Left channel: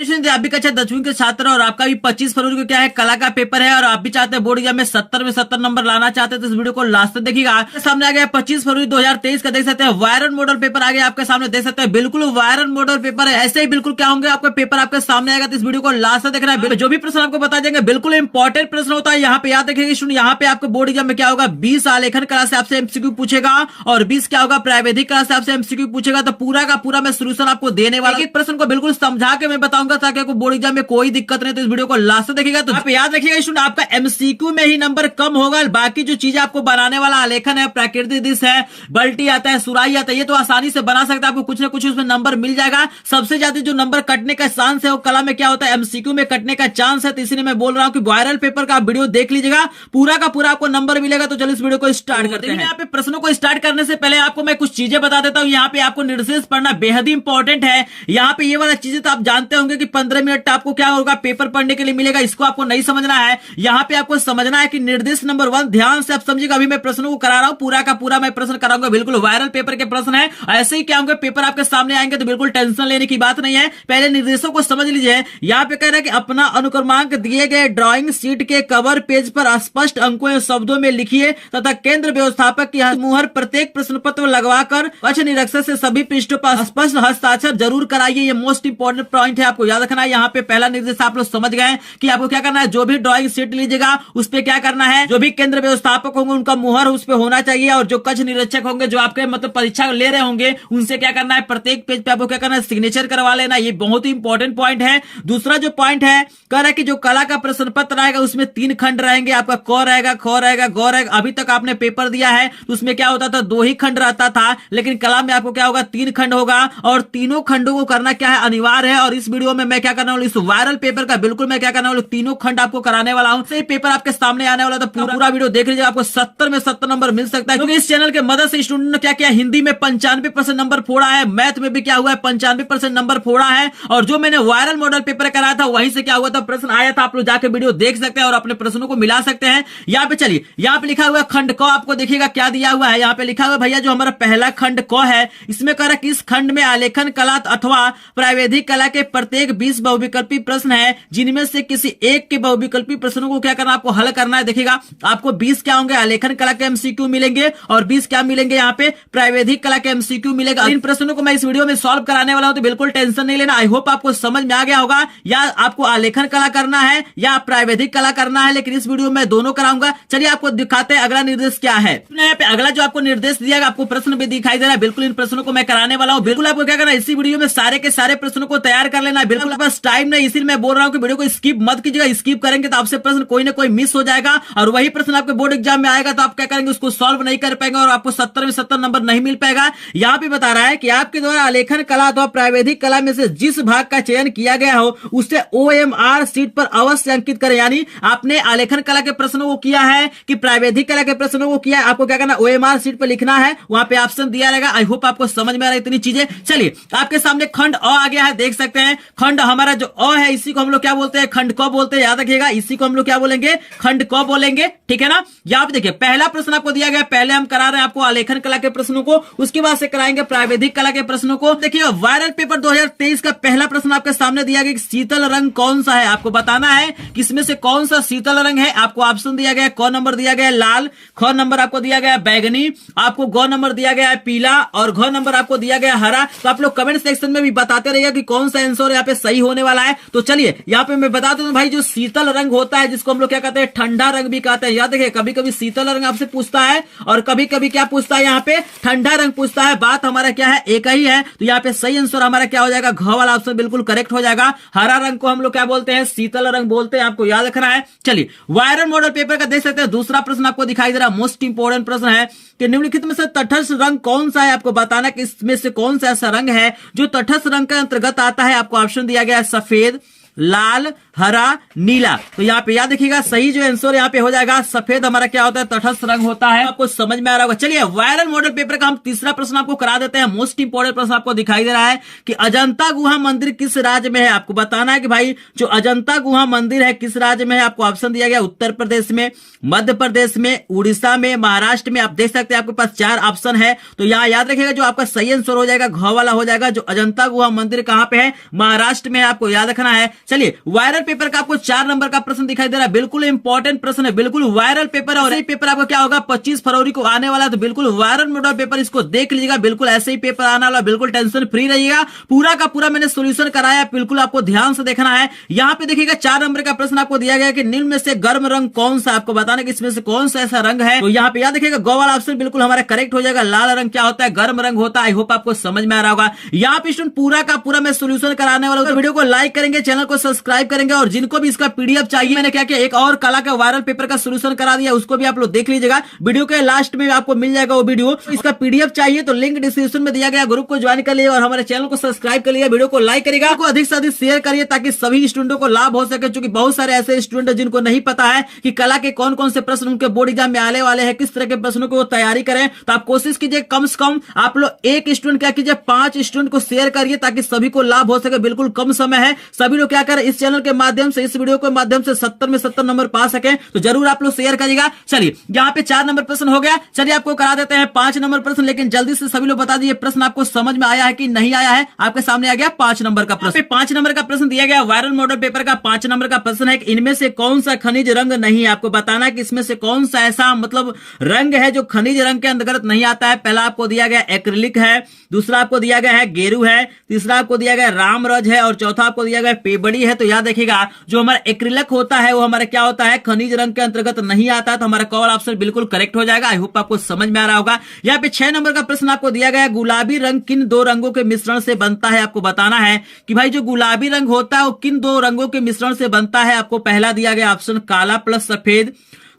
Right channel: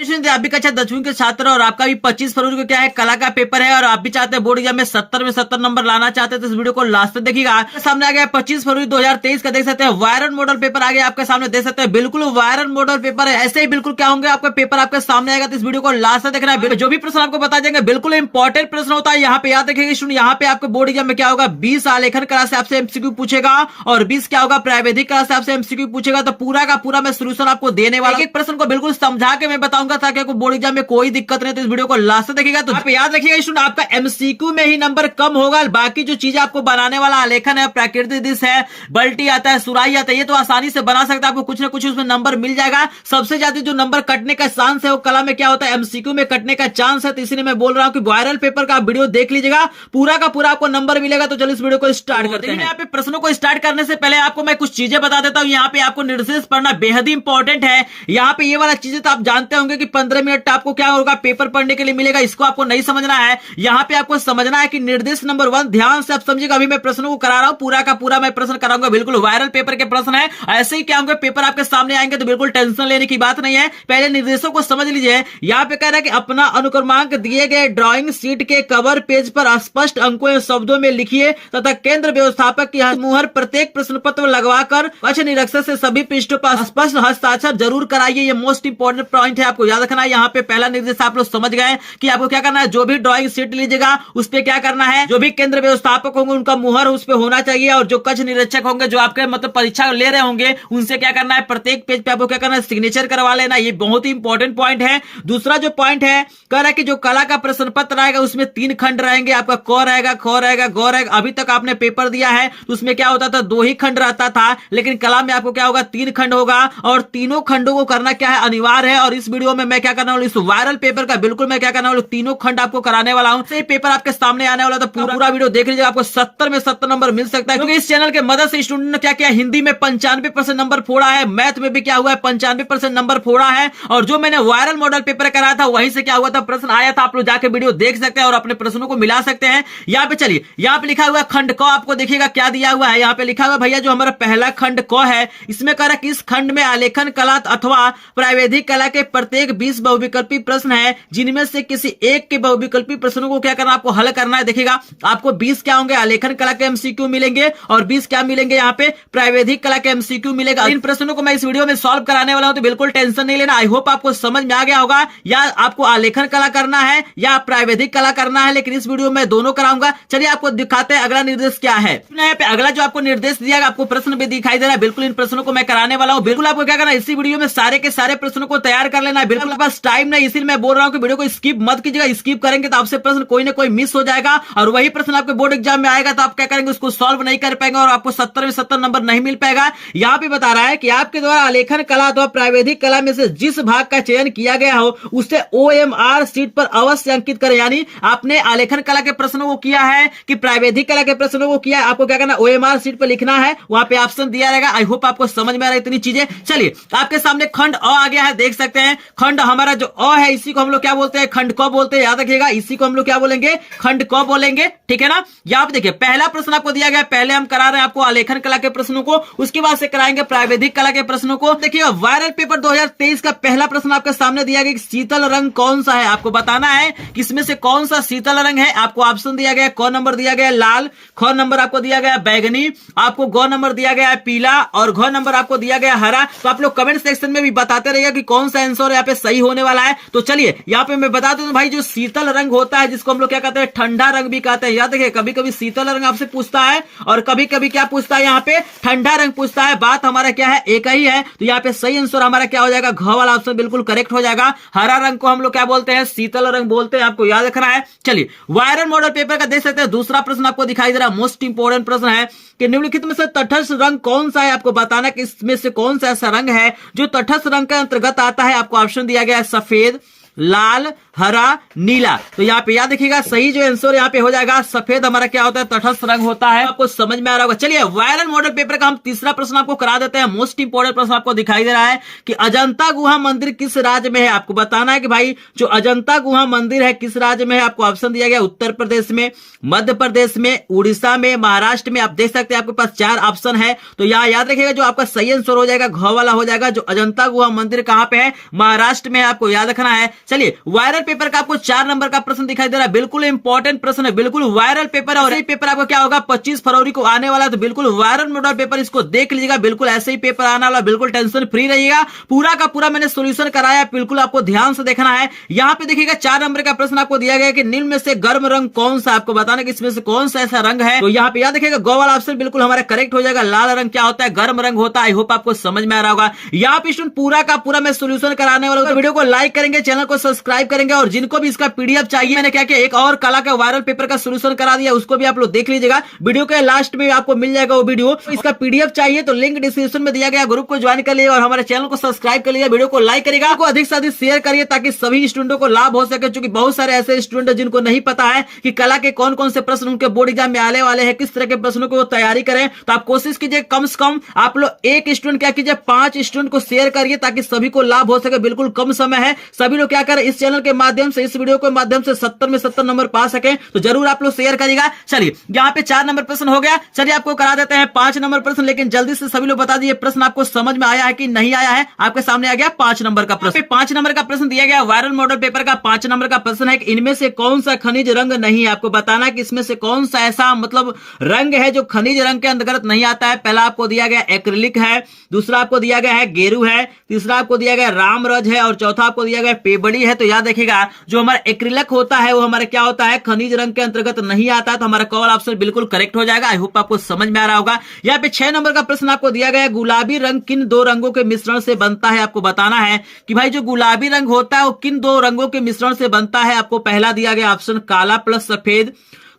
आप भी कक्षा 10वीं के छात्र और आपका भी 25 फरवरी को क्या है कला का पेपर है और आप भी चाहते हैं बोर्ड एग्जाम में 70 में 70 नंबर लाना चाहते हैं तो इस वीडियो को लास्ट तक देखिएगा। आपके सामने आ गया 25 फरवरी 2023 का देख सकते हैं वायरल मॉडल पेपर आ गया आपके सामने देख सकते हैं बिल्कुल वायरल मॉडल पेपर है। ऐसे ही बिल्कुल क्या होंगे आपका पेपर आपके सामने आएगा तो इस वीडियो को लास्ट तक देखना है। जो भी प्रश्न आपको बता देंगे बिल्कुल इंपॉर्टेंट प्रश्न होता है। यहाँ पे याद रखिएगा यहाँ पे आपको बोर्ड एग्जाम में क्या होगा 20 आलेखन कला से आपसे एमसीक्यू पूछेगा और 20 क्या होगा प्रावैधिक कला से आपसे एमसीक्यू पूछेगा। तो पूरा का पूरा मैं सोल्यूशन आपको देने वाला एक प्रश्न को बिल्कुल समझा के मैं बताऊंगा ताकि आपको बोर्ड एग्जाम में कोई दिक्कत नहीं। तो इस वीडियो को लास्ट तक देखिएगा। तो आप याद रखिएगा स्टूडेंट आपका एमसीक्यू में ही नंबर कम होगा, बाकी जो चीजें आपको बनाने वाला आलेखन है प्राकृतिक दृश्य है बल्टी आता है सुराई आता है ये तो आसानी से बना सकता है, आपको कुछ ना कुछ उसमें नंबर मिल जाएगा। सबसे ज्यादा जो नंबर कटने का चांस है वो कला में क्या होता है एमसीक्यू में कटने का चांस है। तो इसलिए मैं बोल रहा हूं कि वायरल पेपर का वीडियो देख लीजिएगा पूरा का पूरा आपको नंबर मिलेगा। तो चलो इस वीडियो को स्टार्ट करते हैं। यहाँ पे प्रश्नों को स्टार्ट करने से पहले आपको मैं कुछ चीजें बता देता हूँ। यहाँ पे आपको निर्देश पढ़ना बेहद ही इंपॉर्टेंट है। यहाँ पे ये वाला चीजें तो आप जानते होंगे कि 15 मिनट आपको क्या होगा पेपर पढ़ने के लिए मिलेगा, इसको आपको नहीं समझना है। यहाँ पे आपको समझना है कि निर्देश नंबर 1 ध्यान से आप समझिएगा। अभी मैं प्रश्नों को करा रहा हूं पूरा का पूरा मैं प्रश्न कराऊंगा, बिल्कुल वायरल पेपर के प्रश्न है। ऐसे ही क्या होंगे पेपर आपके सामने आएंगे तो बिल्कुल टेंशन लेने की बात नहीं है। पहले निर्देशों को समझ लीजिए। यहाँ पे कह रहा है कि अपना अनुक्रमांक दिए गए ड्राइंग शीट के कवर पेज पर स्पष्ट अंकों या शब्दों में लिखिए तथा केंद्र व्यवस्थापक की मुहर प्रत्येक प्रश्न पत्र लगवाकर कक्ष निरीक्षक से सभी पृष्ठों पर स्पष्ट हस्ताक्षर जरूर कराइए। ये मोस्ट इंपॉर्टेंट पॉइंट है, आपको याद रखना है। यहाँ पे पहला निर्देश आप लोग समझ गए कि आपको क्या करना है, जो भी ड्राइंग शीट लीजिएगा उस पे क्या करना है, जो भी केंद्र व्यवस्थापक होंगे उनका मुहर उस पे होना चाहिए और जो कक्ष निरीक्षक होंगे जो आपके मतलब परीक्षा ले रहे होंगे उनसे क्या करना है प्रत्येक पेज पे आपको क्या करना है सिग्नेचर करवा लेना। ये बहुत ही इंपॉर्टेंट पॉइंट है। दूसरा जो पॉइंट है कह रहा है कि जो कला का प्रश्न पत्र रहेगा उसमें 3 खंड रहेंगे, आपका क रहेगा ख रहेगा ग रहेगा। अभी तक आपने पेपर दिया है तो उसमें क्या होता था 2 ही खंड रहता था, लेकिन कला में आपको क्या होगा 3 खंड होगा और तीनों खंडों को करना क्या है अनिवार्य है। और इस वीडियो में मैं क्या करने वाला इस वायरल पेपर का बिल्कुल मैं क्या करने वाला तीनों खंड आपको कराने वाला हूं। से पेपर आपके सामने आने वाला तो पूरा वीडियो देख लीजिए, आपको 70 में 70 नंबर मिल सकता है क्योंकि इस चैनल के मदद से स्टूडेंट ने क्या किया हिंदी में 95% नंबर फोड़ा है, मैथ में भी क्या हुआ है 95% नंबर फोड़ा है। और जो मैंने वायरल मॉडल पेपर कराया था वहीं से क्या हुआ था प्रश्न आया था, आप लोग जाके वीडियो देख सकते हैं और अपने प्रश्नों को मिला सकते हैं। यहाँ पे चलिए यहाँ पे लिखा हुआ खंड क आपको देखिएगा क्या दिया हुआ है। यहाँ पे लिखा हुआ भैया जो हमारा पहला खंड क है इसमें कह रहा है कि इस खंड में आलेखन कला अथवा प्रावैधिक कला के प्रत्येक 20 बहुविकल्पी प्रश्न है जिनमें से किसी एक के बहुविकल्पी प्रश्नों को क्या करना आपको हल करना है। देखिएगा आपको 20 क्या होंगे आलेखन कला के एमसीक्यू मिलेंगे और 20 क्या मिलेंगे यहाँ पे प्रावैधिक कला के एमसीक्यू मिलेगा। इन प्रश्नों को मैं इस वीडियो में सॉल्व कराने वाला हूं तो बिल्कुल टेंशन नहीं लेना। आई होप आपको समझ में आ गया होगा या आपको आलेखन कला करना है या प्रावैधिक कला करना है, लेकिन इस वीडियो में दोनों कराऊंगा। चलिए आपको दिखाते हैं अगला निर्देश क्या है। यहाँ पे अगला जो आपको निर्देश दिया आपको प्रश्न भी दिखाई दे रहा है, बिल्कुल इन प्रश्नों को मैं कराने वाला हूँ। बिल्कुल आपको क्या करना है इसी वीडियो में सारे के सारे प्रश्नों को तैयार कर लेना है। बिल्कुल बस टाइम नहीं इसीलिए मैं बोल रहा हूँ कि वीडियो को स्किप मत कीजिएगा, स्किप करेंगे तो आपसे प्रश्न कोई ना कोई मिस हो जाएगा और वही प्रश्न आपके बोर्ड एग्जाम में आएगा तो आप क्या करेंगे उसको सॉल्व नहीं कर पाएंगे और आपको 70 में 70 नंबर नहीं मिल पाएगा। यहाँ पे बता रहा है कि आपके द्वारा आलेखन कला अथवा प्रावैधिक कला में से जिस भाग का चयन किया गया हो उसे OMR शीट पर अवश्य अंकित करें। यानी आपने आलेखन कला के प्रश्नों को किया है कि प्रावैधिक कला के प्रश्नों को किया है, आपको क्या करना OMR शीट पर लिखना है, वहां पे ऑप्शन दिया रहेगा। आई होप आपको समझ में आ रहा है इतनी चीजें। चलिए आपके सामने खंड अ आ गया है, देख सकते हैं खंड हमारा जो अ है इसी को हम लोग क्या बोलते हैं खंड क बोलते हैं। याद रखिएगा इसी को हम लोग क्या बोलेंगे खंड क बोलेंगे, ठीक है ना। यहाँ पे देखिए पहला प्रश्न आपको दिया गया, पहले हम करा रहे हैं आपको आलेखन कला के प्रश्नों को, उसके बाद से कराएंगे प्रावैधिक कला के प्रश्नों को। देखिए वायरल पेपर 2023 का पहला प्रश्न आपके सामने दिया गया शीतल रंग कौन सा है, आपको बताना है कि इसमें से कौन सा शीतल रंग है। आपको ऑप्शन दिया गया क नंबर दिया गया लाल, ख नंबर आपको दिया गया बैगनी, आपको ग नंबर दिया गया है पीला और घ नंबर आपको दिया गया हरा। तो आप लोग कमेंट सेक्शन में भी बताते रहिएगा कि कौन सा आंसर यहाँ पे सही होने वाला है। तो चलिए यहाँ पे मैं बता दूं भाई जो शीतल रंग होता है जिसको हम लोग क्या कहते हैं ठंडा रंग भी कहते हैं। याद रखिए कभी कभी शीतल रंग आपसे पूछता है और कभी कभी क्या पूछता है यहाँ पे ठंडा रंग पूछता है। बात हमारा क्या है एक ही है, तो यहाँ पे सही आंसर हमारा क्या हो जाएगा घ वाला ऑप्शन बिल्कुल करेक्ट हो जाएगा। हरा रंग को हम लोग क्या बोलते हैं शीतल रंग बोलते हैं, आपको याद रखना है। चलिए वायरल मॉडल पेपर का देख सकते हैं दूसरा प्रश्न आपको दिखाई दे रहा है, मोस्ट इंपोर्टेंट प्रश्न है कि निम्नलिखित में से तटस्थ रंग कौन सा है। आपको बताना कि इसमें से कौन सा ऐसा रंग है जो तटस्थ रंग के अंतर्गत आता है। आपको ऑप्शन दिया गया है सफेद, लाल, हरा, नीला। तो यहाँ पे याद देखिएगा सही जो आंसर यहाँ पे हो जाएगा सफेद हमारा क्या होता है, तटस्थ रंग होता है। आपको समझ में आ रहा होगा। चलिए वायरल मॉडल पेपर का हम तीसरा प्रश्न आपको करा देते हैं। मोस्ट इंपोर्टेंट प्रश्न आपको दिखाई दे रहा है कि अजंता गुहा मंदिर किस राज्य में है। आपको बताना है कि भाई जो अजंता गुहा मंदिर है किस राज्य में है। आपको ऑप्शन दिया गया उत्तर प्रदेश में, मध्य प्रदेश में, उड़ीसा में, महाराष्ट्र में। आप देख सकते हैं आपके पास 4 ऑप्शन है। तो यहाँ याद रखिएगा जो आपका सही आंसर हो जाएगा घ वाला हो जाएगा। जो अजंता गुहा मंदिर कहां पे है, महाराष्ट्र में, आपको याद रखना है। चलिए वायरल पेपर का आपको 4 नंबर का प्रश्न दिखाई दे रहा है। बिल्कुल इंपॉर्टेंट प्रश्न है, बिल्कुल वायरल पेपर है। और ये पेपर आपको क्या होगा 25 फरवरी को आने वाला है। तो बिल्कुल वायरल मॉडल पेपर इसको देख लीजिएगा। बिल्कुल ऐसे ही पेपर आने वाला, बिल्कुल टेंशन फ्री रहिएगा। पूरा का पूरा मैंने सोल्यूशन कराया, बिल्कुल आपको ध्यान से देखना है। यहाँ पे देखिएगा 4 नंबर का प्रश्न आपको दिया गया कि निम्न में से गर्म रंग कौन सा। आपको बताना कि इसमें से कौन सा ऐसा रंग है। तो यहाँ पे याद देखिएगा गो वाला ऑप्शन बिल्कुल हमारा करेक्ट हो जाएगा। लाल रंग क्या होता है, गर्म रंग होता है। आई होप आपको समझ में आ रहा होगा। यहाँ पे स्टूडेंट पूरा का पूरा मैं सोल्यूशन कराने वाला हूँ। तो वीडियो को लाइक करेंगे, चैनल को सब्सक्राइब करेंगे और जिनको भी इसका पीडीएफ चाहिए, मैंने क्या किया एक और कला का वायरल पेपर का सोल्यूशन करा दिया, उसको भी आप लोग देख लीजिएगा। वीडियो के लास्ट में आपको मिल जाएगा वो वीडियो। इसका पीडीएफ चाहिए तो लिंक डिस्क्रिप्शन में दिया गया, ग्रुप को ज्वाइन कर लिया और हमारे चैनल को सब्सक्राइब कर लिया। वीडियो को लाइक करेगा, अधिक से अधिक शेयर करिए ताकि सभी स्टूडेंटों को लाभ हो सके। क्योंकि बहुत सारे ऐसे स्टूडेंट हैं जिनको नहीं पता है कि कला के कौन कौन से प्रश्न उनके बोर्ड एग्जाम में आने वाले हैं, किस तरह के प्रश्नों को वो तैयारी करें। तो आप कोशिश कीजिए कम से कम आप लोग एक स्टूडेंट क्या कीजिए 5 स्टूडेंट को शेयर करिए ताकि सभी को लाभ हो सके। बिल्कुल कम समय है, सभी लोग क्या करें इस चैनल के माध्यम से, इस वीडियो के माध्यम से 70 में 70 नंबर पा सके। तो जरूर आप लोग शेयर करिएगा। चलिए यहाँ पे 4 नंबर प्रश्न हो गया। चलिए आपको करा देते हैं 5 नंबर प्रश्न, लेकिन जल्दी से सभी लोग बता दीजिए प्रश्न आपको समझ में आया है कि नहीं आया है। आपके सामने आ गया 5 नंबर का प्रश्न। 5 नंबर का प्रश्न दिया गया वायरल मॉडल पेपर का 5 नंबर का प्रश्न है कि इनमें से कौन सा खनिज रंग नहीं है। आपको बताना है कि इसमें से कौन सा ऐसा मतलब रंग है जो खनिज रंग के अंतर्गत नहीं आता है। पहला आपको दिया गया एक्रिलिक है, दूसरा आपको दिया गया है गेरू है, तीसरा आपको दिया गया रामरज है और चौथा आपको दिया गया पेबड़ी है। तो याद देखिएगा जो हमारा एक्रिलिक होता है वो हमारा क्या होता है, खनिज रंग के अंतर्गत नहीं आता। तो हमारा कॉल ऑप्शन बिल्कुल करेक्ट हो जाएगा। आई होप आपको समझ में आ रहा होगा। यहाँ पे 6 नंबर का प्रश्न आपको दिया गया है गुलाबी रंग किन 2 रंगों के मिश्रण से बनता है। आपको बताना है कि भाई जो गुलाबी रंग होता है वो किन 2 रंगों के मिश्रण से बनता है। आपको पहला दिया गया ऑप्शन काला प्लस सफेद,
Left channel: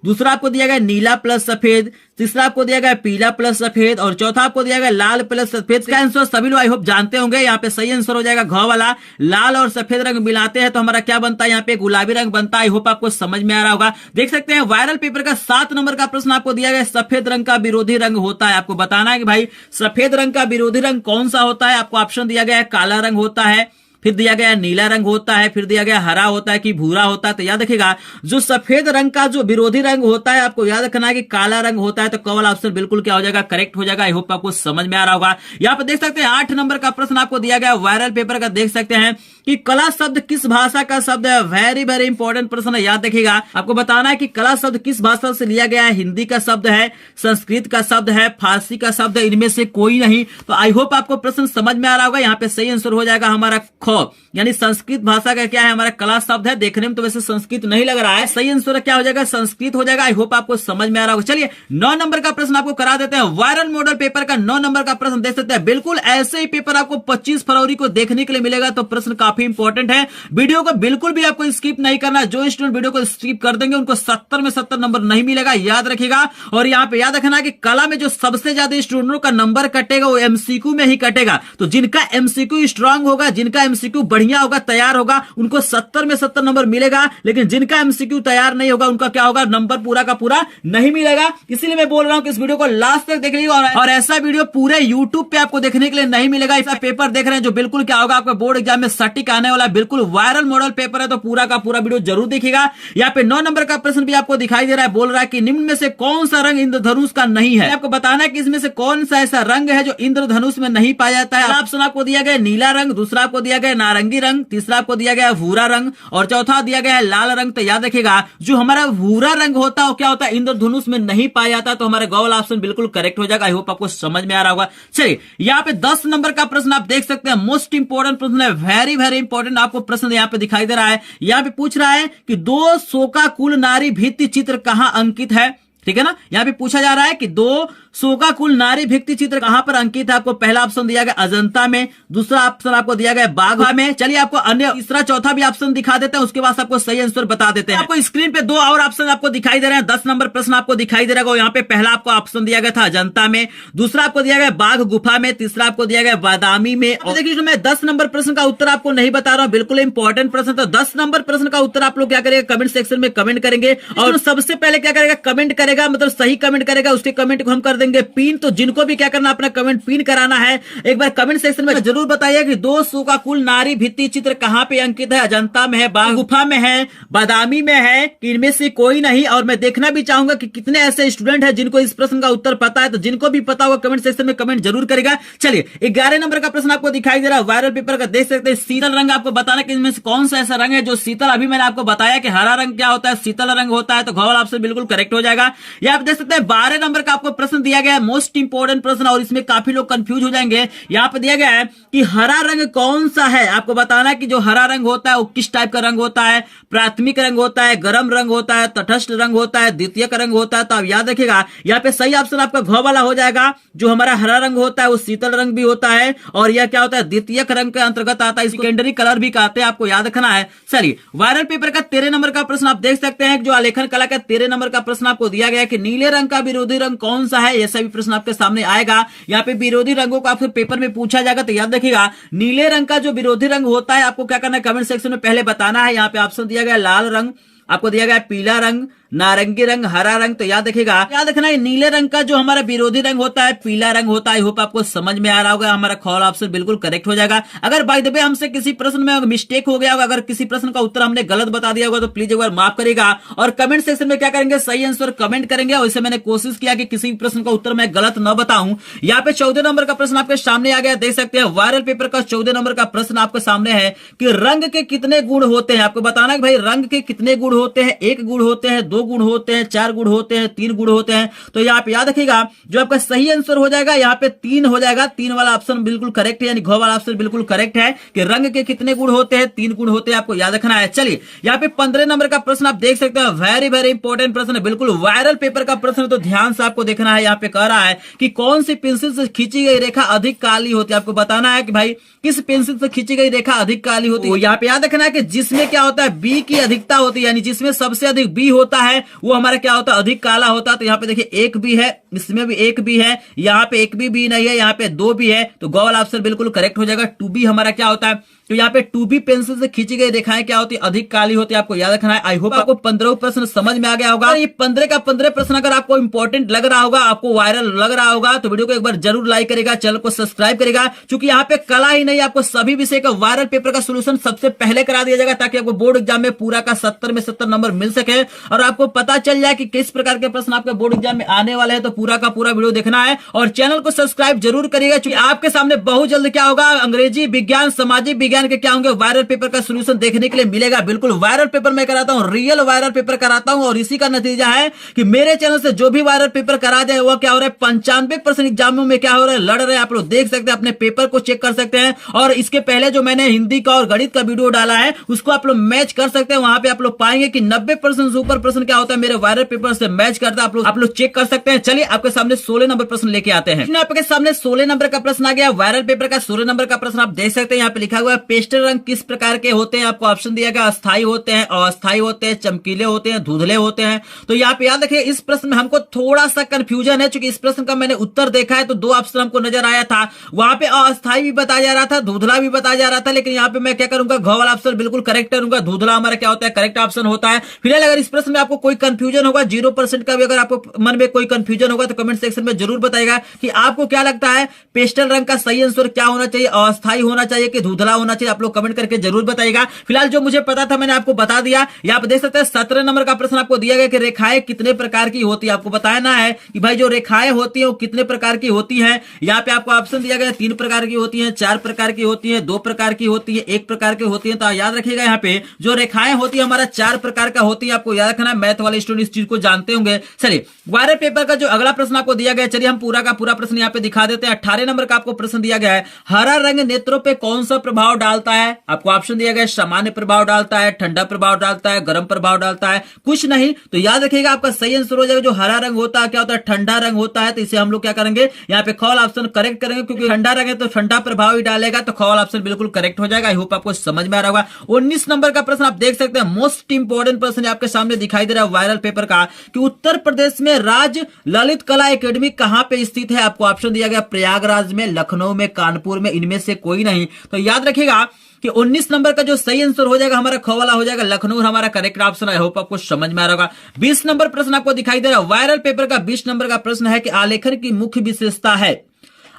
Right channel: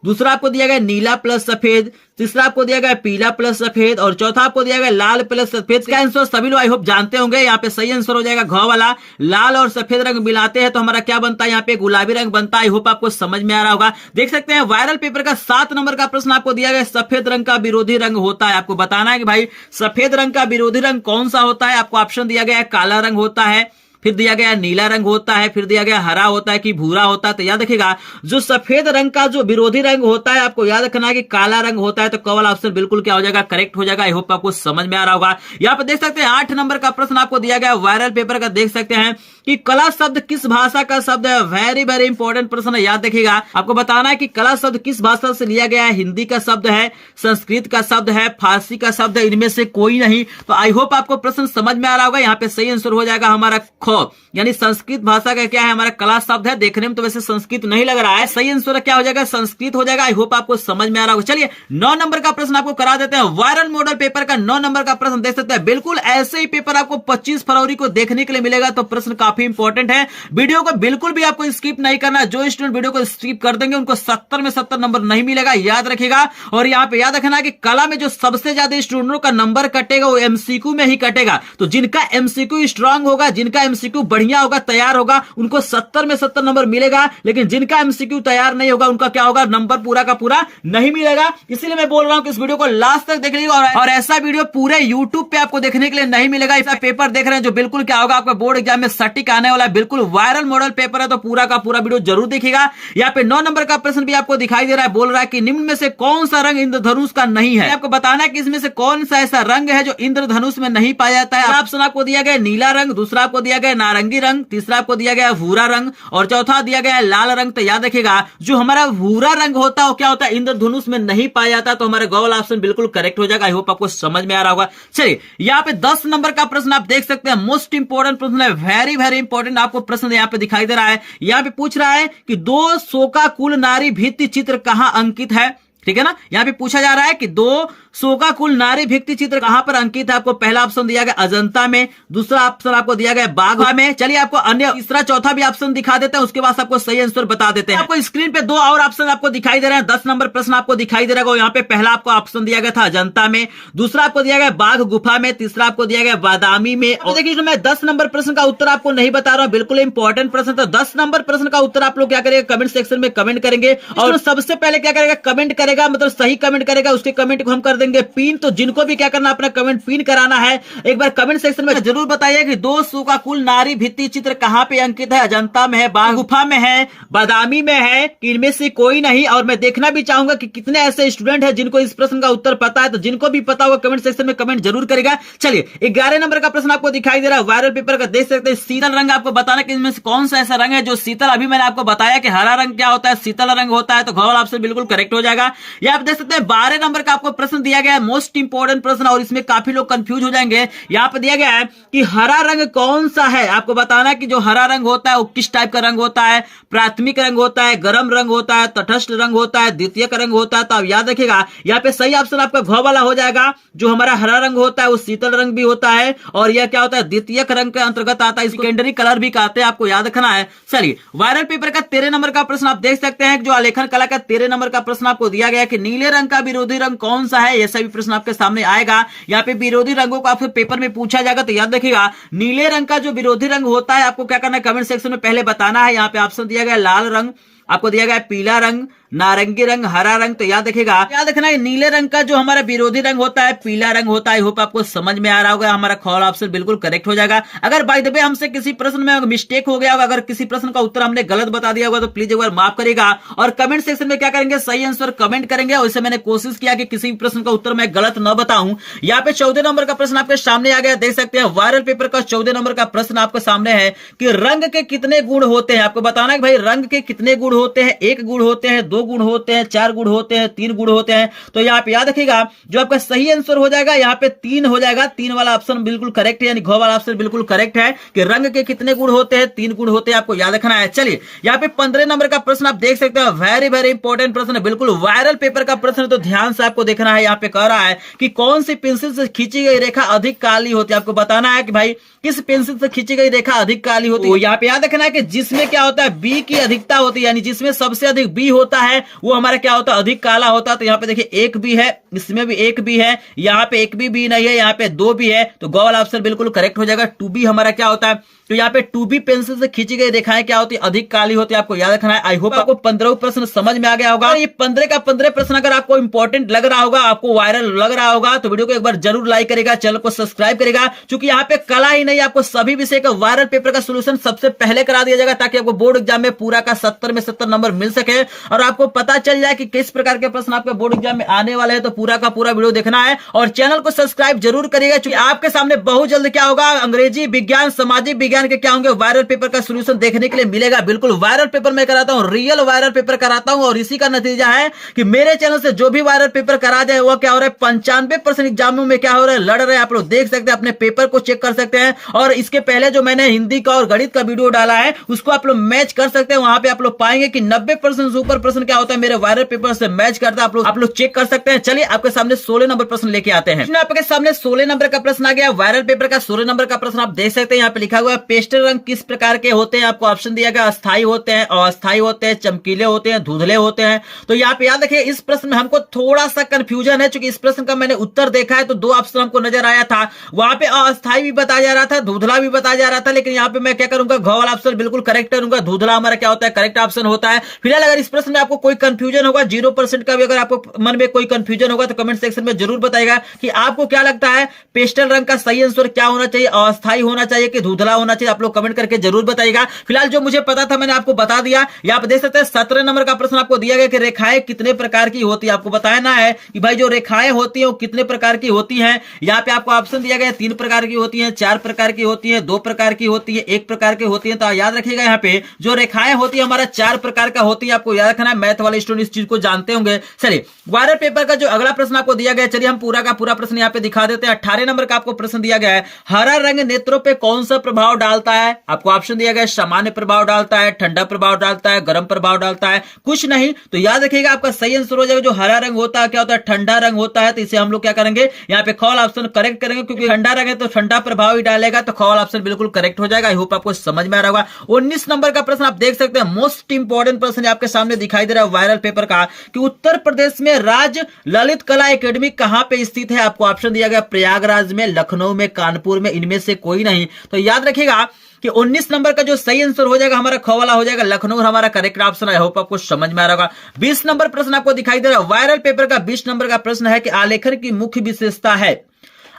दूसरा आपको दिया गया नीला प्लस सफेद, तीसरा आपको दिया गया पीला प्लस सफेद और चौथा आपको दिया गया लाल प्लस सफेद। का आंसर सभी लोग आई होप जानते होंगे। यहाँ पे सही आंसर हो जाएगा घ वाला। लाल और सफेद रंग मिलाते हैं तो हमारा क्या बनता है, यहाँ पे गुलाबी रंग बनता है। आई होप आपको समझ में आ रहा होगा। देख सकते हैं वायरल पेपर का 7 नंबर का प्रश्न आपको दिया गया सफेद रंग का विरोधी रंग होता है। आपको बताना है कि भाई सफेद रंग का विरोधी रंग कौन सा होता है। आपको ऑप्शन दिया गया है काला रंग होता है, फिर दिया गया नीला रंग होता है, फिर दिया गया हरा होता है कि भूरा होता है। तो याद रखिएगा जो सफेद रंग का जो विरोधी रंग होता है आपको याद रखना है कि काला रंग होता है। तो क वाला ऑप्शन बिल्कुल क्या हो जाएगा, करेक्ट हो जाएगा। आई होप आपको समझ में आ रहा होगा। यहाँ पे देख सकते हैं 8 नंबर का प्रश्न आपको दिया गया वायरल पेपर का। देख सकते हैं कि कला शब्द किस भाषा का शब्द है। वेरी वेरी इंपॉर्टेंट प्रश्न है, याद देखिएगा। आपको बताना है कि कला शब्द किस भाषा से लिया गया है। हिंदी का शब्द है, संस्कृत का शब्द है, फारसी का शब्द है, इनमें से कोई नहीं। तो आई होप आपको प्रश्न समझ में आ रहा होगा। यहाँ पे सही आंसर हो जाएगा हमारा ख, यानी संस्कृत भाषा का क्या है, हमारा कला शब्द है। देखने में तो वैसे संस्कृत नहीं लग रहा है, सही आंसर क्या हो जाएगा, संस्कृत हो जाएगा। आई होप आपको समझ में आ रहा होगा। चलिए 9 नंबर का प्रश्न आपको करा देते हैं। वायरल मॉडल पेपर का 9 नंबर का प्रश्न देख सकते हैं। बिल्कुल ऐसे ही पेपर आपको 25 फरवरी को देखने के लिए मिलेगा। तो प्रश्न काफी इंपॉर्टेंट है। वीडियो को बिल्कुल भी आपको स्किप नहीं करना। जो स्टूडेंट वीडियो को स्किप कर देंगे उनको 70 में 70 नंबर नहीं मिलेगा, याद रखिएगा। और यहाँ पे याद रखना कि कला में जो सबसे ज्यादा स्टूडेंटों का नंबर कटेगा वो एमसीक्यू में ही कटेगा। तो जिनका एमसीक्यू स्ट्रांग होगा, जिनका एमसीक्यू बढ़िया होगा, तैयार होगा, उनको 70 में 70 नंबर मिलेगा। लेकिन जिनका एमसीक्यू तैयार नहीं होगा उनका क्या होगा, नंबर पूरा का पूरा नहीं मिलेगा। इसीलिए मैं बोल रहा हूं कि इस वीडियो को लास्ट तक देख लीजिएगा। और ऐसा वीडियो पूरे यूट्यूब पे आपको देखने के लिए नहीं मिलेगा। इसका पेपर देख रहे हैं जो बिल्कुल क्या होगा, आपका बोर्ड एग्जाम में सटीक आने वाला बिल्कुल वायरल मॉडल पेपर है। तो पूरा का पूरा वीडियो जरूर देखिएगा। यहाँ पे 9 नंबर का प्रश्न भी आपको दिखाई दे रहा है। बोल रहा है कि निम्न में से कौन सा रंग इंद्रधनुष का नहीं है। आपको बताना है कि इसमें से कौन सा ऐसा रंग है जो इंद्रधनुष में नहीं पाया जाता है। ऑप्शन आपको दिया गया नीला रंग, दूसरा आपको दिया गया नारंगी रंग, तीसरा आपको दिया गया भूरा रंग और चौथा दिया गया है लाल रंग। तो याद रखिएगा जो हमारा भूरा रंग होता है वो क्या होता है, इंद्रधनुष में नहीं पाया जाता। तो हमारा गौल ऑप्शन बिल्कुल करेक्ट हो जाएगा। आई होप आपको समझ में आ रहा होगा। चलिए यहाँ पे 10 नंबर का प्रश्न आप देख सकते हैं। मोस्ट इंपोर्टेंट प्रश्न है, वेरी वेरी इंपॉर्टेंट आपको प्रश्न यहाँ पे दिखाई दे रहा है। यहाँ पे पूछ रहा है कि 2 शोकाकुल नारी भित्ति चित्र कहां अंकित है। ठीक है ना, यहाँ पे पूछा जा रहा है कि 2 शोकाकुल नारी भित्ति चित्र कहां पर अंकित है? आपको पहला ऑप्शन दिया गया अजंता में, दूसरा ऑप्शन आपको दिया गया बाघा में। चलिए आपको अन्य तीसरा चौथा भी ऑप्शन दिखा देते हैं, उसके बाद आपको सही आंसर बता देते हैं। आपको स्क्रीन पे दो और ऑप्शन आपको दिखाई दे रहे हैं, 10 नंबर प्रश्न आपको दिखाई दे रहा है। यहाँ पे पहला आपको ऑप्शन दिया गया था अजंता में, दूसरा आपको दिया गया बाघ गुफा में, तीसरा आपको दिया गया बादामी में। और देखिए मैं 10 नंबर प्रश्न का उत्तर आपको नहीं बता रहा हूँ, बिल्कुल इंपॉर्टेंट प्रश्न। तो 10 नंबर प्रश्न का उत्तर आप लोग क्या करेंगे, कमेंट सेक्शन में कमेंट करेंगे और सबसे पहले क्या करेगा, कमेंट करेगा, मतलब सही कमेंट करेगा, उसके कमेंट को हम कर देंगे पिन। तो जिनको भी क्या करना, अपना कमेंट पिन कराना है, एक बार कमेंट सेक्शन में जरूर बताइए कि दो शोकाकुल नारी भित्ति चित्र कहां पे अंकित है? अजंता में है, बाघ गुफा में है, बादामी में है, इनमें से कोई नहीं। और मैं देखना भी चाहूंगा कि कितने ऐसे स्टूडेंट हैं जिनको इस प्रश्न का उत्तर पता है। तो जिनको भी पता होगा कमेंट सेक्शन में कमेंट जरूर करेगा। चलिए 11 नंबर का प्रश्न आपको दिखाई दे रहा है वायरल पेपर का, देख सकते हैं शीतल रंग। आपको बताना कि इनमें से कौन सा ऐसा रंग है जो शीतल, अभी मैंने आपको बताया कि हरा रंग क्या होता है, शीतल रंग होता है। तो घ वाला ऑप्शन बिल्कुल करेक्ट हो जाएगा। ये आप देख सकते हैं 12 नंबर का आपको प्रश्न दिया गया है, मोस्ट इंपोर्टेंट प्रश्न, और इसमें काफी लोग कंफ्यूज हो जाएंगे। यहाँ पे दिया गया है कि हरा रंग कौन सा है। आपको बताना कि जो हरा रंग होता है वो किस टाइप का रंग होता है, प्राथमिक रंग होता है, गर्म रंग होता है, तटस्थ रंग होता है, द्वितीयक रंग होता है। तो आप याद रखिएगा यहाँ पे सही ऑप्शन आपका घ वाला हो जाएगा। जो हमारा हरा रंग होता है वो शीतल रंग भी होता है, और यह क्या होता है, द्वितीयक रंग के अंतर्गत आता है, इसको सेकेंडरी कलर भी कहते हैं, आपको याद रखना है। चलिए वायरल पेपर का 13 नंबर का प्रश्न आप देख सकते हैं, जो आलेखन कला का 13 नंबर का प्रश्न आपको दिया गया कि नीले रंग का विरोधी रंग कौन सा है। ऐसा भी प्रश्न आपके सामने आएगा। यहाँ पे विरोधी रंगों का फिर पेपर में पूछा जाएगा। तो याद रखिएगा नीले रंग का जो विरोधी रंग होता है, आपको क्या करना है, कमेंट सेक्शन में पहले बताना है। यहाँ पे ऑप्शन दिया गया लाल रंग, आपको दिया गया पीला रंग, नारंगी रंग, हरा रंग। तो याद रखिएगा, याद रखना है नीले रंग का जो हमारा विरोधी रंग होता है पीला रंग होता है। आई होप आपको समझ में आ रहा होगा। हमारा खौल ऑप्शन बिल्कुल करेक्ट हो जाएगा। अगर बाय द वे हमसे किसी प्रश्न में मिस्टेक हो गया होगा, अगर किसी प्रश्न का उत्तर हमने गलत बता दिया होगा, तो प्लीज एक बार माफ करेगा और कमेंट सेक्शन में क्या करेंगे, सही आंसर कमेंट करेंगे। वैसे मैंने कोशिश किया कि किसी प्रश्न का उत्तर मैं गलत न बताऊं। यहाँ पे 14 नंबर का प्रश्न आपके सामने आ गया, देख सकते हैं वायरल पेपर का 14 नंबर का प्रश्न आपके सामने है कि रंग के कितने गुण होते हैं। आपको बताना है भाई रंग के कितने गुण होते हैं। 1 गुण होते हैं, 2 गुण होते हैं, 4 गुण होते हैं, 3 गुण होते हैं। तो यहाँ पे याद रखिएगा जो आपका सही आंसर हो जाएगा यहाँ पे 3 हो जाएगा। 3 वाला ऑप्शन बिल्कुल करेक्ट है, यानी घ वाला ऑप्शन बिल्कुल करेक्ट है कि रंग के कितने गुण होते हैं, 3 गुण होते हैं, आपको याद रखना है। चलिए यहाँ पे 15 नंबर का प्रश्न आप देख सकते हैं, वेरी वेरी इंपॉर्टेंट प्रश्न है, बिल्कुल वायरल पेपर का प्रश्न। तो ध्यान से आपको देखना है। यहाँ पे कह रहा है कि कौन सी पेंसिल से खींची गई रेखा अधिक काली होती है। आपको बताना है कि भाई किस पेंसिल से खींची गई रेखा अधिक काली होती है। यहाँ पे याद रखना है कि जिसमें क्या होता है, बी की अधिकता होती है, यानी जिसमें सबसे अधिक बी होता है वो हमारा क्या होता है, अधिक काला होता है। तो यहाँ पे देखिए 1 बी है, इसमें भी 1 बी है, यहाँ पे 1 बी नहीं है, यहाँ पे 2 बी है। तो ग वाला ऑप्शन बिल्कुल करेक्ट हो जाएगा। 2 बी हमारा क्या होता है, तो यहाँ पे 2B पेंसिल से खींची गई रेखाएं क्या होती है, अधिक काली होती है, आपको याद रखना है। आई होप आपको 15 प्रश्न समझ में आ गया होगा। ये 15 का 15 प्रश्न अगर आपको इंपॉर्टेंट लग रहा होगा, आपको वायरल लग रहा होगा, तो वीडियो को एक बार जरूर लाइक करेगा, चैनल को सब्सक्राइब करेगा। क्योंकि यहाँ पे कला ही नहीं, आपको सभी विषय का वायरल पेपर का सोल्यूशन सबसे पहले करा दिया जाएगा, ताकि आपको बोर्ड एग्जाम में पूरा का 70 में 70 नंबर मिल सके और आपको पता चल जाए कि किस प्रकार के प्रश्न आपके बोर्ड एग्जाम में आने वाले हैं। तो पूरा का पूरा वीडियो देखना है और चैनल को सब्सक्राइब जरूर करिएगा, क्योंकि आपके सामने बहुत जल्द क्या होगा, अंग्रेजी, विज्ञान, सामाजिक विज्ञान के क्या होंगे, वायरल पेपर का सॉल्यूशन देखने के लिए मिलेगा। बिल्कुल वायरल पेपर मैं कराता हूं, रियल वायरल पेपर कराता हूं, और इसी का नतीजा है कि मेरे चैनल से जो भी वायरल पेपर करा जाए वो क्या हो रहा है, 95% एग्जामों में क्या हो रहा है, लड़ रहे हैं। आप लोग देख सकते हैं, अपने पेपर को चेक कर सकते हैं। और इसके पहले जो मैंने हिंदी का और गणित का वीडियो डाला है उसको आप लोग मैच कर सकते हैं। वहां पे आप लोग पाएंगे कि 90% से ऊपर प्रश्न क्या होता है, मेरे वायरल पेपर से मैच करता है। आप लोग चेक कर सकते हैं। चलिए आपके सामने 16 नंबर प्रश्न लेके आते हैं। आपके सामने 16 नंबर का प्रश्न आ गया, वायरल पेपर का 16 नंबर का प्रश्न आप देख सकते हैं। यहाँ पे लिखा हुआ है पेस्टल रंग किस प्रकार के होते हैं। आपको ऑप्शन दिया गया, अस्थायी होते हैं, अस्थायी होते हैं, चमकीले होते हैं, धुंधले होते हैं। तो यहाँ पे याद रखिए इस प्रश्न में हमको थोड़ा सा कंफ्यूजन है, क्योंकि इस प्रश्न का मैंने उत्तर देखा है तो 2 ऑप्शन हमको नजर आया था। वहां पे अस्थायी भी बताया जा रहा था, धुंधला भी बताया जा रहा था, लेकिन यहाँ पे मैं क्या करूंगा, घ वाला ऑप्शन बिल्कुल करेक्ट करूंगा। धुंधला हमारा क्या होता है, करेक्ट ऑप्शन होता है। फिलहाल अगर इस प्रश्न में आपको कोई कंफ्यूजन होगा, 0% का भी अगर आपको मन में कोई कंफ्यूजन होगा तो कमेंट सेक्शन में जरूर बताएगा कि आपको क्या लगता है पेस्टल रंग का सही आंसर क्या होना चाहिए, अस्थायी होना चाहिए कि धुंधला होना चाहिए। आप लोग कमेंट करके जरूर बताइएगा। फिलहाल जो मुझे पता था मैंने आपको बता दिया। यहाँ पे देख सकते हैं 17 नंबर का प्रश्न आपको दिया गया कि रेखाएं कितने प्रकार की होती है। आपको बताना है कि भाई जो रेखाएं होती है वो कितने प्रकार की होती है। यहाँ पे आपको ऑप्शन दिया गया 3 प्रकार की होती है, 4 प्रकार की होती है, 2 प्रकार की होती है, 1 प्रकार की होती है। तो याद रखिएगा यहाँ पे जो रेखाएं होती है हमारा 4 प्रकार का होती है। आपको याद रखना है, मैथ वाले स्टूडेंट इस चीज को जानते होंगे। चलिए वायरल पेपर का जो अगला प्रश्न आपको दिया गया, चलिए हम पूरा का पूरा प्रश्न यहाँ पे दिखा देते हैं। 18 नंबर का आपको प्रश्न दिया गया है, हरा रंग नेत्रों पे कौन सा प्रभाव डालता है? आपको ऑप्शन दिया गया सामान्य प्रभाव डालता है, ठंडा प्रभाव डालता है, गर्म प्रभाव डालता है, कुछ नहीं। तो याद रखिएगा आपका सही आंसर हो जाएगा जो हरा रंग होता है क्या होता है? ठंडा रंग होता है। तो इसे हम लोग क्या करेंगे यहाँ पे कॉल ऑप्शन करेक्ट करेंगे, क्योंकि ठंडा रंग है तो ठंडा प्रभाव ही डालेगा, तो कॉल ऑप्शन बिल्कुल करेक्ट हो जाएगा। आई होप आपको समझ में आ रहा होगा। 19 नंबर का प्रश्न आप देख सकते हैं, मोस्ट इंपोर्टेंट प्रश्न आपके सामने दिखाई दे रहा है वायरल पेपर का, कि उत्तर प्रदेश में राज्य ललित कला एकेडमी कहां पे स्थित है? आपको ऑप्शन दिया गया प्रयागराज में, लखनऊ में, कानपुर में, इनमें से कोई नहीं। तो याद रखिएगा कि 19 नंबर का जो सही आंसर हो जाएगा हमारा ख वाला हो जाएगा लखनऊ, हमारा करेक्ट ऑप्शन। आई होप आपको समझ में आ रहा होगा। 20 नंबर प्रश्न आपको दिखाई दे रहा है वायरल पेपर का। 20 नंबर का प्रश्न है कि आलेखन की मुख्य विशेषता है।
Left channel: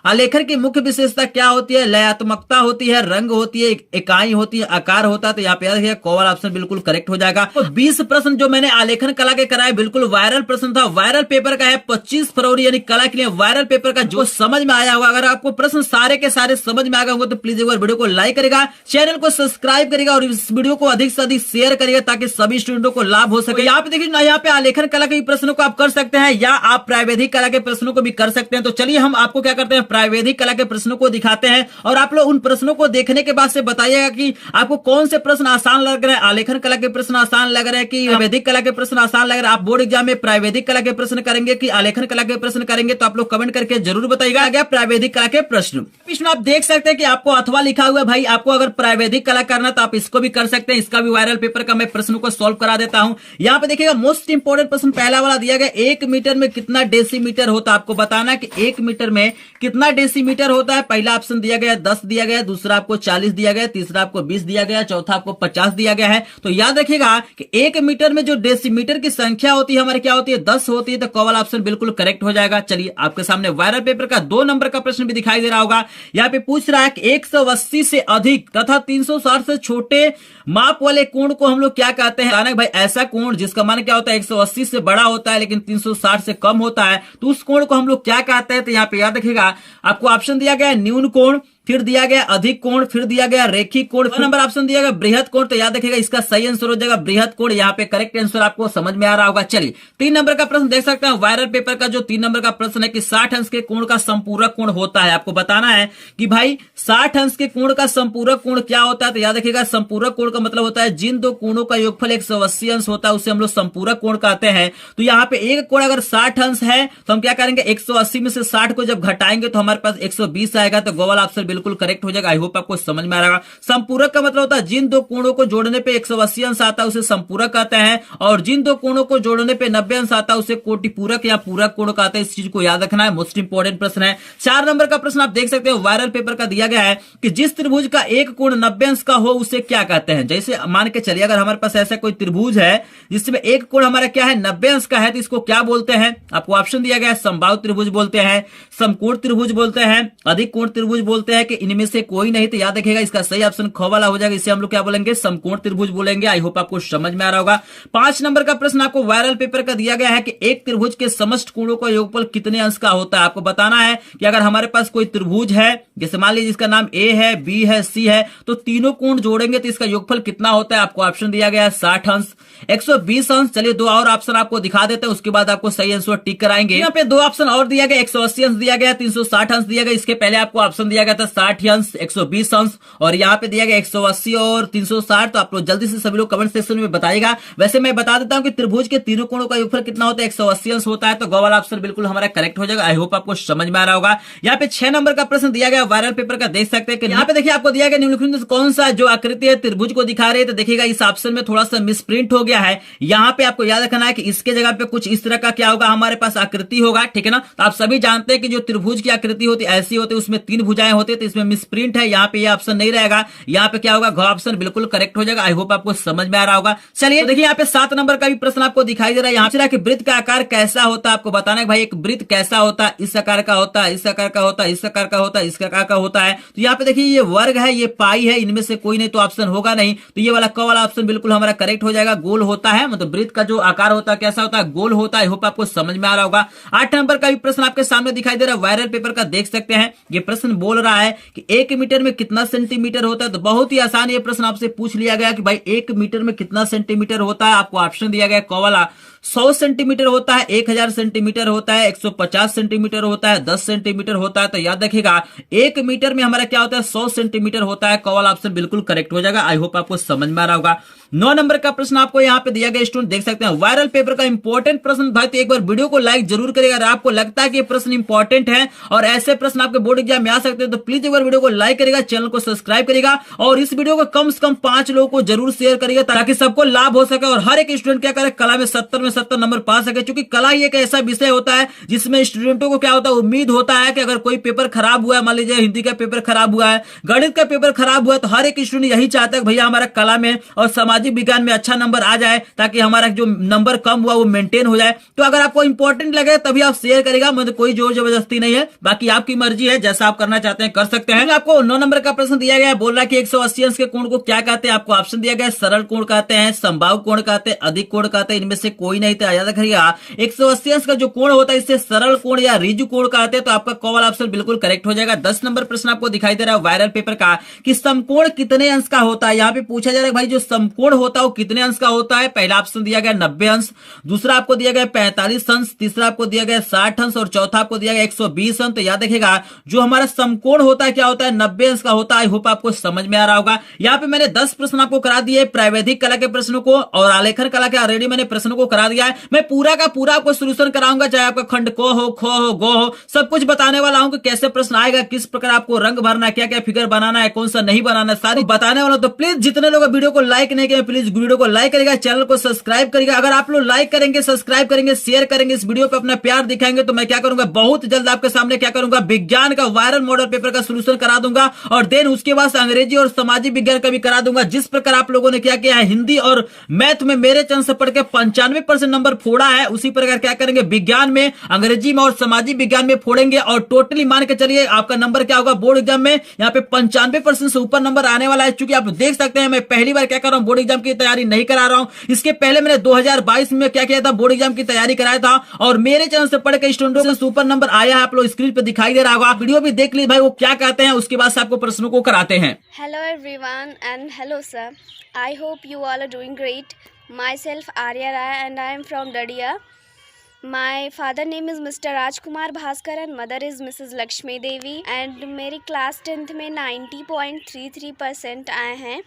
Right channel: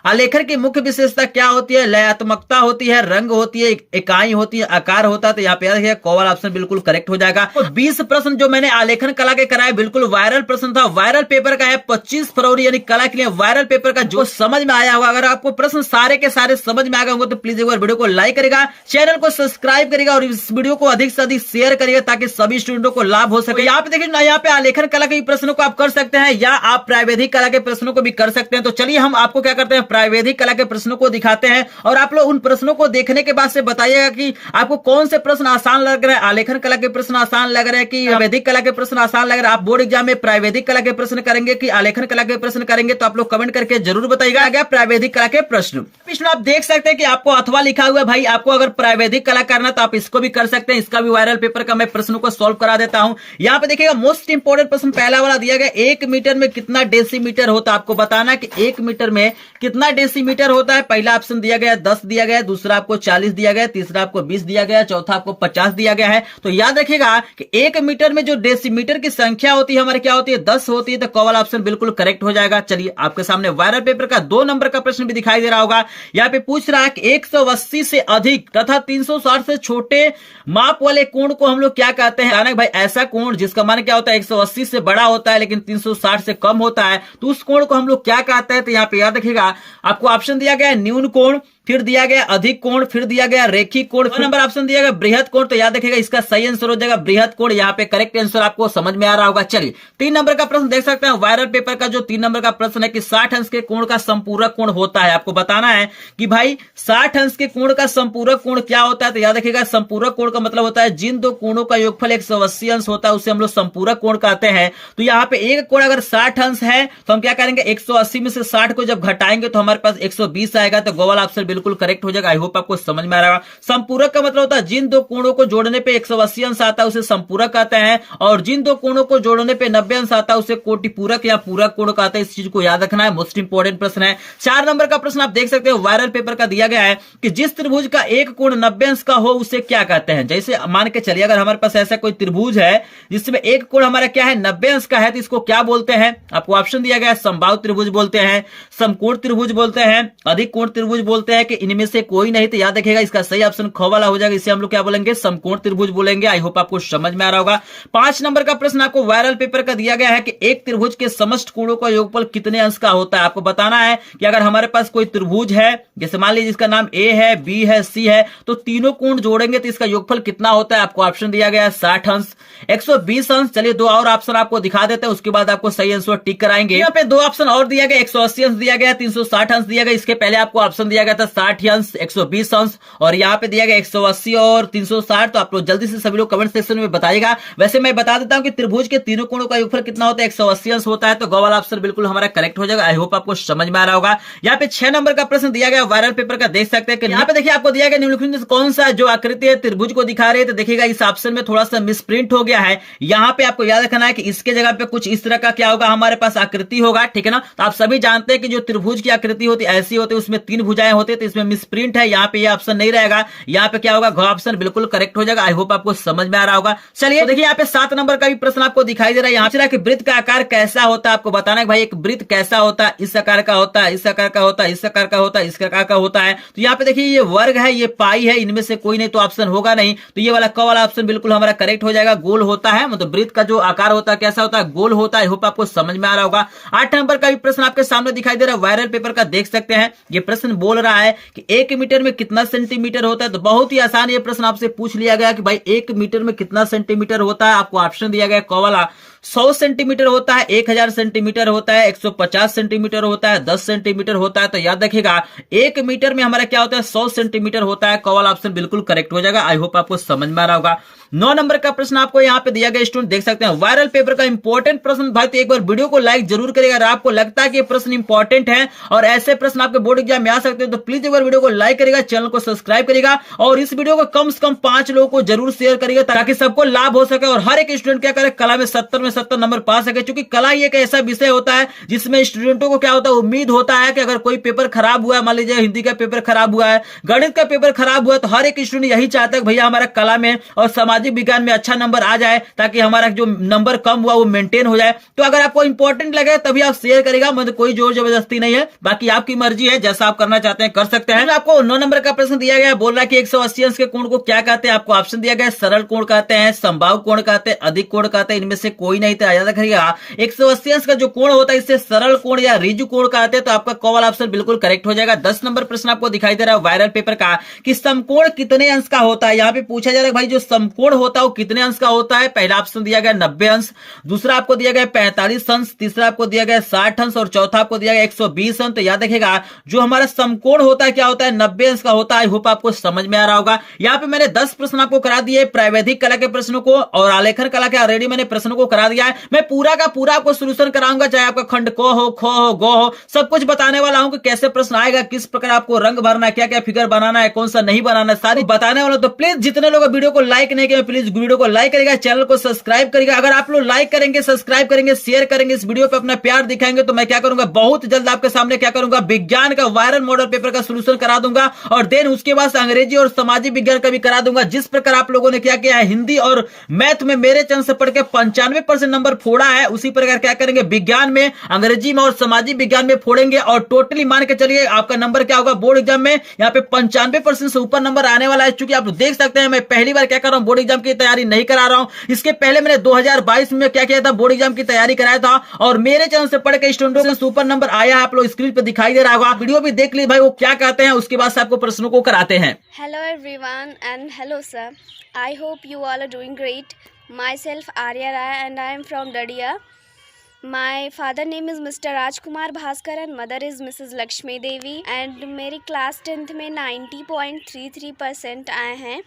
आलेखन की मुख्य विशेषता क्या होती है? लयात्मकता होती है, रंग होती है, इकाई होती है, आकार होता है। तो यहाँ पे कॉल ऑप्शन बिल्कुल करेक्ट हो जाएगा। तो 20 प्रश्न जो मैंने आलेखन कला के कराए बिल्कुल वायरल प्रश्न था। वायरल पेपर का है 25 फरवरी यानी कला के लिए वायरल पेपर का जो समझ में आया होगा। अगर आपको प्रश्न सारे के सारे समझ में आ गए होंगे तो प्लीज एक बार वीडियो को लाइक करेगा, चैनल को सब्सक्राइब करेगा और इस वीडियो को अधिक से अधिक शेयर करिएगा ताकि सभी स्टूडेंटों को लाभ हो सके। यहाँ पे देखिए ना, यहाँ पे आलेखन कला के प्रश्नों को आप कर सकते हैं या आप प्रावैधिक कला के प्रश्नों को भी कर सकते हैं। तो चलिए हम आपको क्या करते हैं, प्रावैधिक कला के प्रश्नों को दिखाते हैं और आप लोग उन प्रश्नों को देखने के बाद से बताइएगा कि आपको कौन से प्रश्न आसान लग रहे हैं। आलेखन कला के प्रश्न आसान लग रहे हैं कि प्रावैधिक कला के प्रश्न आसान लग रहे हैं? आप बोर्ड एग्जाम में प्रावैधिक कला के प्रश्न करेंगे कि आलेखन कला के प्रश्न करेंगे? तो आप लोग कमेंट करके जरूर बताइएगा। आगे प्रावैधिक कला के प्रश्न आप देख सकते हैं कि आपको अथवा लिखा हुआ है। भाई आपको अगर प्रावैधिक कला करना तो आप इसको भी कर सकते हैं। इसका भी वायरल पेपर का मैं प्रश्नों को सॉल्व करा देता हूं। यहाँ पे देखिएगा मोस्ट इंपोर्टेंट प्रश्न पहला वाला दिया गया, 1 मीटर में कितना डेसीमीटर होता है? आपको बताना कि 1 मीटर में कितना डेसीमीटर होता है। पहला ऑप्शन दिया गया 10 दिया गया, दूसरा आपको 40 दिया गया, तीसरा आपको 20 दिया गया, चौथा आपको 50 दिया गया है। तो याद रखिएगा कि 1 मीटर में जो डेसीमीटर की संख्या होती है हमारे क्या होती है? 10 होती है। तो कॉल ऑप्शन बिल्कुल करेक्ट हो जाएगा। चलिए आपके सामने वायरल पेपर का 2 नंबर का प्रश्न भी दिखाई दे रहा होगा। यहाँ पे पूछ रहा है कि 180 से अधिक तथा 360 से छोटे माप वाले कोण को हम लोग क्या कहते हैं? अचानक भाई ऐसा कोण जिसका मान क्या होता है 180 से बड़ा होता है लेकिन 360 से कम होता है, तो उस कोण को हम लोग क्या कहते हैं? तो यहाँ पे याद रखिएगा आपको ऑप्शन दिया गया है न्यून कोण, फिर दिया गया अधिक कोण, फिर दिया गया रेखिक कोण, नंबर ऑप्शन दिया गया बृहद कोण। तो याद रखिएगा इसका सही आंसर हो जाएगा बृहद कोण। यहाँ पे करेक्ट आंसर आपको समझ में आ रहा होगा। चलिए 3 नंबर का प्रश्न देख सकते हैं वायरल पेपर का। जो 3 नंबर का प्रश्न है कि 60 अंश के कोण का संपूरक कोण होता है। आपको बताना है कि भाई 60 अंश के कोण का संपूरक कोण क्या होता है? तो याद रखिएगा संपूरक कोण का मतलब होता है जिन दो कोणों का योगफल 180 अंश होता है उसे हम लोग संपूरक कोण कहते हैं। तो यहाँ पे एक कोण अगर 60 अंश है तो हम क्या करेंगे 180 में से 60 को जब घटाएंगे तो हमारे पास 120 आएगा। तो गोवाल ऑप्शन बिल्कुल करेक्ट हो जाएगा। आई होप आपको समझ में आ रहा है। संपूरक का मतलब होता है जिन दो कोणों को जोड़ने पे 180 अंश आता है उसे संपूरक कहते हैं, और जिन दो कोणों को जोड़ने पे 90 अंश आता है उसे कोटिपूरक या पूरक कोण कहते हैं। इस चीज को याद रखना है, मोस्ट इंपोर्टेंट प्रश्न है। 4 नंबर का प्रश्न आप देख सकते हो वायरल पेपर का दिया गया है कि जिस त्रिभुज का एक कोण 90 अंश का हो उसे क्या कहते हैं? जैसे मान के चलिए अगर हमारे पास ऐसा कोई त्रिभुज है जिसमें एक कोण हमारा क्या है 90 अंश का है, तो इसको क्या बोलते हैं? आपको ऑप्शन दिया गया है समबाहु त्रिभुज बोलते हैं, समकोण त्रिभुज बोलते हैं, अधिक कोण त्रिभुज बोलते हैं कि इनमें से कोई नहीं? तो याद रखिएगा इसका सही ऑप्शन ख वाला हो जाएगा। इसे हम लोग क्या बोलेंगे? समकोण त्रिभुज बोलेंगे। आई होप आपको समझ में आ रहा होगा। 5 नंबर का प्रश्न आपको वायरल पेपर का दिया गया है कि एक त्रिभुज के समस्त कोणों का योगफल कितने अंश का होता है? आपको बताना है कि अगर हमारे पास कोई त्रिभुज है जैसे मान लीजिए जिसका नाम ए है, बी है, सी है, तो तीनों कोण जोड़ेंगे तो इसका योगफल कितना होता है? आपको ऑप्शन दिया गया है 60 अंश, 120 अंश। चलिए 2 और ऑप्शन आपको दिखा देते हैं, उसके बाद आपको सही आंसर टिक कराएंगे। यहाँ पे 2 ऑप्शन और दिया गया, 180 अंश दिया गया, 360 अंश दिया गया। इसके पहले आपको ऑप्शन दिया गया था 60 अंश, 120 अंश, और यहाँ पे दिया गया 180 और 360। तो आप लोग जल्दी से सभी लोग कमेंट सेक्शन में बताइएगा। वैसे मैं बता देता हूँ कि त्रिभुज के तीनों कोणों का योगफल कितना होता है? 180 अंश होता है। तो ग वाला ऑप्शन बिल्कुल हमारा करेक्ट हो जाएगा। आई होप आपको समझ में आ रहा होगा। यहाँ पे 6 नंबर का प्रश्न दिया गया वायरल पेपर का, देख सकते हैं कि यहाँ पे देखिए आपको दिया गया निम्नलिखित में कौन सा जो आकृति है त्रिभुज को दिखा रहे हैं? तो देखिएगा इस ऑप्शन में थोड़ा सा मिसप्रिंट हो गया है। यहाँ पे आपको याद रखना है कि इसके जगह पे कुछ इस तरह का क्या होगा हमारे पास आकृति होगा, ठीक है ना? तो आप सभी जानते हैं कि जो त्रिभुज की आकृति होती है ऐसी होती है, उसमें 3 भुजाएं होती है, तो इसमें मिसप्रिंट है। यहाँ पे ये ऑप्शन नहीं रहेगा, यहाँ पे क्या होगा घ ऑप्शन बिल्कुल करेक्ट हो जाएगा। आई होप आपको समझ में आ रहा होगा। चलिए तो देखिए यहाँ पे 7 नंबर का भी प्रश्न आपको दिखाई दे रहा है। यहाँ से कि वृत्त का आकार कैसा होता है? आपको बताना है भाई एक वृत्त कैसा होता है? इस आकार का होता है, इस आकार का होता है, इस आकार का होता है, इस आकार का होता है। तो यहाँ पे देखिए ये वर्ग है, ये पाई है, इनमें से कोई नहीं तो ऑप्शन होगा नहीं। तो ये वाला क वाला ऑप्शन बिल्कुल हमारा करेक्ट हो जाएगा। गोल होता है, मतलब वृत्त का जो आकार होता है कैसा होता है? गोल होता है। होप आपको समझ में आ रहा होगा। 8 नंबर का भी प्रश्न आपके सामने दिखाई दे रहा है वायरल पेपर का, देख सकते हैं। ये प्रश्न बोल रहा है कि 1 मीटर में कितना सेंटीमीटर होता है? तो बहुत ही आसान ये प्रश्न आपसे पूछ लिया गया कि भाई 1 मीटर में कितना सेंटीमीटर होता है। आपको ऑप्शन दिया गया क वाला 100 सेंटीमीटर होता है, 1000 सेंटीमीटर होता है, 150 सेंटीमीटर होता है, 10 सेंटीमीटर होता है। तो याद रखिएगा 1 मीटर में हमारा क्या होता है, 100 सेंटीमीटर होता है। कॉल ऑप्शन बिल्कुल करेक्ट हो जाएगा। आई होप आपको समझ में आ रहा होगा। 9 नंबर का प्रश्न आपको यहाँ पे दिया गया, स्टूडेंट देख सकते हैं वायरल पेपर का इंपॉर्टेंट प्रश्न। भाई तो एक बार वीडियो को लाइक जरूर करिएगा। अगर आपको लगता है कि ये प्रश्न इंपॉर्टेंट है और ऐसे प्रश्न आपके बोर्ड एग्जाम में आ सकते हैं तो प्लीज एक बार वीडियो को लाइक करिएगा, चैनल को सब्सक्राइब करिएगा और इस वीडियो को कम से कम 5 लोगों को जरूर शेयर करिएगा ताकि सबको लाभ हो सके और हर एक स्टूडेंट क्या करे, कला में 70 नंबर पा सके। क्योंकि कला ही एक ऐसा विषय होता है जिसमें स्टूडेंटों को क्या होता है, उम्मीद होता है कि अगर कोई पेपर खराब हुआ है, मान लीजिए हिंदी का पेपर खराब हुआ है, गणित का पेपर खराब हुआ है, तो हर एक स्टूडेंट यही चाहता है कि भैया हमारा कला में और सामाजिक विज्ञान में अच्छा नंबर आ जाए ताकि हमारा जो नंबर कम हुआ वो मेंटेन हो जाए। तो अगर आपको इंपॉर्टेंट लगे तभी आप शेयर करेगा, मतलब कोई जोर जबरदस्ती नहीं है, बाकी आपकी मर्जी है, जैसा आप करना चाहते हैं कर सकते हैं। आपको 9 नंबर का प्रश्न दिया गया, बोल रहा है कि 180 अंश के कोण को क्या कहते हैं। आपको ऑप्शन दिया गया, सरल कोण कहते हैं, समबाहु कोण कहते हैं, अधिक कोण कहते हैं, इनमें से कोई नहीं था। याद रखिएगा 180 अंश का जो कोण होता है इससे सरल कोण या रिजु कोण कहते हैं। तो आपका कॉल ऑप्शन बिल्कुल करेक्ट हो जाएगा। 10 नंबर प्रश्न आपको दिखाई दे रहा है वायरल पेपर का कि समकोण कितने अंश का होता है। यहाँ पे पूछा जा रहा है भाई जो समकोण होता है वो कितने अंश का होता है। पहला ऑप्शन दिया गया 90 अंश, दूसरा आपको दिया गया 45 अंश, तीसरा आपको दिया गया 60 अंश और चौथा आपको दिया गया 120 अंश। तो याद रखिएगा जो हमारा समकोण होता है क्या होता है, 90 अंश का होता है। आई होप आपको समझ में आ रहा होगा। यहाँ पे मैंने 10 प्रश्न आपको करा दिए प्रावैधिक कला के प्रश्नों को और आलेखन कला के ऑलरेडी मैंने प्रश्नों को करा दिया है। मैं पूरा का पूरा आपको सोल्यूशन कराऊंगा, चाहे आपका खंड को हो, खो हो, गो हो, सब कुछ बताने वाला हूं कि कैसे प्रश्न आएगा, किस प्रकार आपको रंग भरना है, क्या क्या फिगर बनाना है, कौन सा नहीं बनाना है, सारी बताने वाला। तो प्लीज जितने लोग वीडियो को लाइक नहीं किए प्लीज वीडियो को लाइक करेगा, चैनल को सब्सक्राइब करेगा। अगर आप लोग लाइक करेंगे, सब्सक्राइब करेंगे, शेयर करेंगे, इस वीडियो पे अपना प्यार दिखाएंगे तो मैं क्या करूंगा, बहुत जल्द आपके सामने क्या करूंगा, विज्ञान का वायरल मॉडल पेपर का सोल्यूशन करा दूंगा और देन उसके बाद अंग्रेजी और सामाजिक विज्ञान का भी करा दूंगा। जिस प्रकार आप लोगों ने क्या किया है हिंदी और मैथ में मेरे चैनल से पढ़ के 95% नंबर फोड़ा है, उसी प्रकार क्या करेंगे विज्ञान में, अंग्रेजी में और सामाजिक विज्ञान में फोड़ेंगे और टोटली मान के चलिए आपका नंबर क्या होगा बोर्ड एग्जाम में यहाँ पे 95% से ऊपर नंबर आने वाला है। चूंकि आप देख सकते हैं मैं पहली बार क्या कर रहा हूं, बोर्ड एग्जाम की तैयारी नहीं करा रहा हूं। इसके पहले मैंने 2022 में क्या किया था, बोर्ड एग्जाम की तैयारी कराया था और मेरे चैनल से पढ़ के स्टूडेंटों से सुपर नंबर आया है। आप लोग स्क्रीन पे दिखाई दे रहा होगा, वीडियो भी देख लीजिए भाई वो क्या कहते हैं, उसके बाद से आपको प्रश्नों को कराते हैं। Hello everyone and hello sir. I hope you all are doing great. Myself Arya Rai and I am from Dadia. My father name is Mr. Rajkumar Bhaskar and mother is Mrs. Lakshmi Devi and मेरी class 10th में 90.33% आए हैं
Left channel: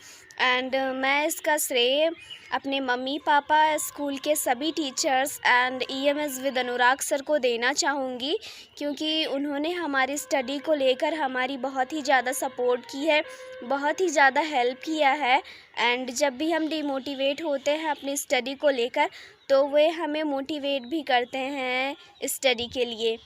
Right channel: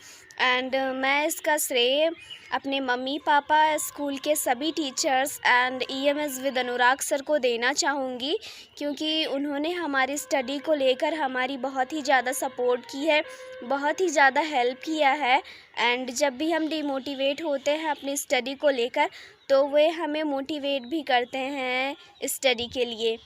and मैं इसका श्रेय अपने mummy papa, school के सभी teachers and EMS with Anurag sir को देना चाहूँगी क्योंकि उन्होंने हमारी स्टडी को लेकर हमारी बहुत ही ज़्यादा सपोर्ट की है, बहुत ही ज़्यादा हेल्प किया है एंड जब भी हम डिमोटिवेट होते हैं अपनी स्टडी को लेकर तो वे हमें मोटिवेट भी करते हैं स्टडी के लिए।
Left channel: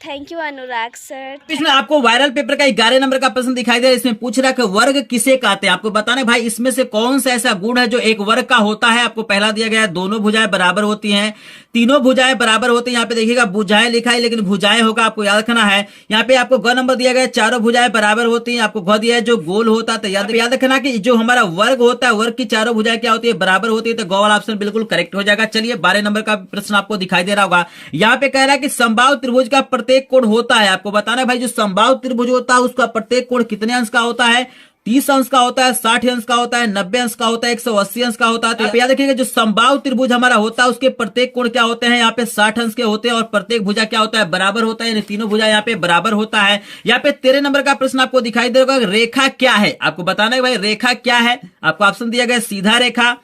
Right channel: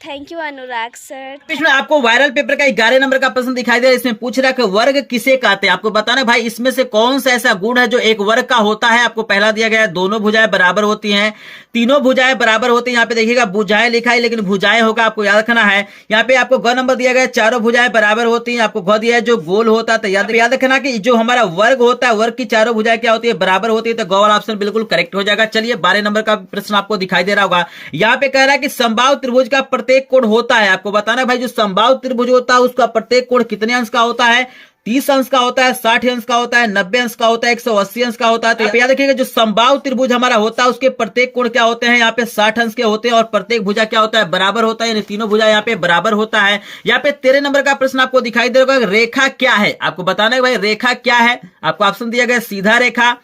Thank you Anurag sir. इसमें आपको वायरल पेपर का 11 नंबर का प्रश्न दिखाई दे रहा है। इसमें पूछ रहा है कि वर्ग किसे कहते हैं। आपको बताना भाई इसमें से कौन सा ऐसा गुण है जो एक वर्ग का होता है। आपको पहला दिया गया है दोनों भुजाएं बराबर होती हैं, तीनों भुजाएं बराबर होती हैं। यहाँ पे देखिएगा भुजाएं लिखा है लेकिन भुजाएं होगा, आपको याद रखना है। यहाँ पे आपको ग नंबर दिया गया चारों भुजाएं बराबर होती हैं। आपको ग दिया है जो गोल होता है। तो याद रखना कि जो हमारा वर्ग होता है वर्ग की चारों भुजाएं क्या होती है, बराबर होती है। तो ग वाला ऑप्शन बिल्कुल करेक्ट हो जाएगा। चलिए 12 नंबर का प्रश्न आपको दिखाई दे रहा होगा। यहाँ पे कह रहा है कि समबाहु त्रिभुज का प्रत्येक कोण होता है। आपको बताना है भाई जो समबाहु त्रिभुज होता है उसका प्रत्येक कोण कितने अंश का होता है। 30 अंश का होता है, 60 अंश का होता है, 90 अंश का होता है, 180 अंश का होता है। तो याद रखिएगा जो समबाहु त्रिभुज हमारा होता है उसके प्रत्येक कोण क्या होते हैं, यहाँ पे 60 अंश के होते हैं और प्रत्येक भुजा क्या होता है, बराबर होता है। यानी तीनों भुजा यहाँ पे बराबर होता है। यहाँ पे 13 नंबर का प्रश्न आपको दिखाई देगा रेखा क्या है। आपको बताना है भाई रेखा क्या है। आपको ऑप्शन दिया गया सीधा रेखा,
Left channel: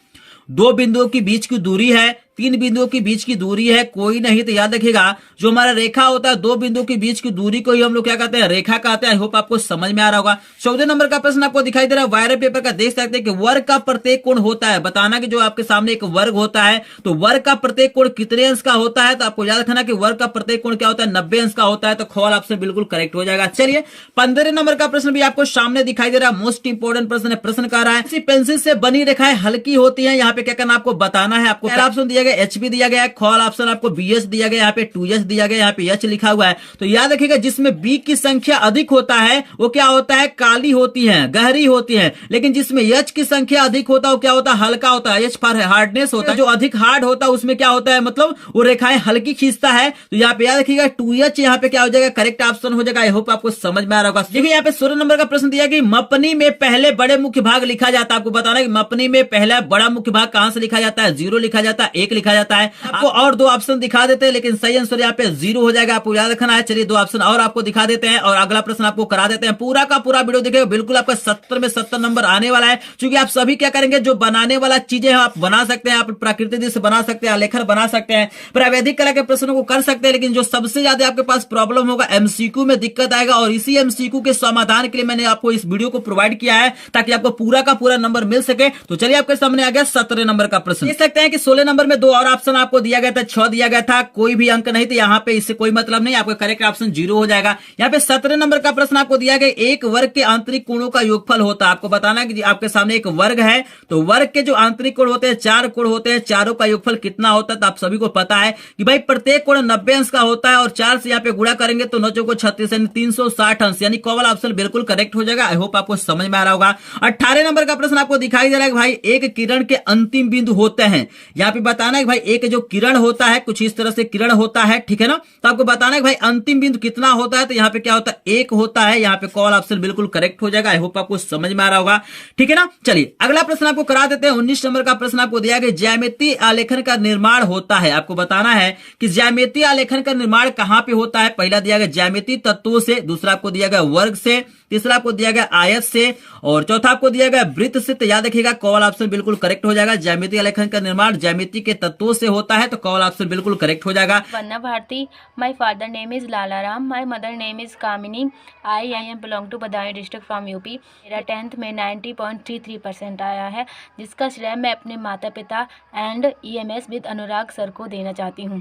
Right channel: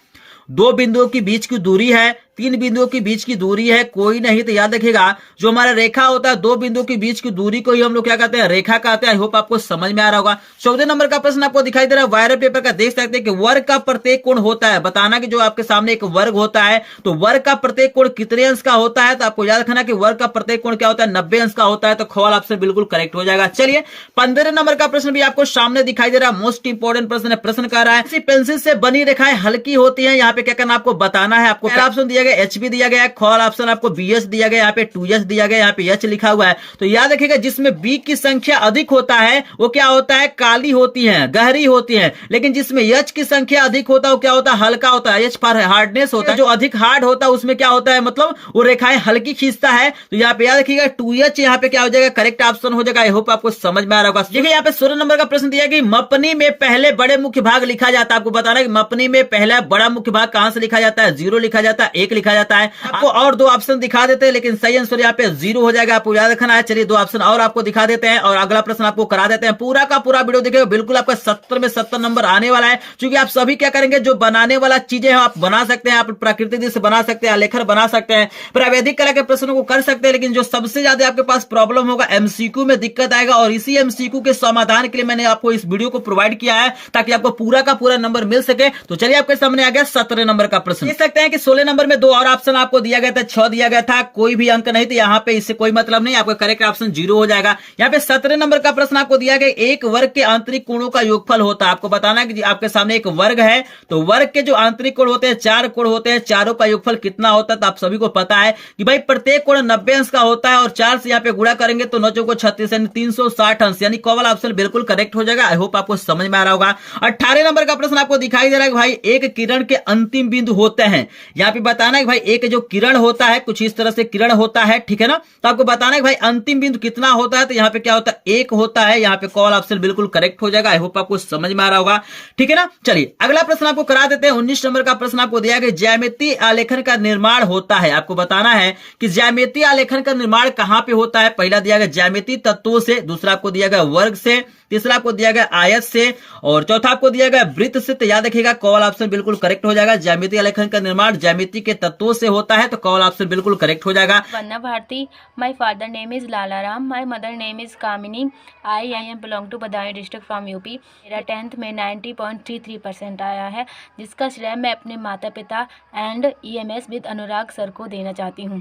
2 बिंदुओं के बीच की दूरी है, 3 बिंदुओं के बीच की दूरी है, कोई नहीं। तो याद रखिएगा जो हमारा रेखा होता है 2 बिंदुओं के बीच की दूरी को ही हम लोग क्या कहते हैं, रेखा कहते हैं। आई होप आपको समझ में आ रहा होगा। 14 नंबर का प्रश्न आपको दिखाई दे रहा है वायरल पेपर का। देख सकते हैं कि वर्ग का प्रत्येक कोण होता है। बताना कि जो आपके सामने एक वर्ग होता है तो वर्ग का प्रत्येक कोण कितने अंश का होता है। तो आपको याद रखना कि वर्ग का प्रत्येक कोण क्या होता है, 90 अंश का होता है। तो ख वाला ऑप्शन बिल्कुल करेक्ट हो जाएगा। चलिए 15 नंबर का प्रश्न भी आपको सामने दिखाई दे रहा है। मोस्ट इंपोर्टेंट प्रश्न है। प्रश्न कह रहा है इसी पेंसिल से बनी रेखाएं हल्की होती है। यहाँ पे क्या करना आपको बताना है। आपको पहला ऑप्शन दिया गया HB दिया गया है, ख वाला ऑप्शन आपको BS दिया गया, यहाँ पे 2S दिया गया, यहाँ पे H लिखा हुआ है। तो याद रखिएगा जिसमें B की संख्या अधिक होता है वो क्या होता है, काली होती है, गहरी होती है। लेकिन जिसमें H की संख्या अधिक होता है वो क्या होता है, हल्का होता है। H फॉर हार्डनेस होता है। जो अधिक हार्ड होता है उसमें क्या होता है, मतलब वो रेखाएं हल्की खींचता है। तो यहाँ पे याद रखिएगा 2H यहाँ पे क्या हो जाएगा, करेक्ट ऑप्शन हो जाएगा। आई होप आपको समझ में आ रहा होगा। देखिए यहाँ पे 16 नंबर का प्रश्न दिया कि मपनी में पहले बड़े मुख्य भाग लिखा जाता है। आपको बताना है कि मपनी में पहला बड़ा मुख्य भाग कहां से लिखा जाता है, 0 लिखा जाता है, 1 लिखा जाता है। आपको और दो ऑप्शन दिखा देते हैं, लेकिन सही आंसर यहाँ पे 0 हो जाएगा, आपको याद रखना है। चलिए दो ऑप्शन और आपको दिखा देते हैं और अगला प्रश्न आपको करा देते हैं। पूरा का पूरा वीडियो देखिएगा, बिल्कुल आपका 70 में 70 नंबर आने वाला है। क्योंकि आप सभी क्या करेंगे, जो बनाने वाला चीजें हैं आप बना सकते हैं, आप प्राकृतिक दृश्य बना सकते हैं, आलेखन बना सकते हैं, प्रावैधिक कला के प्रश्नों को कर सकते हैं। लेकिन जो सबसे ज्यादा आपके पास प्रॉब्लम होगा, एमसीक्यू में दिक्कत आएगा, और इसी एमसीक्यू के समाधान के लिए मैंने आपको इस वीडियो को प्रोवाइड किया है ताकि आपको पूरा का पूरा नंबर मिल सके। तो चलिए आपके सामने आ गया 17 नंबर का प्रश्न। देख सकते हैं कि 16 नंबर में दो और ऑप्शन आपको दिया गया था, 6 दिया गया था, कोई भी अंक नहीं, तो यहाँ पे इससे कोई मतलब नहीं, आपका करेक्ट ऑप्शन 0 हो जाएगा। यहाँ पे 17 नंबर का प्रश्न आपको दिया गया, एक वर्ग के आंतरिक कोणों का योगफल होता है। आपको बताना है कि आपके सामने एक वर्ग है, तो वर्ग के जो आंतरिक कोण होते हैं 4 कोण होते हैं, चारों का योगफल कितना होता है। तो आप सभी को पता है कि भाई प्रत्येक कोण 90 अंश का होता है, और 4 से यहाँ पे गुणा करेंगे तो 9 को 36 यानी 360 अंश, यानी क वाला ऑप्शन बिल्कुल करेक्ट हो जाएगा। आई होप आपको समझ में आ रहा होगा। 18 नंबर का प्रश्न आपको दिखाई दे रहा है कि भाई एक किरण के अंतिम बिंदु होते हैं। यहाँ पे बताना है कि भाई एक जो किरण होता है कुछ इस तरह से किरण होता है, ठीक है ना। तो आपको बताना है कि भाई अंतिम बिंदु कितना होता है, तो यहाँ पे क्या होता है 1 होता है। यहाँ पे कॉल ऑप्शन बिल्कुल करेक्ट हो जाएगा। आई होप आपको समझ में आ रहा होगा, ठीक है ना। चलिए अगला प्रश्न आपको करा देते हैं। 19 नंबर का प्रश्न आपको दिया गया, ज्यामितीय आलेखन का निर्माण होता है। आपको बताना है कि ज्यामितीय आलेखन का निर्माण कहां पे होता है। पहला दिया गया ज्यामितीय तत्वों से, दूसरा आपको दिया गया वर्ग से, तीसरा आपको दिया गया आयत से, और चौथा आपको दिया गया वृत्त से। तो याद रखिएगा कॉल ऑप्शन बिल्कुल करेक्ट हो जाएगा। ज्यामितीय आलेखन का निर्माण ज्यामिति के तत्वों से होता है, तो कॉल ऑप्शन बिल्कुल करेक्ट हो जाएगा। Vandana Bharti, my father name is Lala Ram, my mother name is Kamini, I am belong to Budaun district from UP. मेरा 10th में 90.33% आया है, जिसका श्रेय मैं अपने माता पिता and EMS with Anurag sir को देना चाहती हूँ।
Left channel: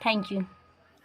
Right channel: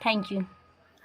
Thank you.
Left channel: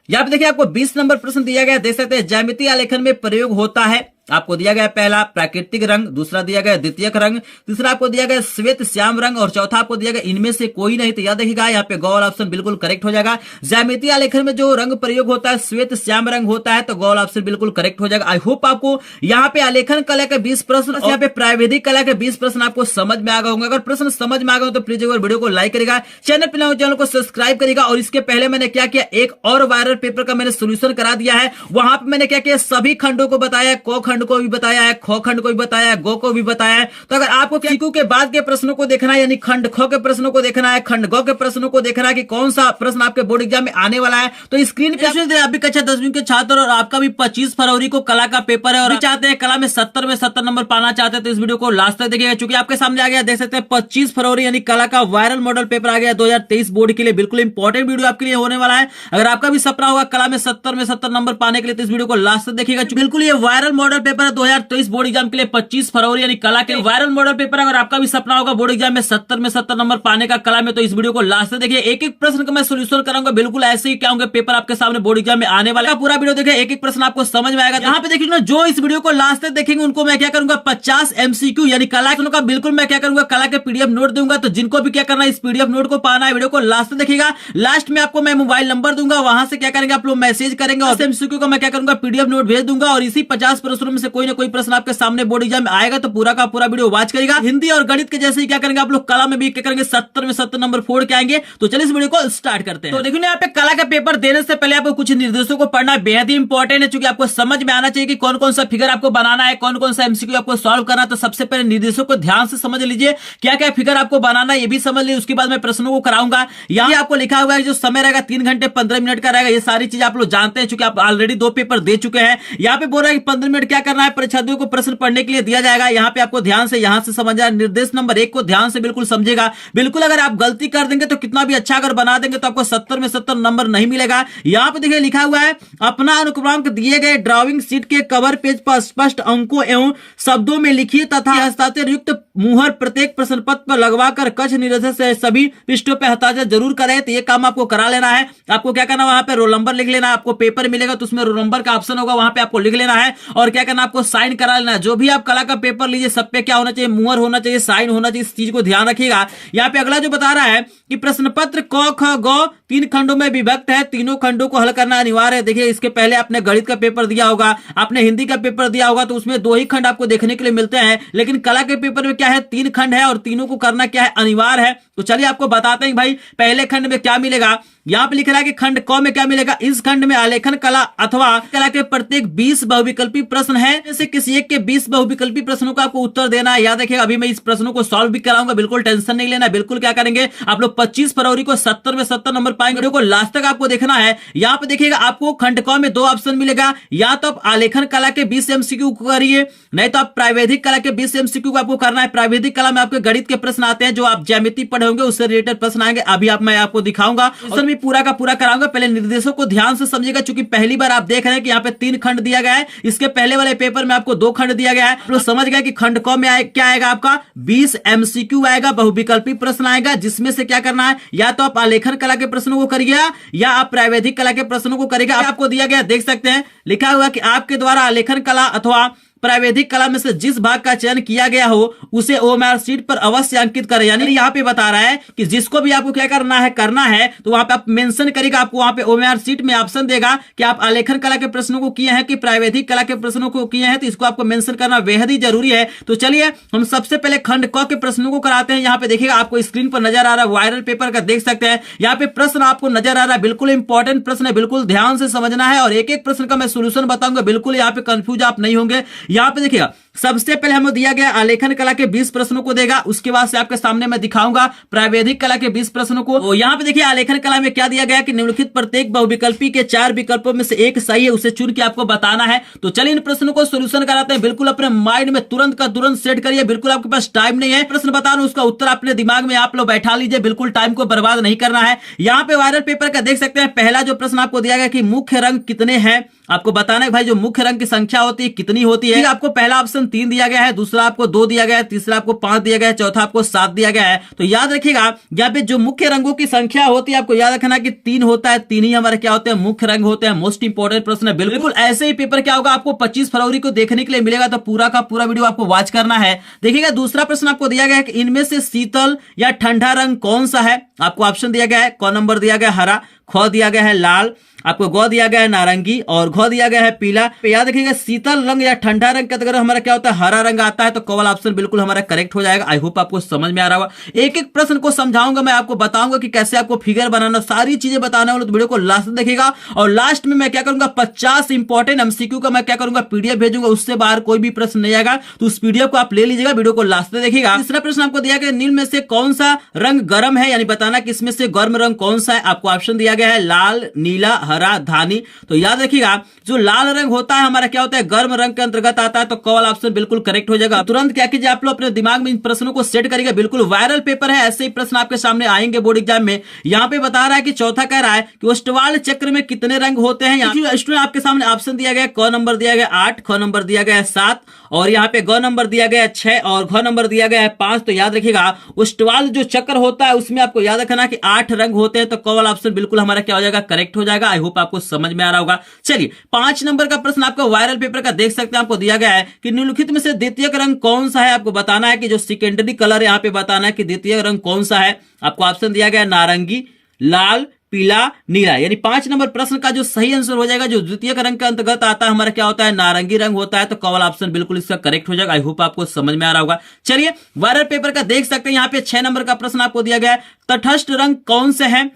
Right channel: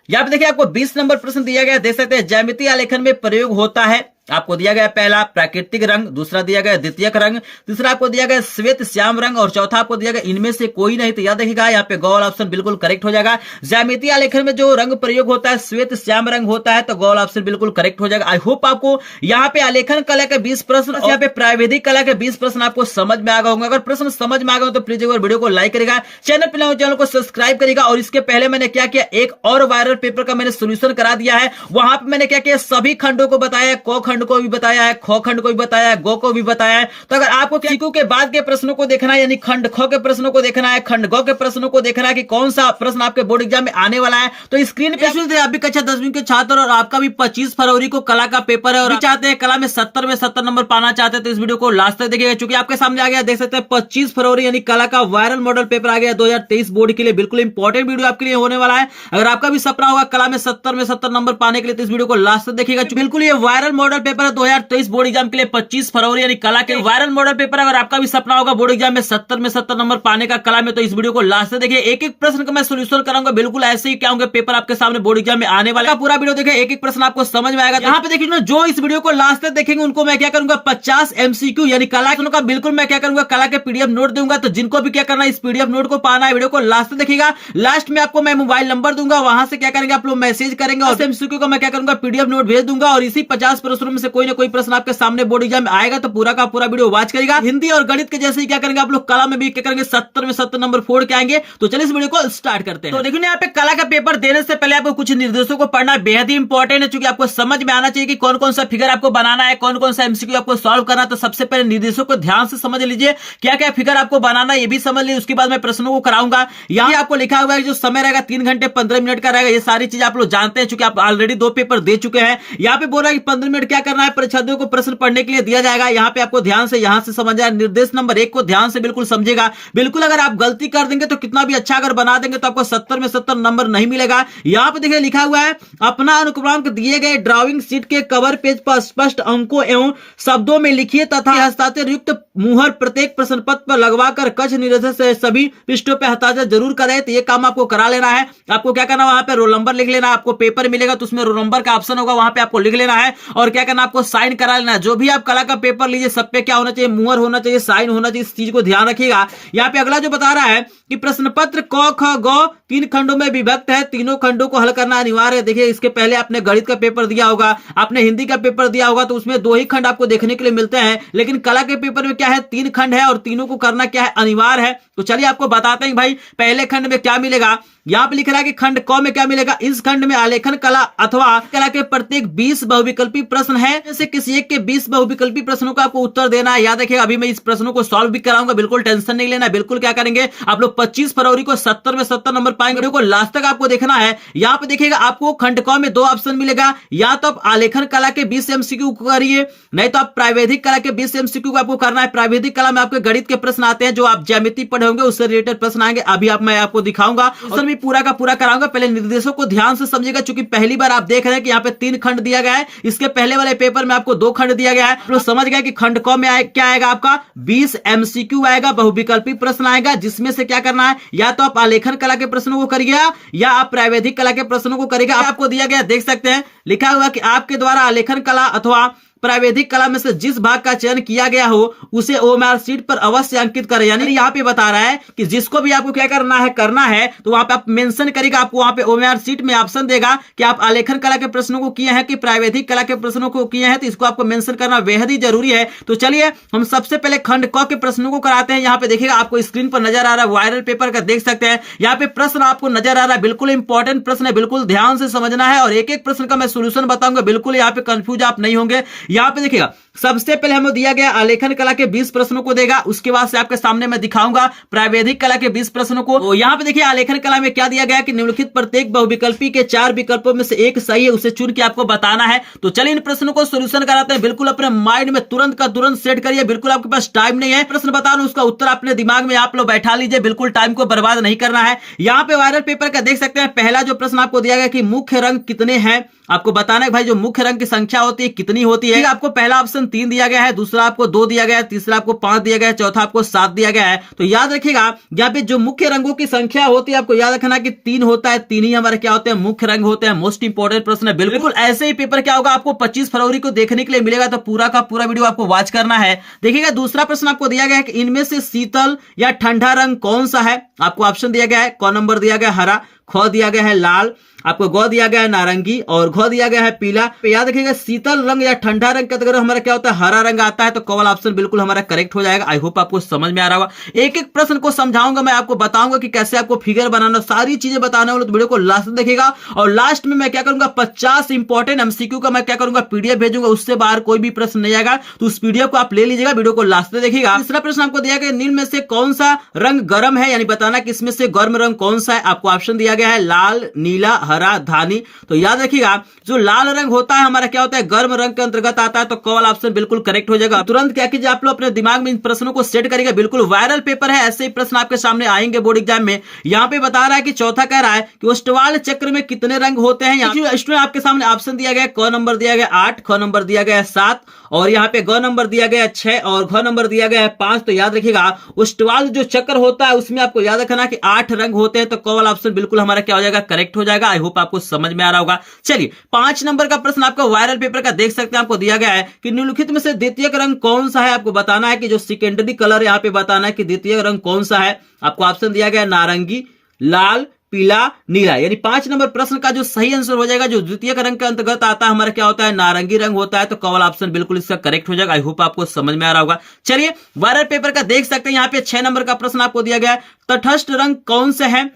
यहाँ पे देखिए आपको 20 नंबर प्रश्न दिया गया, देख सकते हैं ज्यामितीय आलेखन में प्रयोग होता है। आपको दिया गया पहला प्राकृतिक रंग, दूसरा दिया गया द्वितीयक रंग, तीसरा आपको दिया गया श्वेत श्याम रंग, और चौथा आपको दिया गया इनमें से कोई नहीं। तो याद रखिएगा यहाँ पे गौल ऑप्शन बिल्कुल करेक्ट हो जाएगा। ज्यामितीय आलेखन में जो रंग प्रयोग होता है श्वेत श्याम रंग होता है, तो गौल ऑप्शन बिल्कुल करेक्ट हो जाएगा। आई होप आपको यहाँ पे आलेखन कला के 20 प्रश्न और यहाँ पे प्राविधिक कला के 20 प्रश्न आपको समझ में आ गए होंगे। अगर प्रश्न समझ में आ गए तो प्लीज एक बार वीडियो को लाइक करेगा, चैनल को सब्सक्राइब करेगा। और इसके पहले मैंने क्या किया, एक और वायरल पेपर का मैंने सोल्यूशन करा दिया है। वहां पे मैंने क्या किया, सभी खंडों को बताया, क खंड को भी बताया है, ख खंड को भी बताया है, गो को भी बताया है। तो अगर आपको सीक्यू के बाद के प्रश्नों को देखना है, यानी खंड ख के प्रश्नों को देखना है, खंड गो के प्रश्नों को देखना है कि कौन सा प्रश्न आपके बोर्ड एग्जाम में आने वाला है, तो स्क्रीन पे आप भी कक्षा 10वीं के छात्र और आपका भी 25 फरवरी को कला का पेपर है और चाहते हैं कला में 70 में 70 नंबर पाना चाहते हैं, तो इस वीडियो को लास्ट तक देखिएगा। क्योंकि आपके सामने आ गया, देख सकते हैं 25 फरवरी यानी कला का वायरल मॉडल पेपर आ गया 2023 बोर्ड के लिए। बिल्कुल इंपॉर्टेंट वीडियो आपके लिए होने वाला है। अगर आपका भी सपना होगा कला में 70 में 70 नंबर पाने के लिए, तो इस वीडियो को लास्ट तक देखिएगा। बिल्कुल ये वायरल मॉडल पेपर है 2023 बोर्ड एग्जाम के लिए, 25 फरवरी यानी कला के वायरल मॉडल पेपर। अगर आपका भी सपना होगा बोर्ड एग्जाम में 70 में 70 नंबर पाने का कला में, तो इस वीडियो को लास्ट तक देखिए। एक एक प्रश्न का मैं सोल्यूशन कराऊंगा, बिल्कुल ऐसे ही क्या होंगे पेपर आपके सामने बोर्ड एग्जाम में आने वाला है। पूरा वीडियो देखिए, एक एक प्रश्न आपको समझ में आएगा। यहाँ पे देखिए ना, जो इस वीडियो को लास्ट तक देखेंगे उनको मैं क्या करूंगा, 50 MCQ यानी कला का बिल्कुल मैं क्या करूंगा, कला के PDF नोट दूंगा। तो जिनको भी क्या करना है, इस PDF नोट को पाना है, वीडियो को लास्ट तक देखिएगा। लास्ट में आपको मैं मोबाइल नंबर दूंगा, वहां से क्या करेंगे आप लोग मैसेज करेंगे और MCQ को मैं क्या करूंगा PDF नोट भेज दूंगा। और इसी 50 प्रश्नों में से कोई ना कोई प्रश्न आपके सामने बोर्ड एग्जाम में आएगा, तो पूरा का पूरा वीडियो वॉच करेगा। हिंदी और गणित के जैसे ही क्या करेंगे आप लोग कला में भी क्या करेंगे, 70 में 70 नंबर फोड़ के आएंगे। तो चलिए इस वीडियो को स्टार्ट करते हैं। तो देखिए यहाँ पे कला का पेपर देने से पहले आपको कुछ निर्देशों को पढ़ना बेहद ही इंपॉर्टेंट है, क्योंकि आपको समझ में आना चाहिए कि कौन कौन सा फिगर आपको बनाना है, कौन कौन सा MCQ आपको सॉल्व करना है। तो सबसे पहले निर्देशों को ध्यान से समझ लीजिए, क्या क्या फिगर आपको बनाना है ये भी समझ लीजिए। उसके बाद मैं प्रश्नों को कराऊंगा। यहाँ आपको लिखा हुआ है जो समय रहेगा 3 घंटे 15 मिनट का रहेगा। ये सारी चीज आप लोग जानते हैं, चूंकि आप ऑलरेडी 2 पेपर दे चुके हैं। यहाँ पे बोला कि 15 मिनट क्या करना है, परीक्षार्थियों को प्रश्न पढ़ने के लिए दिया जाएगा। यहाँ पे आपको ध्यान से यहाँ से समझना, निर्देश नंबर 1 को ध्यान से बिल्कुल समझेगा। बिल्कुल अगर आप गलती कर देंगे तो कितना भी अच्छा अगर बना देंगे तो आपको 70 में 70 नंबर नहीं मिलेगा। यहाँ पे देखिए लिखा हुआ है, अपना अनुक्रमांक दिए गए ड्राइंग शीट के कवर पेज पर स्पष्ट अंकों एवं शब्दों में लिखिए तथा हस्ताक्षर युक्त मुहर प्रत्येक प्रश्न पत्र पर लगवाकर कक्ष निरोधक से सभी पृष्ठों पर हस्ताक्षर जरूर करें। तो ये काम आपको करा लेना है। आपको क्या करना है, वहां पे रोल नंबर लिख लेना। आपको पेपर मिलेगा तो उसमें रोल नंबर का ऑप्शन होगा, वहां पे आपको लिख लेना है। और क्या करना, आपको साइन करा लेना है। जो भी आप कला का पेपर लीजिए सब पे क्या होना चाहिए, मुहर होना चाहिए, साइन होना चाहिए। इस चीज को ध्यान रखिएगा। यहाँ पे अगला जो बता रहा है कि प्रश्न पत्र क ख ग 3 खंडों में विभक्त है, तीनों खंडों को हल करना अनिवार्य है। देखिए इसके पहले आपने गणित का पेपर दिया होगा, आपने हिंदी का पेपर दिया होगा, तो उसमें 2 ही खंड आपको देखने के लिए मिलते हैं। लेकिन कला के पेपर में क्या है 3 खंड है और तीनों को करना क्या है, अनिवार्य है। तो चलिए आपको बताते हैं भाई पहले खंड में क्या मिलेगा। यहाँ पे लिख रहा है कि खंड क में क्या मिलेगा, इस खंड में आलेखन कला अथवा कला के प्रत्येक 20 बहुविकल्पी प्रश्न है, जैसे किसी एक के 20 बहुविकल्पी प्रश्नों का आपको उत्तर देना है। याद रखिएगा, अभी मैं इस प्रश्नों को सॉल्व भी कराऊंगा, बिल्कुल टेंशन नहीं लेना। बिल्कुल क्या करेंगे आप लोग 25 फरवरी को 70 में 70 नंबर पाएंगे। वीडियो को लास्ट तक आपको देखना है। यहाँ पे देखिएगा आपको खंड क में 2 ऑप्शन मिलेगा, या तो आप आलेखन कला के 20 MCQ करिए, नहीं तो आप प्रावैधिक कला के 20 MCQ को आपको करना है। प्रावैधिक कला में आपके गणित के प्रश्न आते हैं, जो आप ज्यामिति पढ़े होंगे उससे रिलेटेड प्रश्न आएंगे। अभी मैं आपको दिखाऊंगा, उसमें भी पूरा का पूरा कराऊंगा। पहले निर्देशों को ध्यान से समझिएगा, क्योंकि पहली बार आप देख रहे हैं कि यहाँ पे 3 खंड दिया गया है। इसके पहले वाले पेपर में आपको 2 खंड दिया गया है। तो समझ गए कि खंड क में क्या आएगा, आपका 20 MCQ आएगा, बहुविकल्पी प्रश्न आएगा, जिसमें से क्या करना है, या तो आप आलेखन कला के प्रश्नों को करिएगा या आप प्रावैधिक कला के प्रश्नों को करिएगा। आपको दिया गया देख सकते हैं, लिखा हुआ कि आपके द्वारा आलेखन कला अथवा प्रावैधिक कला में से जिस भाग का चयन किया गया हो उसे ओएमआर शीट पर अवश्य अंकित करें। यानी यहाँ पे बता रहा है कि जिसको भी आपको क्या करना है तो वहां पे आप मेंशन करेगा। आपको वहां पे ओएमआर शीट में ऑप्शन देगा कि आप आलेखन कला के प्रश्नों को किए हैं कि प्रावैधिक कला के प्रश्नों को किए हैं, तो इसको आपको मेंशन करना बेहद ही जरूरी है। तो चलिए हम सबसे पहले खंड क के प्रश्नों को कराते हैं। यहाँ पे देखिएगा आपको स्क्रीन पर नजर आ रहा है वायरल पेपर का, देख सकते हैं यहाँ पे प्रश्न आपको नजर आ रहा है। बिल्कुल इंपॉर्टेंट प्रश्न है, बिल्कुल ध्यान से समझना है और एक एक प्रश्न का मैं सोल्यूशन बताऊंगा। बिल्कुल यहाँ पे कंफ्यूज आप नहीं होंगे। यहाँ पे देखिएगा सबसे पहले हमें दिया गया आलेखन कला के 20 प्रश्नों को देगा, उसके बाद से आपके सामने मैं दिखाऊंगा प्रावैधिक कला के 20 प्रश्नों को। तो यहाँ पे देखिए आलेखन कला में क्या दिया गया कि निम्नलिखित प्रत्येक बहुविकल्पी के 4 विकल्पों में से एक सही है, उसे चुन के आपको बताना है। तो चलिए इन प्रश्नों को सोल्यूशन कराते हैं। बिल्कुल अपने माइंड में तुरंत का तुरंत सेट करिए, बिल्कुल आपके पास टाइम नहीं है। प्रश्न बताना, उसका उत्तर अपने दिमाग में आप लोग बैठा लीजिए, बिल्कुल टाइम को बर्बाद नहीं करना है। यहाँ पे वायरल पेपर का देख सकते हैं पहला जो प्रश्न आपको दिया गया कि मुख्य रंग कितने हैं, आपको बताना है भाई जो मुख्य रंग की संख्या होती है कितनी होती है। आपको पहला ऑप्शन 3 दिया गया है, दूसरा आपको 2 दिया गया है, तीसरा आपको 5 दिया गया है, चौथा आपको 7 दिया गया है। तो याद रखिएगा यहाँ पे जो मुख्य रंगों की संख्या होती है आपको याद रखना कि 3 होता है, 3 ही हमारे क्या होते हैं, मुख्य रंग होते हैं। मोस्ट इंपोर्टेंट प्रश्न है। बिल्कुल ऐसे ही पेपर क्या होगा आपको 25 फरवरी को देखने के लिए मिलेगा, तो पूरा का पूरा वीडियो आपको वॉच करना है। देखिएगा दूसरा प्रश्न आपको दिया गया है कि इनमें से शीतल या ठंडा रंग कौन सा है। आपको ऑप्शन दिया गया है, क नंबर दिया गया हरा, ख दिया गया है लाल, आपको ग दिया गया है नारंगी और घ दिया गया है पीला। याद रखिएगा शीतल रंग या ठंडा रंग का अगर हमारा क्या होता है, हरा रंग आता है, तो क वाला ऑप्शन बिल्कुल हमारा करेक्ट हो जाएगा। आई होप आपको समझ में आ रहा होगा। एक एक प्रश्न को समझाऊंगा, मैं आपको बताऊंगा कि कैसे आपको फिगर बनाना, सारी चीजें बताने वाले, तो वीडियो को लास्ट में देखिएगा। और लास्ट में मैं क्या करूंगा 50 इंपॉर्टेंट MCQ का मैं क्या करूंगा PDF भेजूंगा, उससे बाहर कोई भी प्रश्न नहीं आएगा। तो उस PDF को आप ले लीजिएगा, वीडियो को लास्ट में देखिएगा। तीसरा प्रश्न आपको दिया गया निम्न में से कौन सा रंग गर्म है, यानी बताना कि इसमें से गर्म रंग कौन सा है। आपको ऑप्शन दिया गया है लाल, नीला, हरा, धानी। तो याद रखिएगा जो लाल रंग होता है हमारा क्या होता है, गर्म रंग के अंतर्गत आता है, तो क वाला ऑप्शन बिल्कुल करेक्ट हो जाएगा। तुरंत क्या कीजिए आप लोग अपने दिमाग में इन प्रश्नों को सेट करिएगा। बिल्कुल वायरल पेपर है, ऐसे ही प्रश्न आपके सामने आएंगे बोर्ड एग्जाम में। यहाँ पे बता रहा है कि चौथा कह रहा है कि ओस्टवाल चक्र में कितने रंग होते हैं। स्टूडेंट आपके सामने ऑप्शन दिया गया, क नंबर दिया गया 8, ख नंबर दिया गया 7 और यहाँ पे ग नंबर दिया गया 6 और घ नंबर दिया गया है 5। तो याद रखिएगा ओस्टवाल जो चक्र होता है उसमें आपको याद रखना कि 8 रंग होते हैं, तो क वाला ऑप्शन बिल्कुल हमारा क्या हो जाएगा, करेक्ट हो जाएगा। आई होप आपको समझ में आ रहा होगा। चलिए 5 नंबर का प्रश्न आपका वायरल पेपर का देख सकते हैं, आपको दिया गया है कि निम्नलिखित में से द्वितीयक रंग कौन सा है। आपको बताना है कि जो सेकेंडरी कलर यहाँ पे बताना है कि द्वितीय रंग कौन सा है। आपको ऑप्शन दिया गया नारंगी, लाल, पीला, नीला। यानी 5 नंबर प्रश्न का जो सही आंसर हो जाएगा, जो द्वितीय रंग के अंतर्गत आता है हमारा क्या होता है, नारंगी रंग होता है, तो क वाला ऑप्शन बिल्कुल इसका करेक्ट हो जाएगा। आई होप आपको समझ में आ रहा होगा। चलिए वायरल पेपर का देख सकते हैं, यहाँ पे 6 नंबर का प्रश्न आपको दिया गया है, तटस्थ रंग कौन से है।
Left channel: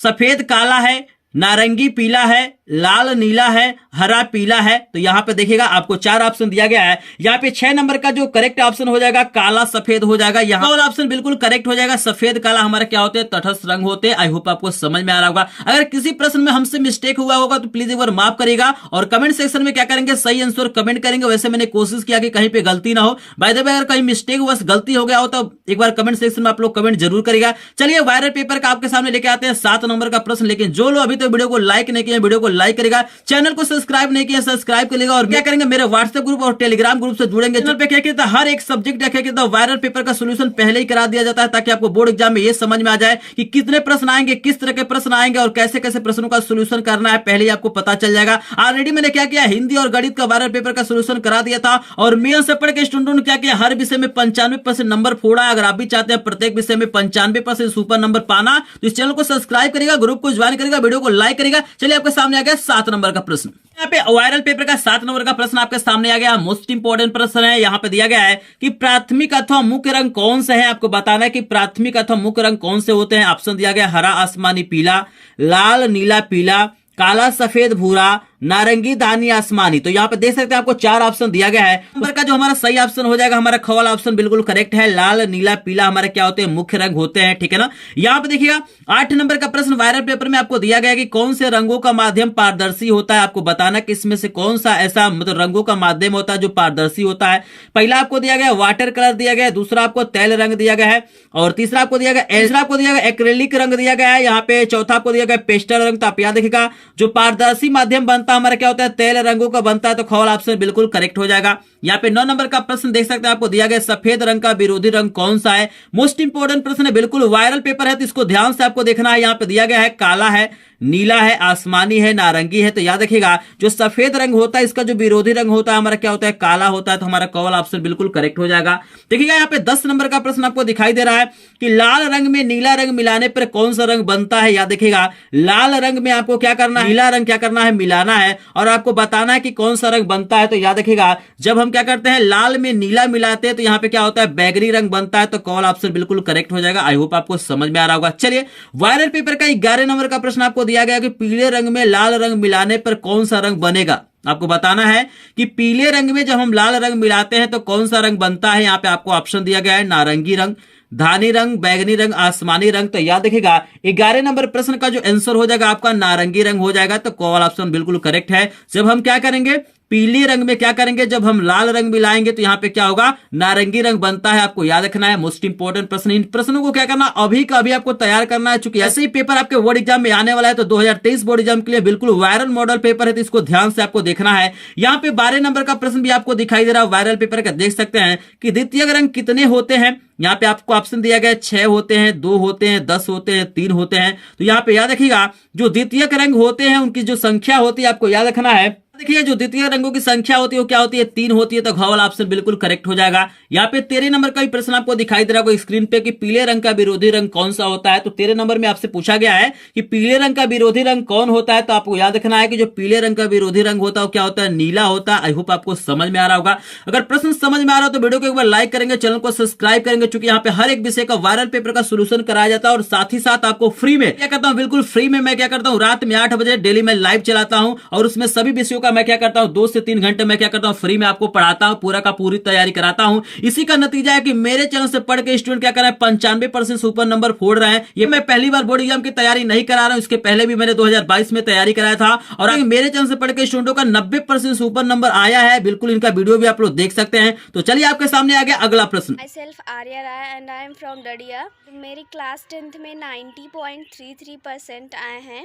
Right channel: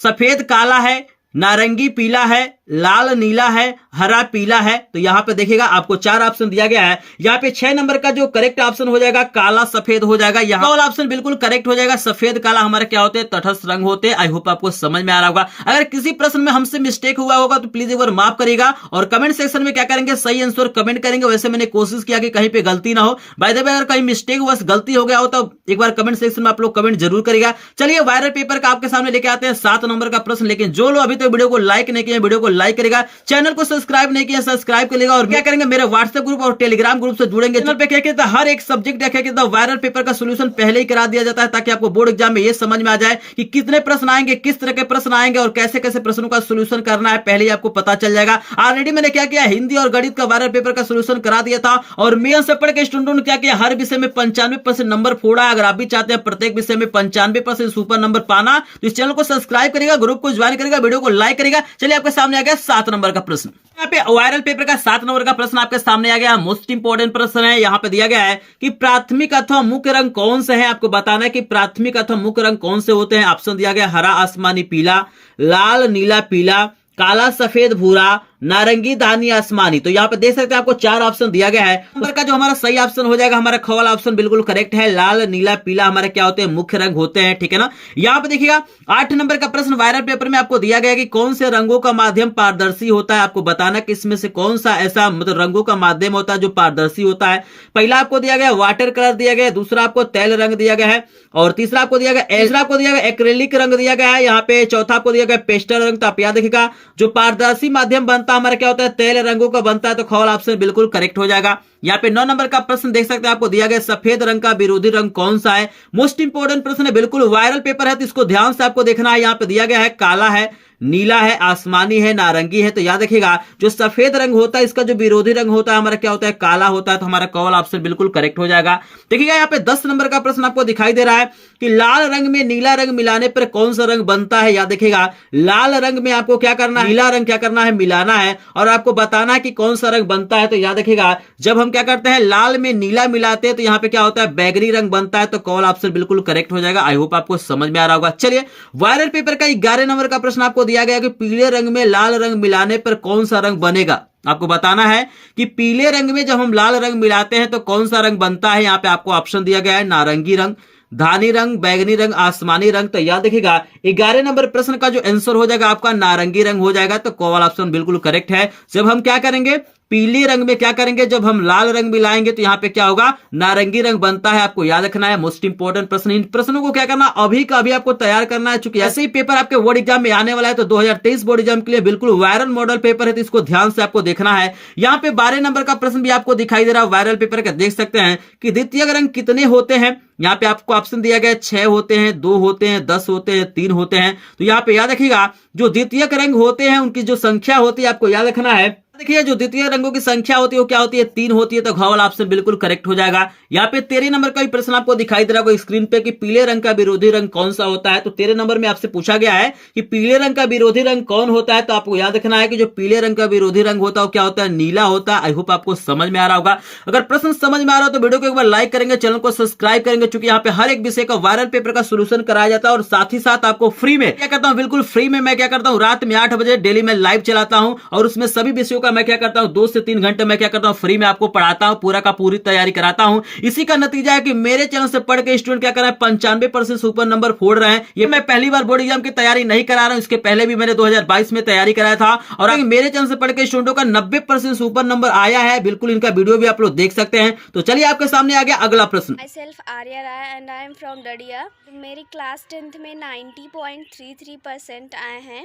सफेद काला है, नारंगी पीला है, लाल नीला है, हरा पीला है। तो यहाँ पे देखिएगा आपको 4 ऑप्शन दिया गया है। यहाँ पे 6 नंबर का जो करेक्ट ऑप्शन हो जाएगा काला सफेद हो जाएगा। यहाँ वाला ऑप्शन बिल्कुल करेक्ट हो जाएगा। सफेद काला हमारे क्या होते हैं, तटस्थ रंग होते हैं। आई होप आपको समझ में आ रहा होगा। अगर किसी प्रश्न में हमसे मिस्टेक हुआ होगा तो प्लीज एक बार माफ करिएगा और कमेंट सेक्शन में क्या करेंगे, सही आंसर कमेंट करेंगे। वैसे मैंने कोशिश किया कि कहीं पे गलती ना हो। बाय द वे अगर कहीं मिस्टेक हुआ, गलती हो गया हो तो एक बार कमेंट सेक्शन में आप लोग कमेंट जरूर करिएगा। चलिए वायरल पेपर का आपके सामने लेके आते हैं 7 नंबर का प्रश्न। लेकिन जो लोग अभी तो वीडियो को लाइक नहीं किए, वीडियो को लाइक करेगा, चैनल को सब्सक्राइब नहीं किया सब्सक्राइब करेगा और क्या करेंगे मेरे व्हाट्सएप ग्रुप और टेलीग्राम ग्रुप से जुड़ेंगे। चैनल पे क्या कहता है हर एक सब्जेक्ट क्या वायरल पेपर का सोल्यूशन पहले ही करा दिया जाता है, ताकि आपको बोर्ड एग्जाम में ये समझ में आ जाए कि कितने प्रश्न आएंगे, किस तरह के प्रश्न आएंगे और कैसे कैसे प्रश्नों का सोल्यूशन करना है, पहले ही आपको पता चल जाएगा। ऑलरेडी मैंने क्या किया, हिंदी और गणित का वायरल पेपर का सोल्यूशन करा दिया था और मेल से पढ़ के स्टूडेंटों ने क्या किया, हर विषय में 95% नंबर फोड़ा। अगर आप भी चाहते हैं प्रत्येक विषय में 95% सुपर नंबर पाना, तो इस चैनल को सब्सक्राइब करेगा, ग्रुप को ज्वाइन करेगा, वीडियो को लाइक करेगा। चलिए आपके सामने आ गया 7 नंबर का प्रश्न। यहाँ पे वायरल पेपर का 7 नंबर का प्रश्न आपके सामने आ गया। मोस्ट इंपोर्टेंट प्रश्न है। यहाँ पे दिया गया है कि प्राथमिक अथवा मुख्य रंग कौन से हैं। आपको बताना है कि प्राथमिक अथवा मुख्य रंग कौन से होते हैं। ऑप्शन दिया गया हरा, आसमानी, पीला, लाल, नीला, पीला, काला, सफेद, भूरा, नारंगी, धानी, आसमानी। तो यहाँ पे देख सकते हैं आपको 4 ऑप्शन दिया गया है। नंबर का जो हमारा सही ऑप्शन हो जाएगा, हमारा ख वाला ऑप्शन बिल्कुल करेक्ट है। लाल, नीला, पीला हमारे क्या होते हैं, मुख्य रंग होते हैं, ठीक है ना। यहाँ पे देखिएगा 8 नंबर का प्रश्न वायरल पेपर में आपको दिया गया है कि कौन से रंगों का माध्यम पारदर्शी होता है। आपको बताना कि इसमें से कौन सा ऐसा मतलब रंगों का माध्यम होता है जो पारदर्शी होता है। पहला आपको दिया गया वाटर कलर दिया गया है, दूसरा आपको तैल रंग दिया गया है, और तीसरा आपको दिया गया एक्रेलिक रंग दिया गया है। यहाँ पे चौथा आपको दिया गया पेस्टल रंग। तो आप याद देखिएगा जो पारदर्शी माध्यम बनता है हमारा क्या होता है, तेल रंगों का बनता है। तो ख वाला ऑप्शन बिल्कुल करेक्ट हो जाएगा। यहाँ पे 9 नंबर का प्रश्न देख सकते हैं आपको दिया गया सफेद रंग का विरोधी रंग कौन सा है। मोस्ट इंपोर्टेंट प्रश्न है, बिल्कुल वायरल पेपर है तो इसको ध्यान से आपको देखना है। यहाँ पे दिया गया है काला है, नीला है, आसमानी है, नारंगी है। तो याद रखिएगा जो सफेद रंग होता है इसका जो विरोधी रंग होता है हमारा क्या होता है, काला होता है। तो हमारा क वाला ऑप्शन बिल्कुल करेक्ट हो जाएगा। देखिएगा यहाँ पे 10 नंबर का प्रश्न आपको दिखाई दे रहा है कि लाल रंग में नीला रंग मिलाने पर कौन सा रंग बनता है। याद देखिएगा लाल रंग में आपको क्या करना है, नीला रंग क्या करना है, मिलाना है, और आपको बताना है कि कौन सा रंग बनता है। तो याद रखिएगा जब हम क्या करते हैं लाल में नीला मिलाते हैं तो यहाँ पे क्या होता है, बैगनी रंग बनता है। तो क वाला ऑप्शन बिल्कुल करेक्ट हो जाएगा। आई होप आपको समझ में आ रहा होगा। चलिए वायरल पेपर का 11 नंबर का प्रश्न आपको दिया गया कि पीले रंग में लाल रंग मिलाने पर कौन सा रंग बनेगा। आपको बताना है कि पीले रंग में जब हम लाल रंग मिलाते हैं तो कौन सा रंग बनता है। यहाँ पे आपको ऑप्शन दिया गया है नारंगी रंग, धानी रंग, बैगनी रंग, आसमानी रंग। तो याद रखिएगा 11 नंबर प्रश्न का जो आंसर हो जाएगा आपका नारंगी रंग हो जाएगा। तो क वाला ऑप्शन बिल्कुल करेक्ट है। जब हम क्या करेंगे पीले रंग में क्या करेंगे, जब हम लाल रंग मिलाएंगे तो यहाँ पे क्या होगा, नारंगी रंग बनता है। आपको याद रखना है। मोस्ट इंपोर्टेंट प्रश्न। इन प्रश्नों को क्या करना अभी का अभी आपको तैयार करना है। चूंकि ऐसे ही पेपर आपके बोर्ड एग्जाम में आने वाला है तो 2023 बोर्ड एग्जाम के लिए बिल्कुल वायरल मॉडल पेपर है तो इसको ध्यान से आपको देखना है। यहाँ पे 12 नंबर का प्रश्न भी आपको दिखाई दे रहा है वायरल पेपर का। देख सकते हैं कि द्वितीयक रंग कितने होते हैं। यहाँ पे आपको ऑप्शन दिया गया 6 होते हैं, 2 होते हैं, 10 होते हैं, 3 होते हैं। तो यहाँ पे याद रखिएगा जो द्वितीयक रंग होते हैं उनकी जो संख्या होती है आपको याद रखना है। देखिए जो द्वितीय रंगों की संख्या होती है वो क्या होती है, 3 होती है। तो घ वाला ऑप्शन बिल्कुल करेक्ट हो जाएगा। यहाँ पे 13 नंबर का भी प्रश्न आपको दिखाई दे रहा होगा स्क्रीन पे कि पीले रंग का विरोधी रंग कौन सा होता है। तो 13 नंबर में आपसे पूछा गया है कि पीले रंग का विरोधी रंग कौन होता है। तो आपको याद रखना है कि जो पीले रंग का विरोधी रंग होता है वो क्या होता है, नीला होता है। आई होप आपको समझ में आ रहा होगा। अगर प्रश्न समझ में आ रहा हो तो वीडियो को एक बार लाइक करेंगे, चैनल को सब्सक्राइब करेंगे, क्योंकि यहाँ पे हर एक विषय का वायरल पेपर का सोल्यूशन कराया जाता है। और साथ ही साथ आपको फ्री में क्या करता हूँ, बिल्कुल फ्री में मैं क्या करता हूँ, रात में 8 बजे डेली मैं लाइव चलाता हूँ और उसमें सभी विषयों का मैं क्या करता हूँ 2 से 3 घंटे मैं क्या करता हूँ फ्री में आपको पढ़ाता हूँ, पूरा का पूरी तैयारी कराता हूँ। इसी का नतीजा है कि मेरे चैनल से पढ़ के स्टूडेंट क्या कर रहे हैं 95% सुपर नंबर फोड़ रहे हैं। ये मैं पहली बार बोर्ड एग्जाम की तैयारी नहीं करा रहा हूँ, इसके पहले भी मैंने 2022 में तैयारी कराया था। और मेरे चैनल से पढ़ के स्टूडेंटों का 90% सुपर नंबर आया है। बिल्कुल इनका वीडियो भी आप लोग देख सकते हैं। तो चलिए आपके सामने आ गया अगला प्रश्न। Myself Arya Rai and I am from Dadiya. मेरी क्लास 10th में 90.33% आए हैं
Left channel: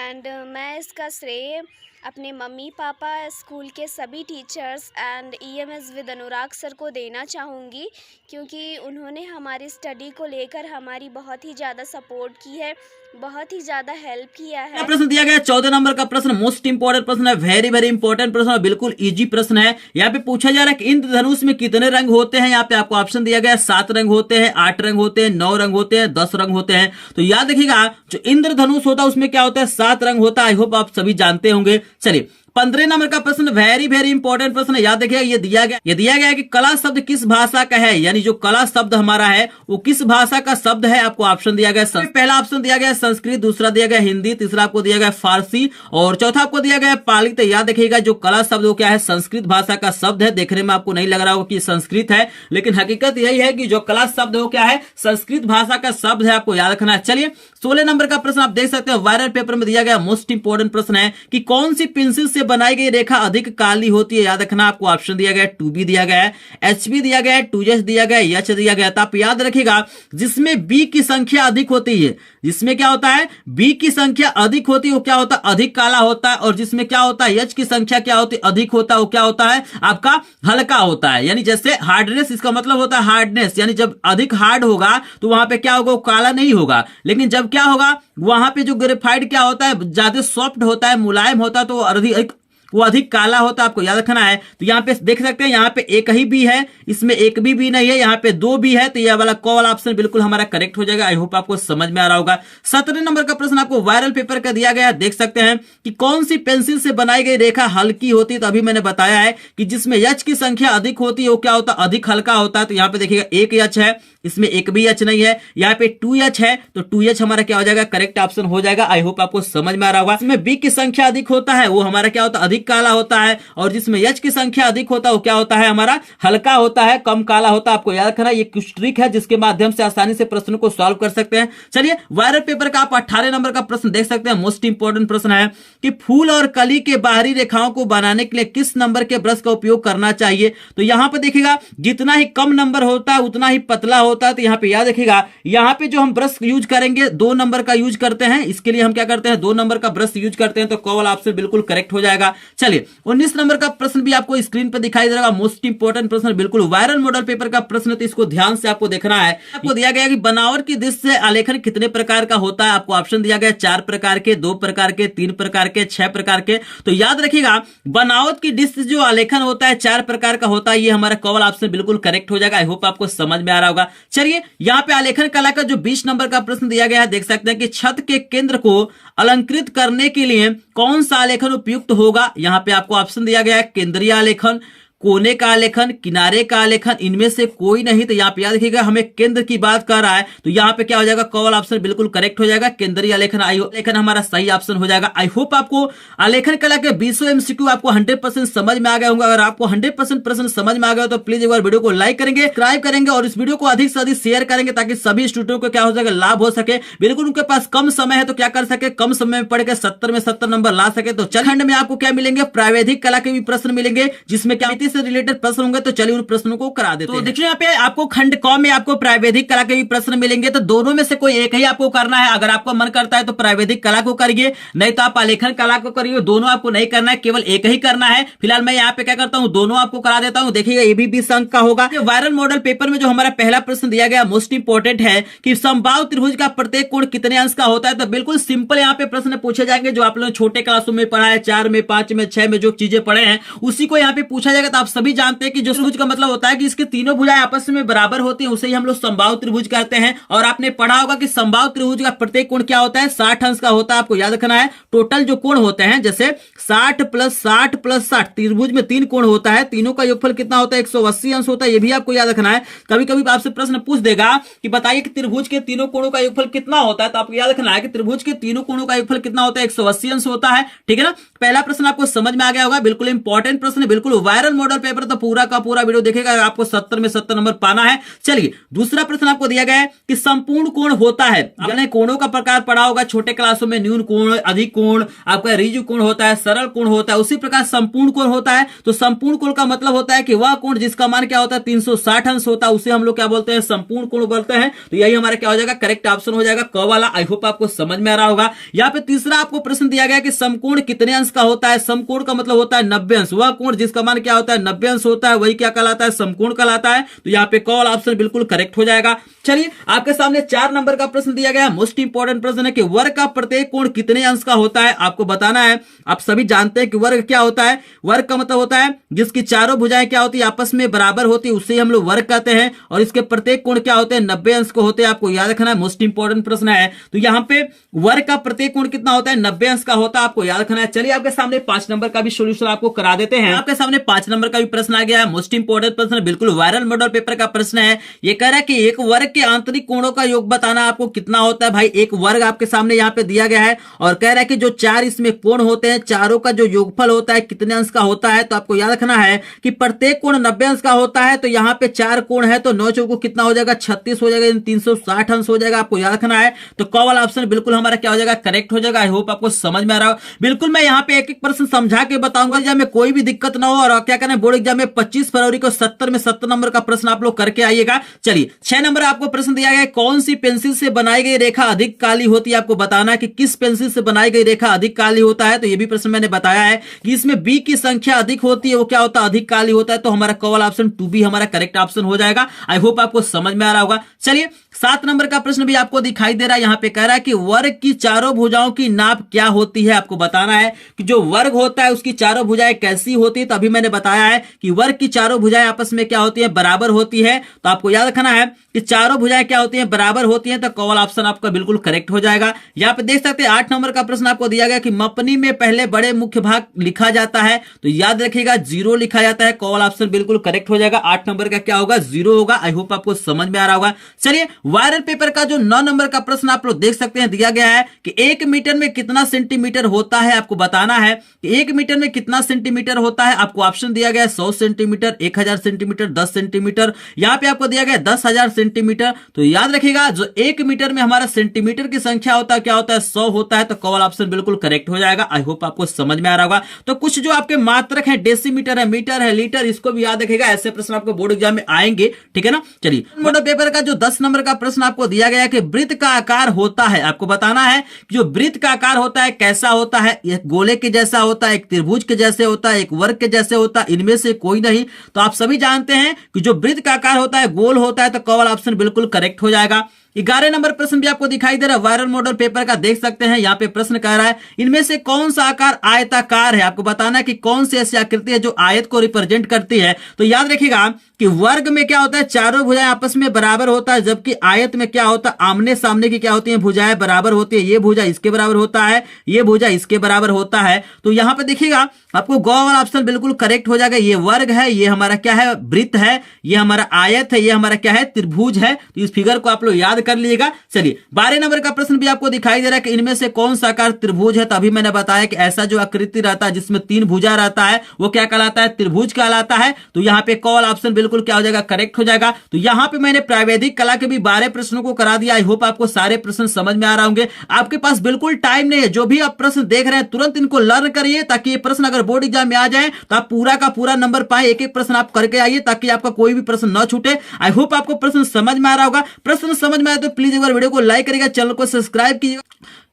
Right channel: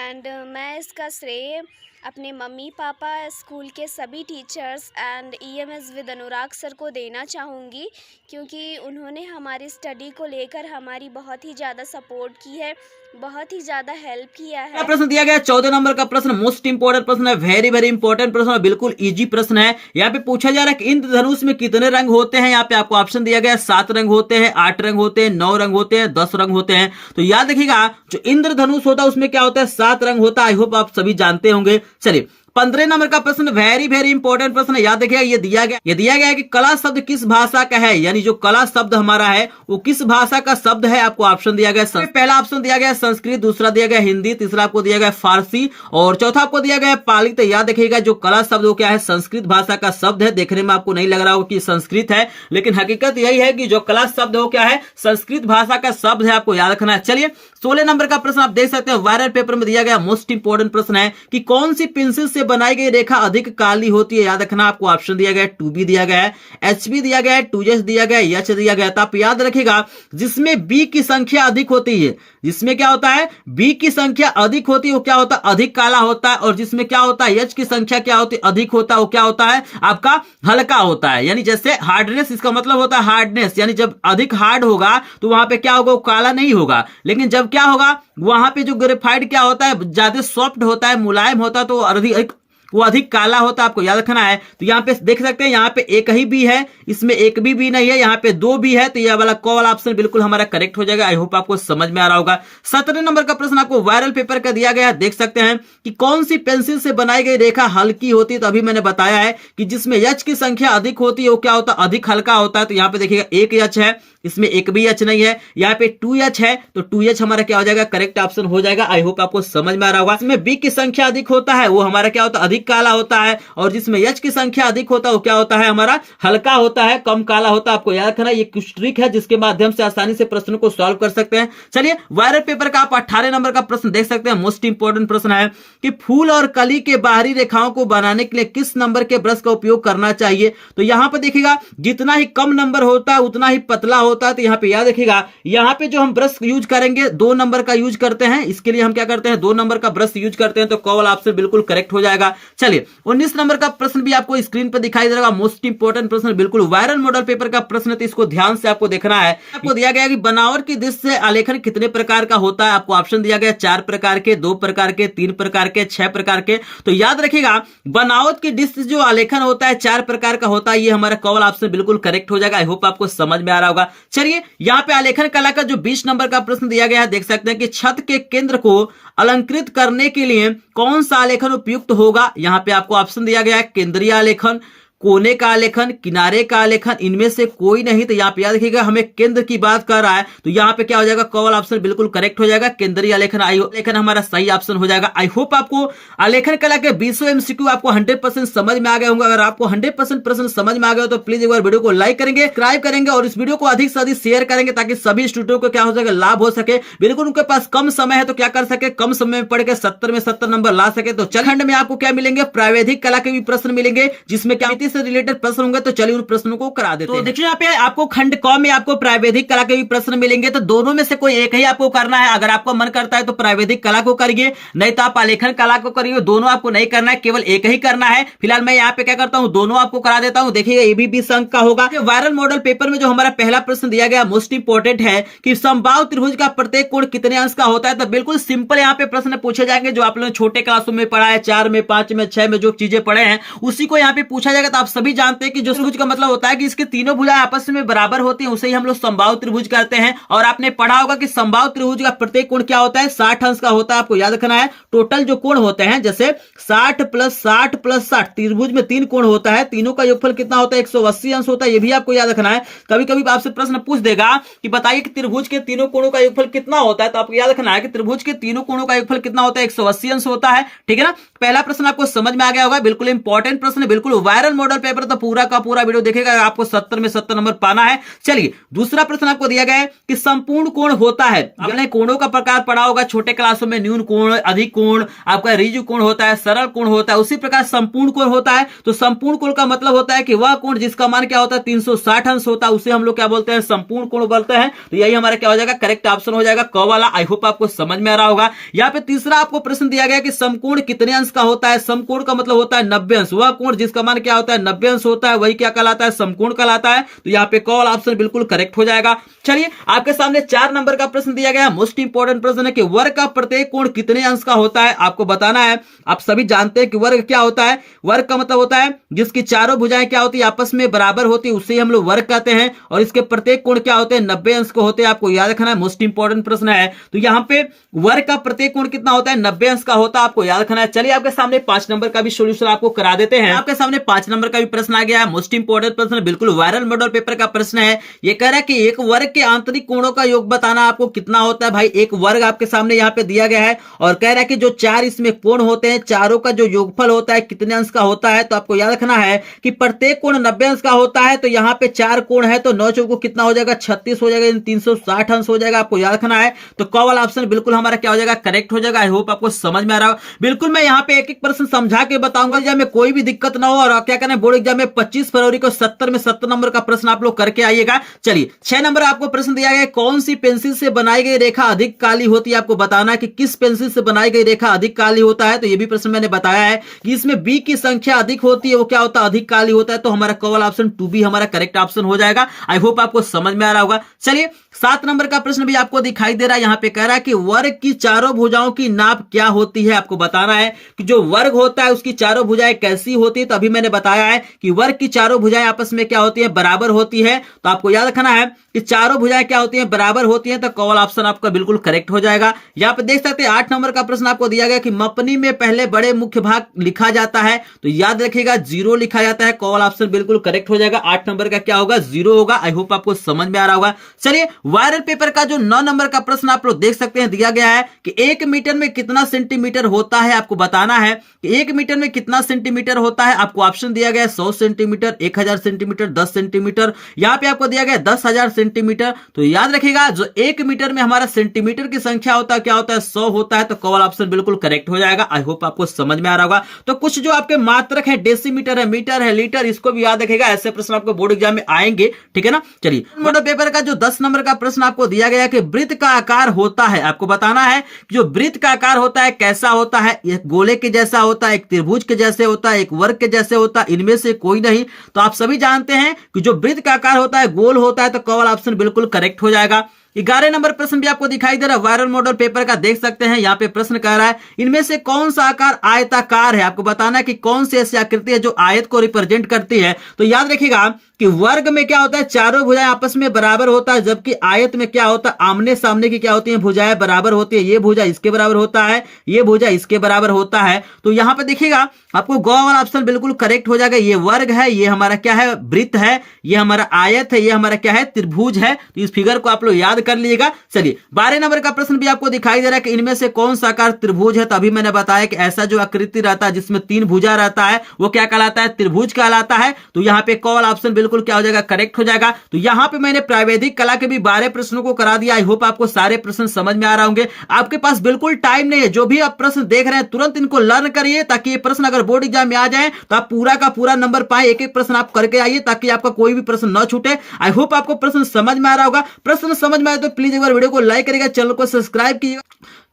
एंड मैं इसका श्रेय अपने मम्मी पापा, स्कूल के सभी teachers and EMS with Anurag sir को देना चाहूँगी, क्योंकि उन्होंने हमारी स्टडी को लेकर हमारी बहुत ही ज़्यादा सपोर्ट की है, बहुत ही ज़्यादा हेल्प किया है। प्रश्न दिया गया 14 नंबर का प्रश्न, मोस्ट इंपोर्टेंट प्रश्न है, वेरी वेरी इंपोर्टेंट प्रश्न है, बिल्कुल इजी प्रश्न है। यहाँ पे पूछा जा रहा है कि इंद्रधनुष में कितने रंग होते हैं। यहाँ पे आपको ऑप्शन दिया गया 7 रंग होते हैं, 8 रंग होते हैं, 9 रंग होते हैं, 10 रंग होते हैं। तो याद रखिएगा जो इंद्रधनुष होता है उसमें क्या होता है, 7 रंग होता है। आई होप आप सभी जानते होंगे। चलिए 15 नंबर का प्रश्न वेरी वेरी इंपॉर्टेंट प्रश्न है। याद रखिएगा ये दिया गया है कि कला शब्द किस भाषा का है, यानी जो कला शब्द हमारा है वो किस भाषा का शब्द है। आपको ऑप्शन दिया गया पहला ऑप्शन दिया गया संस्कृत, दूसरा दिया गया हिंदी, तीसरा आपको दिया गया फारसी और चौथा आपको दिया गया पाली। तो याद रखिएगा जो कला शब्द वो क्या है, संस्कृत भाषा का शब्द है। देखने में आपको नहीं लग रहा हो कि संस्कृत है, लेकिन हकीकत यही है कि जो कला शब्द हो क्या है, संस्कृत भाषा का शब्द है। आपको याद रखना है। चलिए 16 नंबर का प्रश्न आप देख सकते हैं वायरल पेपर में दिया गया मोस्ट इंपोर्टेंट प्रश्न है कि कौन सी पेंसिल से बनाई गई रेखा अधिक काली होती है। याद रखना आपको ऑप्शन दिया गया 2B दिया गया है, HB दिया गया है, 2S दिया गया है, H दिया गया है। तो आप याद रखिएगा जिसमें B की संख्या अधिक होती है, जिसमें क्या होता है B की संख्या अधिक होती है वो क्या होता है, अधिक काला होता है। और जिसमें क्या होता है H की संख्या क्या होती है, अधिक होता है, वो क्या होता है आपका हल्का होता है। यानी जैसे हार्डनेस, इसका मतलब होता है हार्डनेस, यानी जब अधिक हार्ड होगा तो वहां पे क्या होगा, वो काला नहीं होगा। लेकिन जब क्या होगा वहां पे जो ग्रेफाइट क्या होता है ज्यादा सॉफ्ट होता है, मुलायम होता है, तो अधिक वो अधिक काला होता है, आपको याद रखना है। तो यहाँ पे देख सकते हैं, यहाँ पे एक ही बी है, इसमें एक भी नहीं है, यहाँ पे 2 बी है, तो यह वाला क वाला ऑप्शन बिल्कुल हमारा करेक्ट हो जाएगा। आई होप आपको समझ में आ रहा होगा। 17 नंबर का प्रश्न आपको वायरल पेपर का दिया गया, देख सकते हैं कि कौन सी पेंसिल से बनाई गई रेखा हल्की होती है। तो अभी मैंने बताया है कि जिसमें एच की संख्या अधिक होती है वो क्या होता है, अधिक हल्का होता है। तो यहाँ पे देखिएगा एक एच है, इसमें एक भी एच नहीं है, यहाँ पे 2H है, तो 2H हमारा क्या हो जाएगा, करेक्ट ऑप्शन हो जाएगा। आई होप आपको समझ में आ रहा होगा। इसमें बी की संख्या अधिक होता है वो हमारा क्या होता है, अधिक काला होता है, और जिसमें एच की संख्या अधिक होता है वो क्या होता है, हमारा हल्का होता है, कम काला होता है। आपको याद रखना, ये कुछ ट्रिक है जिसके माध्यम से आसानी से प्रश्न को सॉल्व कर सकते हैं। चलिए वायरल पेपर का आप 18 नंबर का प्रश्न देख सकते हैं। मोस्ट इंपोर्टेंट प्रश्न है कि फूल और कली के बाहरी रेखाओं को बनाने के लिए किस नंबर के ब्रश का उपयोग करना चाहिए। तो यहां पर देखिएगा, जितना ही कम नंबर होता है उतना ही पतला होता है। तो यहाँ पे याद रखिएगा, यहाँ पे जो हम ब्रश यूज करेंगे 2 नंबर का यूज करते हैं, इसके लिए हम क्या करते हैं, 2 नंबर का ब्रश यूज करते हैं। तो क वाला ऑप्शन बिल्कुल करेक्ट हो जाएगा। चलिए 19 नंबर का प्रश्न भी आपको स्क्रीन पर दिखाई दे रहा है। मोस्ट इंपोर्टेंट प्रश्न, बिल्कुल वायरल मॉडल पेपर का प्रश्न, तो इसको ध्यान से आपको देखना है। आपको दिया गया कि बनावट की दृष्टि से आलेखन कितने प्रकार का होता है। आपको ऑप्शन दिया गया 4 प्रकार के, 2 प्रकार के, 3 प्रकार के, 6 प्रकार के। तो याद रखिएगा, बनावट की दृष्टि से जो आलेखन होता है 4 प्रकार का होता है। ये हमारा क वाला ऑप्शन बिल्कुल करेक्ट हो जाएगा। आई होप आपको समझ में आ रहा होगा। चलिए यहाँ पे आलेखन कला का जो 20 नंबर का प्रश्न दिया गया है, देख सकते हैं कि छत के केंद्र को अलंकृत करने के लिए कौन सा आलेखन उपयुक्त होगा। यहाँ पे आपको ऑप्शन दिया गया है केंद्रीय आलेखन, कोने का आलेखन, किनारे का आलेखन, इनमें से कोई नहीं। तो यहाँ पे याद रखिएगा, हमें केंद्र की बात कर रहा है, तो यहाँ पे क्या हो जाएगा, क वाला ऑप्शन बिल्कुल करेक्ट हो जाएगा। केंद्रीय आलेखन आलेखन हमारा सही ऑप्शन हो जाएगा। आई होप आपको आलेखन कला के 20 एमसीक्यू आपको 100% समझ में आ गया होगा। अगर आपको 100% प्रश्न समझ में आ गया तो प्लीज एक बार वीडियो को लाइक करेंगे, सब्सक्राइब करेंगे और इस वीडियो को अधिक से अधिक शेयर करेंगे, ताकि सभी स्टूडेंटों को क्या हो सके, लाभ हो सके। बिल्कुल उनके पास कम समय है तो क्या कर सके, कम समय में पढ़ के 70 में 70 नंबर ला सके। तो चल खंड में आपको क्या मिलेंगे, प्रावैधिक कला के भी प्रश्न मिलेंगे, जिसमें क्या से रिलेटेड प्रश्न होंगे। तो चलिए उन प्रश्नों को करा देते हैं। तो देखिए यहाँ पे आपको खंड क में आपको प्रावैधिक कला के भी प्रश्न मिलेंगे। तो दोनों में से कोई एक ही आपको करना है। अगर आपको मन करता है तो प्रावैधिक कला को करिए, नहीं तो आप आलेखन कला को करिए। दोनों आपको नहीं करना है, केवल एक ही करना है। फिलहाल मैं यहाँ पे क्या करता हूँ, दोनों आपको करा देता हूँ। देखिएगा ये भी 20 अंक का होगा। वायरल मॉडल पेपर में जो हमारा पहला प्रश्न दिया गया मोस्ट इंपोर्टेंट है कि समबाहु त्रिभुज का प्रत्येक कोण कितने अंश का होता है। तो बिल्कुल सिंपल यहाँ पे प्रश्न पूछे जाएंगे, जो आप लोगों ने छोटे क्लासों में पढ़ा है, 4 में, 5 में, 6 में जो चीजें पढ़े हैं उसी को यहाँ पे पूछा जाएगा। तो आप सभी जानते हैं कि जो त्रिभुज का मतलब होता है कि इसके तीनों भुजाएं आपस में बराबर होती हैं, उसे ही हम लोग समबाहु त्रिभुज कहते हैं। और आपने पढ़ा होगा कि समबाहु त्रिभुज का प्रत्येक कोण क्या होता है, 60 अंश का होता है। आपको याद रखना है, टोटल जो कोण होते हैं, जैसे 60 + 60 + 60, त्रिभुज में 3 कोण होता है, तीनों का योगफल कितना होता है, 180 अंश होता है। ये भी आपको याद रखना है। कभी कभी आपसे प्रश्न पूछ देगा कि बताइए कि त्रिभुज के तीनों कोणों का योगफल कितना होता है। तो आपको याद रखना है कि त्रिभुज के तीनों कोणों का योगफल कितना होता है, 180 अंश होता है। ठीक है ना। पहला प्रश्न आपको समझ में आ गया होगा। बिल्कुल इंपॉर्टेंट प्रश्न है, बिल्कुल वायरल मॉडल पेपर। तो पूरा का पूरा वीडियो देखेगा, आपको 70 में 70 नंबर पाना है। चलिए दूसरा प्रश्न आपको दिया गया है कि संपूर्ण कोण होता है। आपने कोणों का प्रकार पढ़ा होगा छोटे क्लासों में, न्यून कोण, अधिक कोण, आपका ऋजु कोण होता है, सरल कोण होता है, उसी प्रकार संपूर्ण कोण होता है। तो संपूर्ण कोण का मतलब होता है कि वह कोण जिसका मान क्या होता है, 360 अंश होता है, उसे हम लोग क्या बोलते हैं, संपूर्ण कोण बोलते हैं। तो यही हमारा क्या हो जाएगा, करेक्ट ऑप्शन हो जाएगा, क वाला। आई होप आपको समझ में आ रहा होगा। यहाँ पे तीसरा आपको प्रश्न दिया गया कि समकोण कितने अंश का होता है। समकोण का मतलब होता है 90 अंश। वह कोण जिसका मान क्या होता है, 90 अंश होता है, वही क्या कहलाता है, समकोण कहलाता है। तो यहाँ पे कॉल ऑप्शन बिल्कुल करेक्ट हो जाएगा। चलिए आपके सामने 4 नंबर का प्रश्न दिया गया है। मोस्ट इंपोर्टेंट प्रश्न है कि वर्ग का प्रत्येक कोण कितने अंश का होता है। आपको बताना है। आप सभी जानते हैं कि वर्ग क्या होता है। वर्ग का मतलब होता है जिसकी चारों भुजाएं क्या होती है, आपस में बराबर होती है, उसे हम लोग वर्ग कहते हैं। और इसके प्रत्येक कोण क्या होते हैं, 90 अंश को होते हैं। आपको याद रखना है, मोस्ट इंपोर्टेंट प्रश्न है। तो यहाँ पे वर्ग का प्रत्येक कोण कितना होता है, 90 अंश का होता है। आपको याद रखना है। चलिए आपके सामने 5 नंबर का भी सोल्यूशन आपको करा देते हैं। आपके सामने 5 नंबर का भी प्रश्न आ गया है। मोस्ट इंपोर्टेंट प्रश्न, बिल्कुल वायरल मॉडल पेपर का प्रश्न है। ये कह रहा है कि एक वर्ग के आंतरिक कोणों का योग बताना आपको कितना होता है। भाई एक वर्ग आपके सामने यहाँ पे दिया गया है और कह रहा है कि जो 4 इसमें कोण होते हैं, चारों का जो योगफल होता है कितने अंश का होता है। तो आपको याद रखना है कि प्रत्येक कोण 90 अंश का होता है। तो यहाँ पे 4 कोण है, तो 9 चौको कितना हो जाएगा, 36 हो जाएगा, 360 अंश हो जाएगा। आपको याद रखना है। तो क वाला ऑप्शन बिल्कुल हमारा क्या हो जाएगा, करेक्ट हो जाएगा। आई होप आपको समझ में आ रहा हो। बिल्कुल मैं यहाँ पे एक एक प्रश्न समझा के बताऊंगा, एग्जाम में कोई भी दिक्कत ना हो। और क्या करना है, बोर्ड एग्जाम में 25 फरवरी को 70 में 70 नंबर का प्रश्न आप लोग करके आइएगा। चलिए 6 नंबर आपको प्रश्न दिया गया है, कौन सी पेंसिल से बनाई गई रेखा अधिक काली होती है। आपको बताना है कि किस पेंसिल से बनाई गई रेखा अधिक काली होता है। तो ये भी प्रश्न मैंने बताया है कि इसमें बी की संख्या अधिक होती है, वो क्या होता है, अधिक काली होता है। तो हमारा क वाला ऑप्शन 2B हमारा करेक्ट ऑप्शन हो जाएगा। आई होप आपको समझ में आ रहा होगा। चलिए 7 नंबर का प्रश्न भी आपको दिखाई दे रहा है, यहाँ पे कह रहा है कि वर्ग की चारों भुजाओं की नाप क्या होती है। आपको बताना है कि जो वर्ग होता है उसकी चारों भुजाएं कैसी होती है। तो अभी मैंने बताया है कि वर्ग की चारों भुजाएं आपस में क्या होती है, बराबर होती है। तो आपको याद रखना है कि चारों भुजाएं क्या होती हैं, बराबर होती हैं। तो कॉल ऑप्शन आपका बिल्कुल करेक्ट हो जाएगा। यहाँ पे देख सकते हैं 8 नंबर का प्रश्न आपको दिया गया कि मपनी में पहले बड़े मुख्य भाग लिखा जाता है। तो याद रखिएगा 0 लिखा जाता है। कॉल ऑप्शन बिल्कुल करेक्ट हो जाएगा। 8 नंबर का क्या होगा, 0 होगा। आई होप आपको समझ में आ रहा होगा। चलिए वायरल पेपर का जो 9 नंबर का प्रश्न आप लोग देख सकते हैं, दिया गया है कि 1 मीटर में कितना सेंटीमीटर होता है। आपको बताना है कि 1 मीटर में कितना सेंटीमीटर होता है। आपको ऑप्शन दिया गया है 100 सेंटीमीटर, 1000 सेंटीमीटर, 10 सेंटीमीटर। यहां पे आपको दिया गया 10,000 सेंटीमीटर। तो याद रखिएगा जो 1 मीटर में हमारा सेंटीमीटर की संख्या होता है क्या होता है, 100 होता है। तो कॉल ऑप्शन बिल्कुल करेक्ट हो जाएगा। आई होप आपको समझ में आ रहा होगा। तो कुछ जो आपके मात्रक है, डेसीमीटर है, मीटर है, लीटर, इसको भी याद रखिएगा। ऐसे प्रश्न आपको बोर्ड एग्जाम में आएंगे, ठीक है ना। चलिए मॉडल पेपर का जो 10 नंबर का प्रश्न आपको दिया गया है कि वृत्त का आकार होता है। आपको बताना है जो वृत्त का आकार होता है कैसा होता है। एक गोले के जैसा होता है, एक त्रिभुज के जैसे होता है, एक वर्ग के जैसे होता है, इनमें से कोई नहीं। तो आप सभी जानते हैं कि जो वृत्त का आकार होता है गोल होता है। तो कॉल ऑप्शन बिल्कुल करेक्ट हो जाएगा। 11 नंबर प्रश्न भी आपको दिखाई दे रहा है, वायरल मॉडल पेपर का देख सकते हैं। यहाँ पे प्रश्न कह रहा है इनमें से कौन सा आकार आयताकार है। आपको बताना है कि कौन सी ऐसी आकृति है जो आयत को रिप्रेजेंट करती है। तो याद रखिएगा कि वर्ग में क्या होता है, चारों भुजाएं आपस में बराबर होता है, जबकि आयत में क्या होता है, आमने सामने की क्या होती है, भुजाएं बराबर होती है। ये भुजा इसके बराबर होता है, ये भुजा इसके बराबर होता है। तो यहाँ पे देखिएगा आपको गौ वाला ऑप्शन बिल्कुल करेक्ट हो जाएगा। ये वर्ग है, ये हमारा क्या है, वृत्त है, ये हमारा आयत है, ये हमारा क्या है, त्रिभुज है। तो इस फिगर को आप लोग याद कर लीजिएगा। चलिए 12 नंबर का प्रश्न भी आपको दिखाई दे रहा है कि इनमें से कौन सा आकार त्रिभुज है। तो अभी मैंने बताया कि ऐसा जो आकृति रहता है जिसमें 3 भुजा रहता है वो क्या कहलाता है, त्रिभुज कहलाता है। तो यहाँ पे कॉल ऑप्शन बिल्कुल क्या हो जाएगा, करेक्ट हो जाएगा। तो यहाँ पे मैंने प्रावैधिक कला के भी 12 प्रश्नों को करा दिया। आई होप आपको सारे प्रश्न समझ में आ रहे होंगे। आपके पास बिल्कुल टाइम नहीं है, जो भी आप प्रश्न देख रहे हैं तुरंत इनको लर्न करिए, ताकि ये प्रश्न अगर बोर्ड एग्जाम में आ जाए तो आप पूरा का पूरा नंबर पाए। एक एक प्रश्न आप करके आइए ताकि आपका कोई भी प्रश्न न छूटे। आई होप आपको प्रश्न समझ में आ रहा होगा। प्रश्न समझ में आए तो प्लीज एक बार वीडियो को लाइक करिएगा, चैनल को सब्सक्राइब कीजिएगा।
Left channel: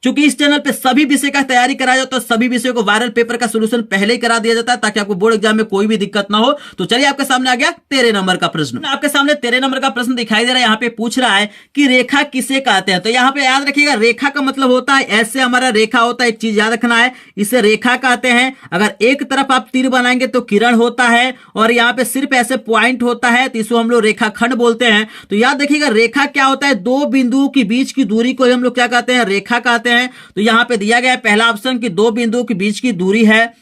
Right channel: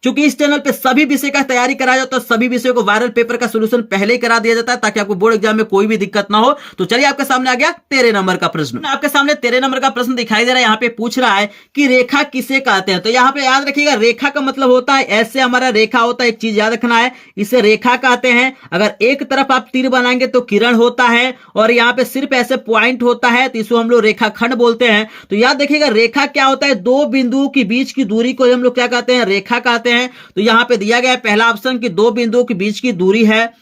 क्योंकि इस चैनल पे सभी विषय का तैयारी कराया जाता है, तो सभी विषयों को वायरल पेपर का सॉल्यूशन पहले ही करा दिया जाता है ताकि आपको बोर्ड एग्जाम में कोई भी दिक्कत ना हो। तो चलिए आपके सामने आ गया 13 नंबर का प्रश्न। आपके सामने 13 नंबर का प्रश्न दिखाई दे रहा है। यहाँ पे पूछ रहा है कि रेखा किसे कहते हैं। तो यहाँ पे याद रखिएगा रेखा का मतलब होता है ऐसे हमारा रेखा होता है, एक चीज याद रखना है, इसे रेखा कहते हैं। अगर एक तरफ आप तीर बनाएंगे तो किरण होता है, और यहाँ पे सिर्फ ऐसे पॉइंट होता है तो इसको हम लोग रेखाखंड बोलते हैं। तो याद रखिएगा रेखा क्या होता है, 2 बिंदुओं के बीच की दूरी को हम लोग क्या कहते हैं, रेखा कहते हैं। तो यहाँ पे दिया गया है पहला ऑप्शन कि 2 बिंदुओं के बीच की दूरी है,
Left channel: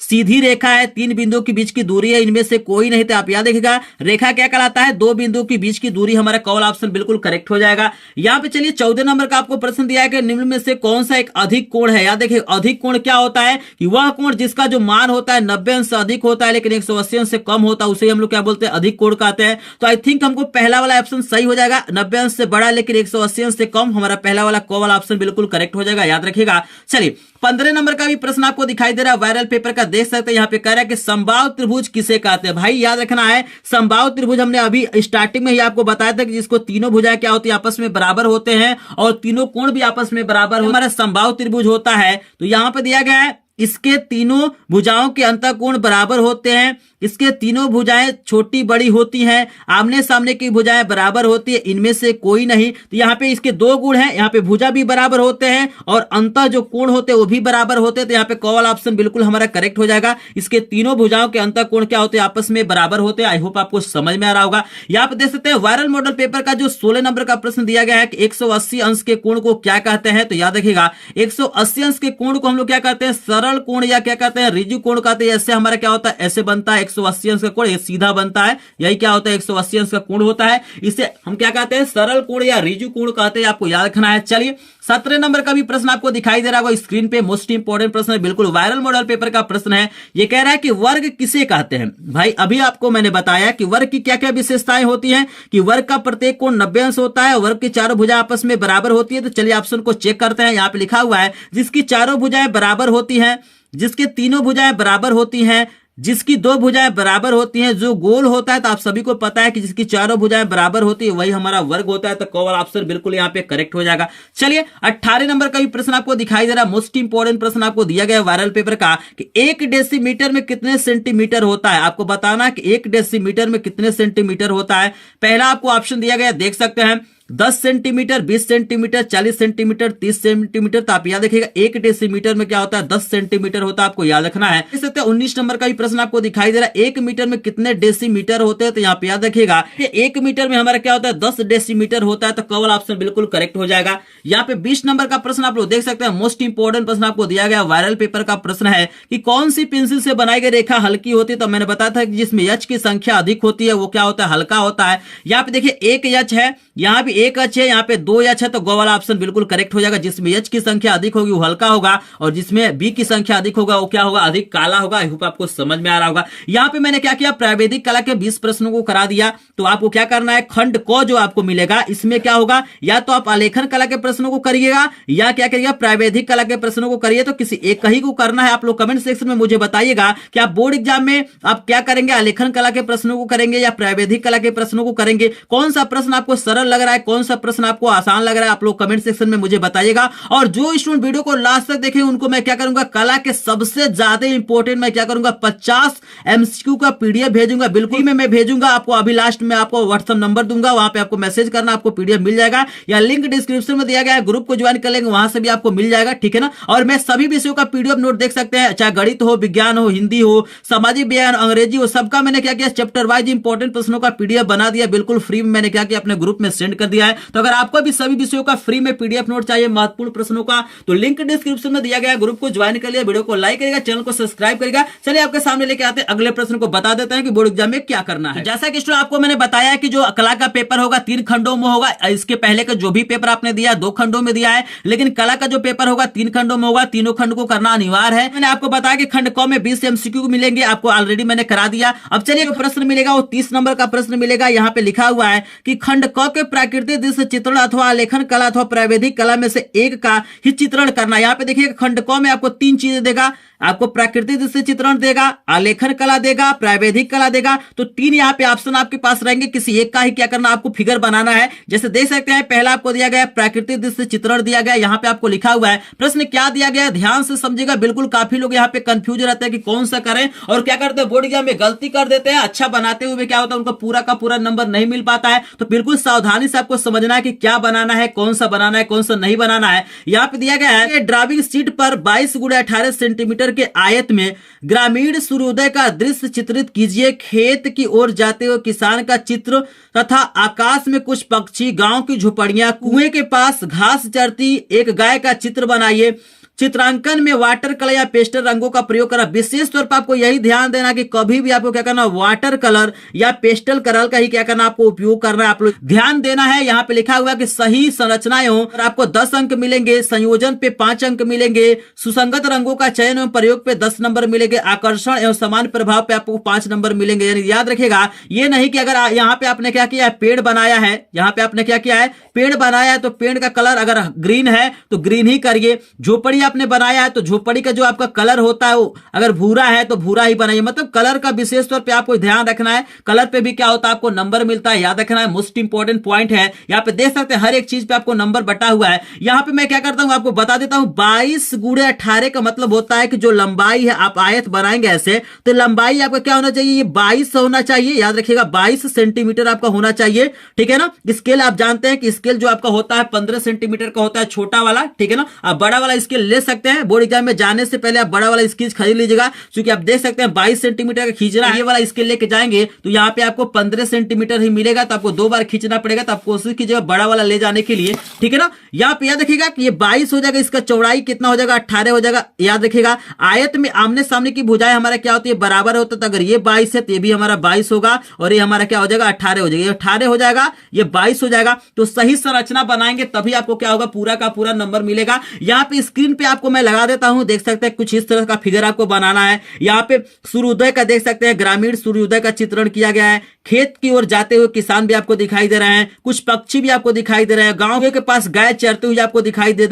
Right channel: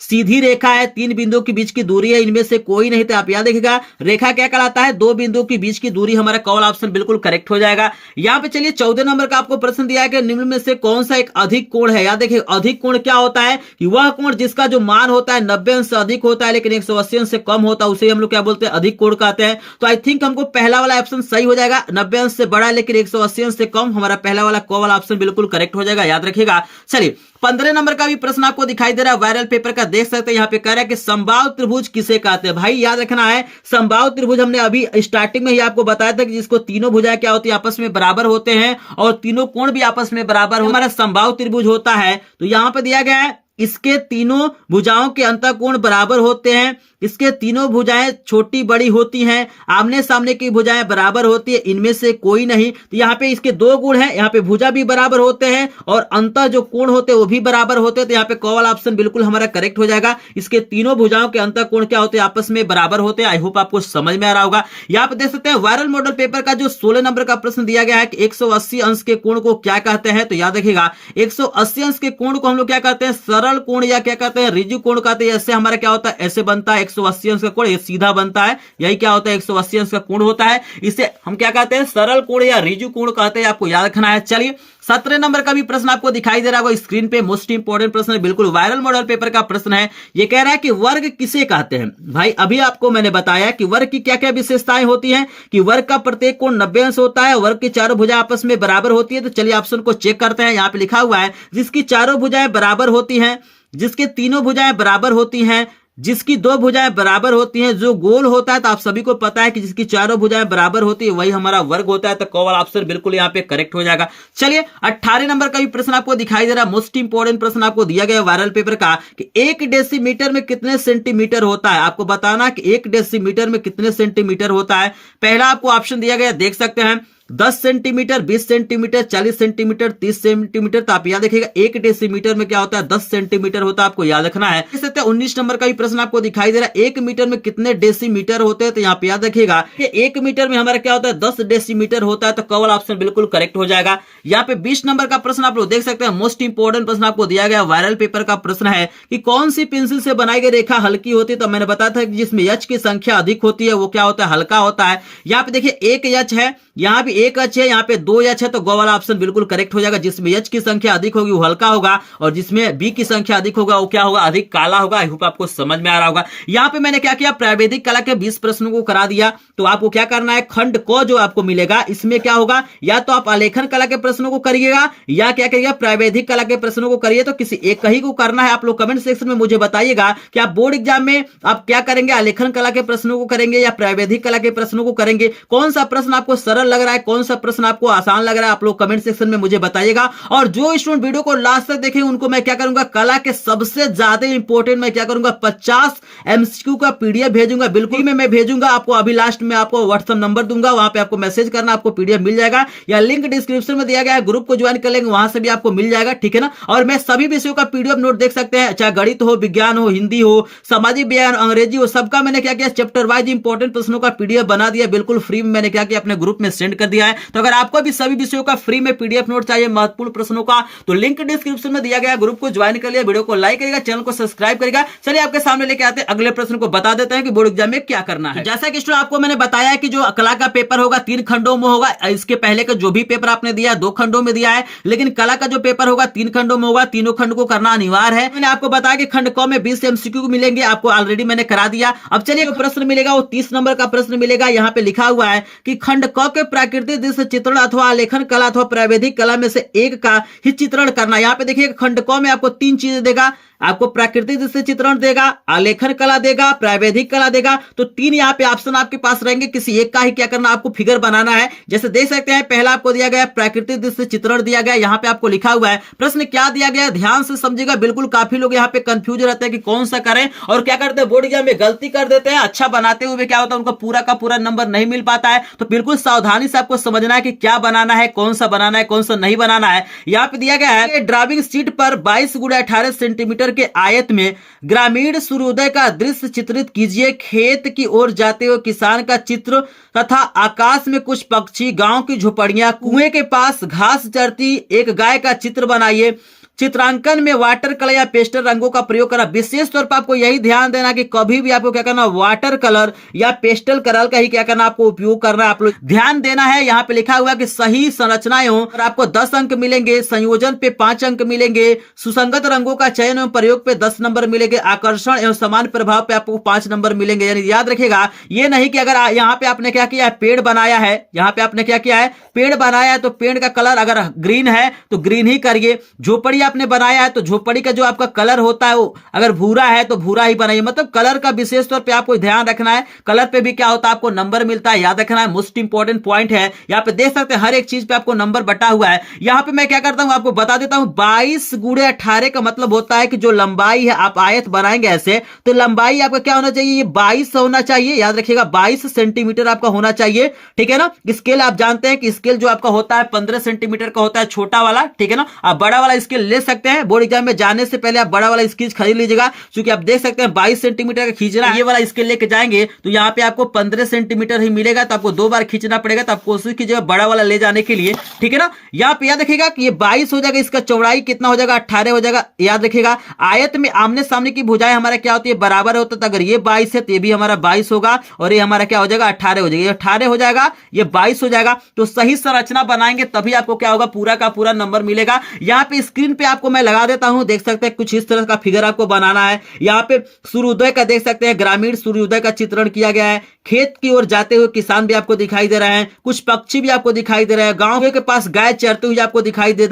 सीधी रेखा है, 3 बिंदुओं के बीच की दूरी है, इनमें से कोई नहीं। तो आप याद रखिएगा रेखा क्या कहलाता है, 2 बिंदुओं के बीच की दूरी। हमारा कॉल ऑप्शन बिल्कुल करेक्ट हो जाएगा। यहाँ पे चलिए 14 नंबर का आपको प्रश्न दिया है कि निम्न में से कौन सा एक अधिक कोण है। याद देखिए अधिक कोण क्या होता है कि वह कोण जिसका जो मान होता है 90 अंश से अधिक होता है लेकिन 180 अंश से कम होता है, उसे हम लोग क्या बोलते हैं, अधिक कोण कहते हैं। तो आई थिंक हमको पहला वाला ऑप्शन सही हो जाएगा। 90 अंश से बड़ा लेकिन 180 अंश से कम, हमारा पहला वाला कॉल वाला ऑप्शन बिल्कुल करेक्ट हो जाएगा, याद रखिएगा। चलिए 15 नंबर का भी प्रश्न आपको दिखाई दे रहा है, वायरल पेपर का देख सकते हैं। यहाँ पे कह रहा है कि समबाहु त्रिभुज किसे कहते हैं। भाई याद रखना है समबाहु त्रिभुज हमने अभी स्टार्टिंग में ही आपको बताया था कि जिसको तीनों भुजाएं क्या होती है, आपस में बराबर होते हैं और तीनों कोण भी आपस में बराबर हमारा समबाहु त्रिभुज होता है। तो यहाँ पे दिया गया है इसके तीनों भुजाओं के अंतःकोण बराबर होते हैं, इसके तीनों भुजाएं छोटी बड़ी होती हैं, आमने सामने की भुजाएं बराबर होती है, इनमें से कोई नहीं। तो यहाँ पे इसके 2 गुण हैं, यहाँ पे भुजा भी बराबर होते हैं और अंतः जो कोण होते हैं वो भी बराबर होते हैं। तो यहाँ पे कॉल ऑप्शन बिल्कुल हमारा करेक्ट हो जाएगा। इसके तीनों भुजाओं के अंतः कोण क्या होते हैं, आपस में बराबर होते हैं। आई होप आपको समझ में आ रहा होगा। यहाँ पे देख सकते हैं वायरल मॉडल पेपर का जो 16 नंबर का प्रश्न दिया गया है कि 180 अंश के कोण को क्या कहते हैं। तो याद रखिएगा 180 अंश के कोण को हम लोग क्या कहते हैं, सरल कोण या क्या कहते हैं, ऋजु कोण कहते हैं। ऐसे हमारा क्या होता है, ऐसे बनता है 180 अंश का कोण, ये सीधा बनता है, यही क्या होता है 180 अंश का कोण होता है। इसे हम क्या कहते हैं, सरल कोण या ऋजु कोण कहते हैं, आपको याद रखना है। चलिए 17 नंबर का भी प्रश्न आपको दिखाई दे रहा होगा स्क्रीन पे, मोस्ट इंपोर्टेंट प्रश्न है, बिल्कुल वायरल मॉडल पेपर का प्रश्न है। ये कह रहा है कि वर्ग किसे कहते हैं। भाई अभी आपको मैंने बताया कि वर्ग की क्या क्या विशेषताएं होती हैं, कि वर्ग का प्रत्येक कोण 90 अंश होता है, वर्ग की चारों भुजाएं आपस में बराबर होती है। तो चलिए ऑप्शन को चेक करते हैं। यहाँ पे लिखा हुआ है जिसकी चारों भुजाएं बराबर होती हैं, जिसके तीनों भुजाएं बराबर होती हैं, जिसकी 2 भुजाएं बराबर होती हैं, जो गोल होता है। तो आप सभी को पता है कि जिसकी चारों भुजाएं बराबर होती है वही हमारा वर्ग होता है। तो कॉल ऑप्शन बिल्कुल यहाँ पे करेक्ट हो जाएगा। चलिए 18 नंबर का भी प्रश्न आपको दिखाई दे रहा है, मोस्ट इंपोर्टेंट प्रश्न आपको दिया गया है वायरल पेपर का कि 1 डेसीमीटर में कितने सेंटीमीटर होता है। आपको बताना कि 1 डेसीमीटर में कितने सेंटीमीटर होता है। पहला आपको ऑप्शन दिया गया, देख सकते हैं 10 सेंटीमीटर, 20 सेंटीमीटर, 40 सेंटीमीटर, 30 सेंटीमीटर। तो आप याद देखिएगा 1 डेसीमीटर में क्या होता है, 10 सेंटीमीटर होता है, आपको याद रखना है। इस 19 नंबर का भी प्रश्न आपको दिखाई दे रहा है, 1 मीटर में कितने डेसीमीटर होते हैं। तो यहाँ पे याद रखिएगा 1 मीटर में हमारा क्या होता है, 10 डेसीमीटर होता है। तो कवल ऑप्शन बिल्कुल करेक्ट हो जाएगा। यहाँ पे 20 नंबर का प्रश्न आप लोग देख सकते हैं, मोस्ट इंपोर्टेंट प्रश्न आपको दिया गया, वायरल पेपर का प्रश्न है कि कौन सी पेंसिल से बनाई गई रेखा हल्की होती है। तो मैंने बताया था कि जिसमें एच की संख्या अधिक होती है वो क्या होता है, हल्का होता है। यहाँ पे देखिए 1 एच है, यहाँ भी 1 एच है, यहाँ पे 2 एच है। तो गो वाला ऑप्शन बिल्कुल करेक्ट हो जाएगा। जिसमें एच की संख्या अधिक होगी वो हल्का होगा, और जिसमें बी की संख्या अधिक होगा वो क्या होगा, अधिक काला होगा। आई होप आपको समझ में आ रहा होगा। यहाँ पे मैंने क्या किया, प्रावैधिक कला के 20 प्रश्नों को करा दिया। तो आपको क्या करना है, खंड क जो आपको मिलेगा इसमें क्या होगा, या तो आप आलेखन कला के प्रश्नों को करिएगा या क्या करिएगा, प्रावैधिक कला के प्रश्नों को करिए। तो किसी एक ही को करना है। आप लोग कमेंट सेक्शन में मुझे बताइएगा कि आप बोर्ड एग्जाम में आप क्या करेंगे, आलेखन कला के प्रश्नों को करेंगे या प्रावैधिक कला के प्रश्नों को करेंगे। कौन सा प्रश्न आपको सरल लग रहा है, कौन सा प्रश्न आपको आसान लग रहा है, आप लोग कमेंट सेक्शन में मुझे बताइएगा। और जो स्टूडेंट वीडियो को लास्ट तक देखें उनको मैं क्या करूंगा, कला के सबसे ज्यादा इंपॉर्टेंट मैं क्या करूंगा, 50 एमसीक्यू का पीडीएफ भेजूंगा। बिल्कुल मैं भेजूंगा आपको। अभी लास्ट में आपको व्हाट्सएप नंबर दूंगा, वहां पे आपको मैसेज करना, आपको पीडीएफ मिल जाएगा, या लिंक डिस्क्रिप्शन में दिया गया है, ग्रुप को ज्वाइन कर लेंगे, वहां से भी आपको मिल जाएगा। ठीक है ना। और मैं सभी विषयों का पीडीएफ नोट देख सकते हैं, चाहे गणित हो, विज्ञान हो, हिंदी हो, सामाजिक विज्ञान, अंग्रेजी हो, सबका मैंने क्या किया, चैप्टर वाइज इंपॉर्टेंट प्रश्नों का पीडीएफ बना दिया। बिल्कुल फ्री में मैंने क्या किया, अपने ग्रुप में सेंड कर दिया है। तो अगर आपको भी सभी विषयों का फ्री में पीडीएफ नोट चाहिए महत्वपूर्ण प्रश्नों का, तो लिंक डिस्क्रिप्शन में दिया गया, ग्रुप को ज्वाइन कर लिया, वीडियो को लाइक करेगा, चैनल को सब्सक्राइब करेगा। चलिए आपके सामने लेके आते हैं अगले प्रश्न को, बता देते हैं कि बोर्ड एग्जाम में क्या करना है। जैसा कि स्टूडेंट आपको मैंने बताया कि जो कला का पेपर होगा 3 खंडों में होगा। इसके पहले का जो भी पेपर आपने दिया 2 खंडों में दिया है, लेकिन कला का जो पेपर होगा 3 खंडों में होगा। तीनों खंड को करना अनिवार्य है। मैंने आपको बताया कि खंड क में 20 एमसीक्यू मिलेंगे, आपको ऑलरेडी मैंने करा दिया। अब चलिए जो प्रश्न मिलेगा वो 30 नंबर का प्रश्न मिलेगा। यहाँ पे लिखा हुआ है कि खंड क के प्राकृतिक दृश्य चित्रण अथवा आलेखन कला अथवा प्रावैधिक कला में से एक का ही चित्रण करना। यहाँ पे देखिए खंड क में आपको 3 चीजें देगा, आपको प्राकृतिक दृश्य चित्रण देगा, आलेखन कला देगा, प्रावैधिक कला देगा। तो 3 यहाँ पे ऑप्शन आपके पास रहेंगे, किसी एक का ही क्या करना, आपको फिगर बनाना है। जैसे देख सकते हैं पहला आपको दिया गया है प्राकृतिक दृश्य चित्रण दिया गया है। यहाँ पे आपको लिखा हुआ है, प्रश्न क्या दिया गया है ध्यान से समझिएगा। बिल्कुल काफी लोग यहाँ पे कंफ्यूज रहते हैं कि कौन सा करें, और क्या करते हैं बोर्ड एग्जाम में गलती कर देते हैं। अच्छा बनाते हुए क्या होता है, उनका पूरा का पूरा नंबर नहीं मिल पाता है। तो बिल्कुल सावधानी से आपको समझना है कि क्या बनाना है, कौन सा बनाना है, कौन सा नहीं बनाना है। यहाँ पे दिया गया है ड्राइंग शीट पर 22 × 18 सेंटीमीटर के आयत में ग्रामीण सूर्योदय का दृश्य चित्रित कीजिए। खेत की ओर जाते हुए किसान का चित्र तथा आकाश में कुछ पक्षी, गांव की झोपड़ियां, कुएं के पास घास चरती एक गाय का चित्र बनाइए। चित्रांकन में वाटर कलर या पेस्टल रंगों का प्रयोग करा। विशेष तौर पर आपको यही ध्यान देना कि कभी भी आपको क्या करना, वाटर कलर या पेस्टल कलर का ही क्या करना, आपको उपयोग करना है। आप लोग ध्यान देना है। यहाँ पे लिखा हुआ है कि सही संरचनाएं हो और आपको 10 अंक मिलेंगे, संयोजन पे 5 अंक मिलेंगे, सुसंगत रंगों का चयन एवं प्रयोग पे 10 नंबर मिलेंगे, आकर्षण एवं समान प्रभाव पे आपको 5 नंबर मिलेंगे। यानी याद रखिएगा, ये नहीं कि अगर यहाँ पे आपने क्या किया है, पेड़ बनाया है, यहाँ पे आपने क्या किया है, पेड़ बनाया है, तो पेड़ का कलर अगर ग्रीन है तो ग्रीन ही करिए। झोपड़ी आपने बनाया है तो झोपड़ी का जो आपका कलर होता है वो अगर भूरा है तो भूरा ही बनाइए। मतलब कलर का विशेष तौर पे आपको ध्यान रखना है। कलर पे भी क्या होता है, आपको नंबर मिलता है, याद रखना है। मोस्ट इंपॉर्टेंट पॉइंट है। यहाँ पे देख सकते हैं हर एक चीज पे आपको नंबर बटा हुआ है। यहाँ पे मैं क्या करता हूँ, आपको बता देता हूँ। 22 × 18 का मतलब होता है कि जो लंबाई है, आप आयत बनाएंगे ऐसे तो लंबाई आपका क्या होना चाहिए, ये 22 होना चाहिए। याद रखिएगा 22 सेंटीमीटर आपका होना चाहिए। ठीक है ना। स्केल आप जानते हैं कि स्केल जो आपका होता है 15 सेंटीमीटर का होता है, छोटा वाला। ठीक है ना। आप बड़ा वाला स्केल ले सकते हैं। बोर्ड एग्जाम में जाने से पहले आप बड़ा वाला स्केल खरीद लीजिएगा, क्योंकि आप देख सकते हैं 22 सेंटीमीटर का खींचना है। ये वाला स्केल लेके जाएंगे तो यहाँ पे आपको 15 सेंटीमीटर ही मिलेगा, तो आपको 2 बार खींचना पड़ेगा। तो आप कोशिश कीजिएगा बड़ा वाला ले जाने के लिए। ठीक है ना। यहाँ पे याद रखिएगा कि ये 22 हो जाएगा, इसका चौड़ाई कितना हो जाएगा, 18 हो जाएगा। याद रखिएगा आयत में आमने सामने की भुजाएं हमारा क्या होती है, बराबर होता है। तो अगर ये 22 है तो ये भी हमारा 22 होगा, और ये हमारा क्या हो जाएगा, 18 हो जाएगा। ये 18 हो जाएगा, ये 22 हो जाएगा। तो सही संरचना बनाएंगे तभी आपको क्या होगा, पूरा का पूरा नंबर मिलेगा। यहाँ पे स्क्रीन पे आपको मैं लगा देता हूं, देख सकते हैं कुछ इस तरह का फिगर आपको बनाना है। यहाँ पे सूर्योदय का देख सकते हैं, ग्रामीण सूर्योदय का चित्रण किया गया है। खेत की ओर जाते हुए किसान भी आपको दिखाई दे रहे हैं, कुछ पक्षी भी आपको दिखाई दे रहे हैं, गांव के पास गाय चरते हुए आपको दिखाई दे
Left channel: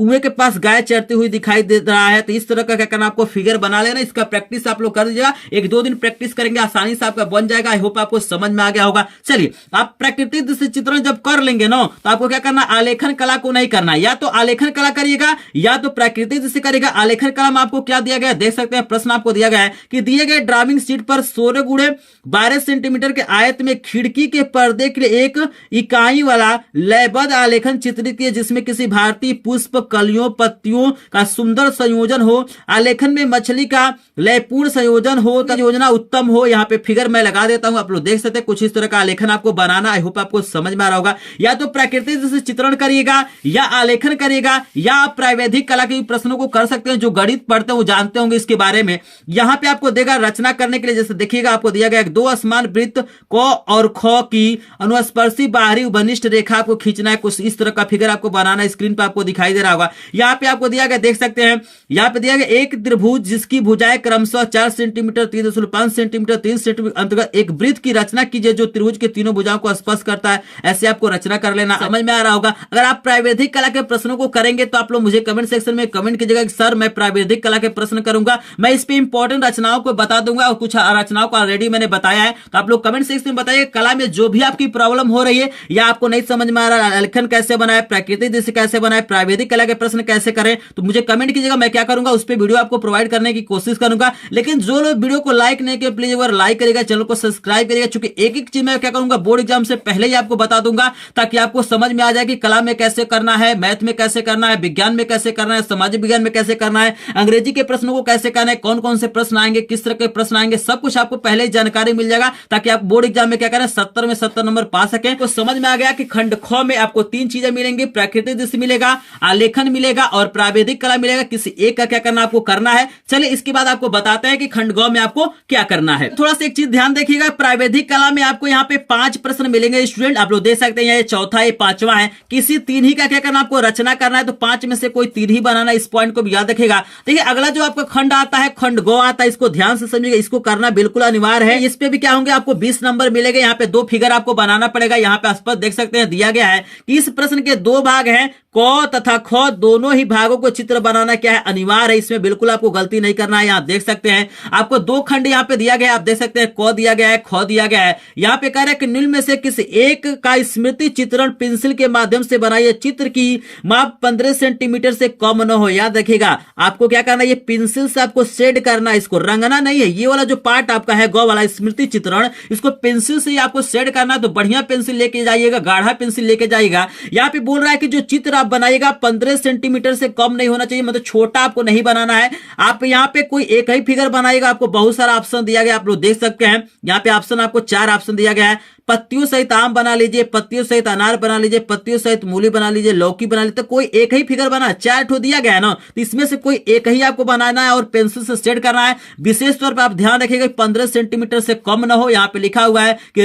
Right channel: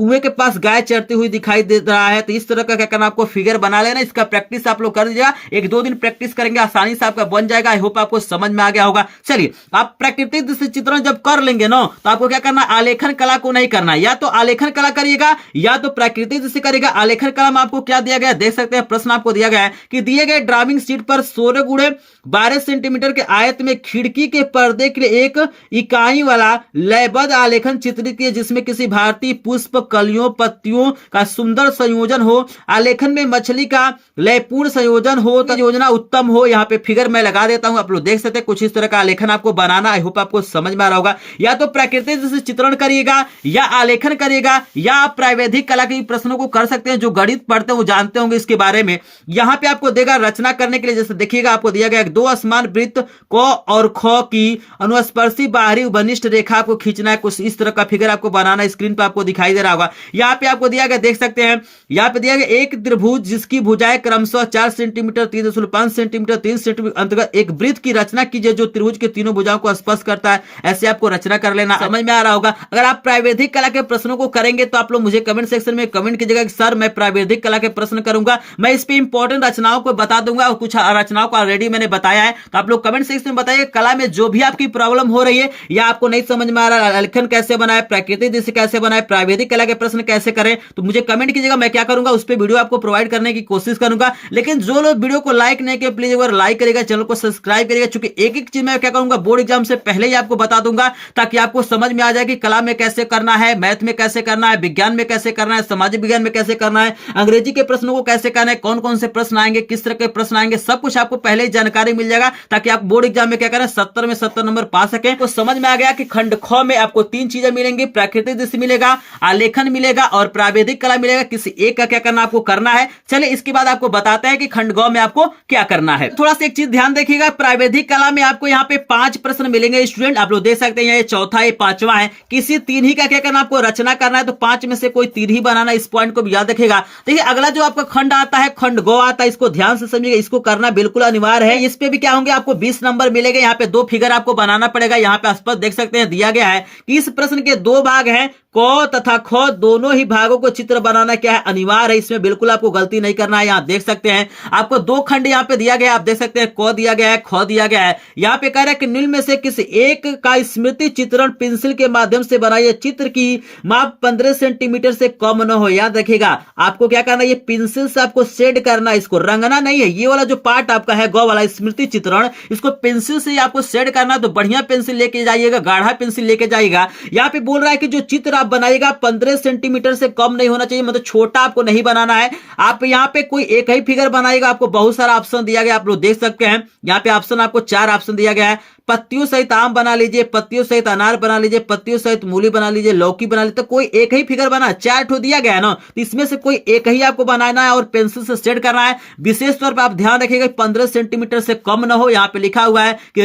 कुएं के पास गाय चरती हुई दिखाई दे रहा है। तो इस तरह का क्या करना, आपको फिगर बना लेना। इसका प्रैक्टिस आप लोग कर दीजिएगा, 1-2 दिन प्रैक्टिस करेंगे आसानी से आपका बन जाएगा। आई होप आपको समझ में आ गया होगा। चलिए, आप प्राकृतिक दृश्य चित्रण जब कर लेंगे ना, तो आपको क्या करना, आलेखन कला को नहीं करना। या तो आलेखन कला करिएगा या तो प्राकृतिक दृश्य करिएगा। आलेखन कला में आपको क्या दिया गया, देख सकते हैं प्रश्न आपको दिया गया है कि दिए गए ड्राइंग शीट पर 16x12 सेंटीमीटर के आयत में खिड़की के पर्दे के लिए एक इकाई वाला लयबद्ध आलेखन चित्रित किए, जिसमें किसी भारतीय पुष्प, कलियों, पत्तियों का सुंदर संयोजन हो। आलेखन में मछली का लयपूर्ण संयोजन हो तो योजना उत्तम हो। यहाँ पे फिगर मैं लगा देता हूं, आप लोग देख सकते हैं। कुछ इस तरह का आलेखन आपको बनाना। आई होप आपको समझ में आ रहा होगा। या तो प्राकृतिक दृश्य चित्रण करिएगा या आलेखन करिएगा, या आप प्रावैधिक कला के प्रश्नों को कर सकते हैं। जो गणित पढ़ते हैं वो जानते होंगे इसके बारे में। यहाँ पे आपको देगा रचना करने के लिए, जैसे देखिएगा आपको दिया गया 2 असमान वृत्त क और ख की अनुस्पर्शी बाहरी उभनिष्ठ रेखा आपको खींचना है। कुछ इस तरह का फिगर आपको बनाना है। स्क्रीन पे आपको दिखाई दे रहा होगा। यहाँ पे आपको दिया गया, देख सकते हैं, यहाँ पे दिया गया एक त्रिभुज जिसकी भुजाएं क्रमशः 4 सेंटीमीटर, 3.5 सेंटीमीटर, 3 सेंटीमीटर अंतर्गत एक वृत्त की रचना कीजिए जो त्रिभुज के तीनों भुजाओं को स्पर्श करता है। ऐसे आपको रचना कर लेना। समझ में आ रहा होगा। अगर आप प्रावैधिक कला के प्रश्नों को करेंगे तो आप लोग मुझे कमेंट सेक्शन में कमेंट कीजिएगा कि सर मैं प्रावैधिक कला के प्रश्न करूंगा। मैं इस पे इंपॉर्टेंट रचनाओं को बता दूंगा और कुछ रचनाओं को ऑलरेडी मैंने बताया है। तो आप लोग कमेंट सेक्शन में बताइए कला में जो भी आपकी प्रॉब्लम हो रही है या आपको नहीं समझ में आ रहा है, आलेखन कैसे बनाए, प्राकृतिक दृश्य कैसे बनाए, प्रावैधिक कला के प्रश्न कैसे करें, तो मुझे कमेंट कीजिएगा। मैं क्या करूंगा, उस पर वीडियो आपको प्रोवाइड करने की कोशिश करूंगा। लेकिन जो लोग वीडियो को लाइक नहीं किए प्लीज एक बार लाइक करिएगा, चैनल को सब्सक्राइब करिएगा। चूंकि एक चीज मैं क्या करूंगा, बोर्ड एग्जाम से पहले ही आपको बता दूंगा ताकि आपको समझ में आ जाए कि कला में कैसे करना है, मैथ में कैसे करना है, विज्ञान में कैसे करना है, सामाजिक विज्ञान में कैसे करना है, अंग्रेजी के प्रश्नों को कैसे करना है, कौन कौन से प्रश्न आएंगे, किस तरह के प्रश्न आएंगे, सब कुछ आपको पहले ही जानकारी मिल जाएगा ताकि आप बोर्ड एग्जाम में क्या करें, 70 में 70 नंबर पा सकें। तो समझ में आ गया कि खंड ख में आपको 3 चीजें मिलेंगी, प्राकृतिक दृश्य मिलेगा, आलेखन मिलेगा और प्रावैधिक कला मिलेगा। किसी एक का क्या करना आपको करना है। चलिए इसके बाद आपको बताते हैं कि खंड ग में आपको क्या करना है। थोड़ा सा एक चीज ध्यान देखिएगा, प्रावैधिक कला में आपको यहाँ पे 5 प्रश्न मिलेंगे स्टूडेंट। आप लोग देख सकते हैं ये चौथा, ये 5वां है। किसी 3 ही का क्या करना, आपको रचना करना है। तो 5 में से कोई 3 ही बनाना। इस पॉइंट को भी याद रखिएगा। देखिए अगला जो आपका खंड आता है, खंड ग आता है, इसको ध्यान से समझिएगा। इसको करना बिल्कुल अनिवार्य है। इस पे भी क्या होंगे, आपको 20 नंबर मिलेंगे। यहाँ पे 2 फिगर आपको बनाना पड़ेगा। यहाँ पे स्पष्ट देख सकते हैं दिया गया है कि इस प्रश्न के 2 भाग हैं, क तथा ख, दोनों ही भागों को चित्र बनाना क्या है, अनिवार्य है। इसमें बिल्कुल आपको गलती नहीं करना है। यहाँ देख सकते हैं आपको 2 खंड यहाँ पे दिया गया है। आप देख सकते हैं क दिया गया है, ख दिया गया है। यहाँ पे कह रहा है कि निम्न में से किसी एक का स्मृति चित्रण पेंसिल के माध्यम से बनाइए। चित्र की माप 15 सेंटीमीटर से कम न हो। याद रखिएगा आपको क्या करना है, ये पेंसिल से आपको शेड करना, इसको रंगना नहीं है। ये वाला जो पार्ट आपका है ग वाला स्मृति चित्रण, इसको पेंसिल से आपको शेड करना। तो बढ़िया पेंसिल लेके जाइएगा, गाढ़ा पेंसिल लेके जाइएगा। यहाँ पे बोल रहा है कि जो चित्र आप बनाइएगा 15 सेंटीमीटर से कम नहीं होना चाहिए, मतलब छोटा आपको नहीं बनाना है। आप यहाँ पे कोई एक ही फिगर बनाइएगा। आपको बहुत सारा ऑप्शन दिया गया, आप लोग देख सकते हैं। यहाँ पे ऑप्शन आपको 4 ऑप्शन दिया गया है। पत्तियों सहित आम बना लीजिए, पत्तियों सहित अनार बना लीजिए, पत्तियों सहित मूली बना लीजिए, लौकी बना लीजिए। तो कोई एक ही फिगर बना, 4 ठो दिया गया है ना, तो इसमें से कोई एक ही आपको बनाना है और पेंसिल से शेड करना है। विशेष तौर पर आप ध्यान रखिएगा 15 सेंटीमीटर से कम ना हो। यहाँ पे लिखा हुआ है कि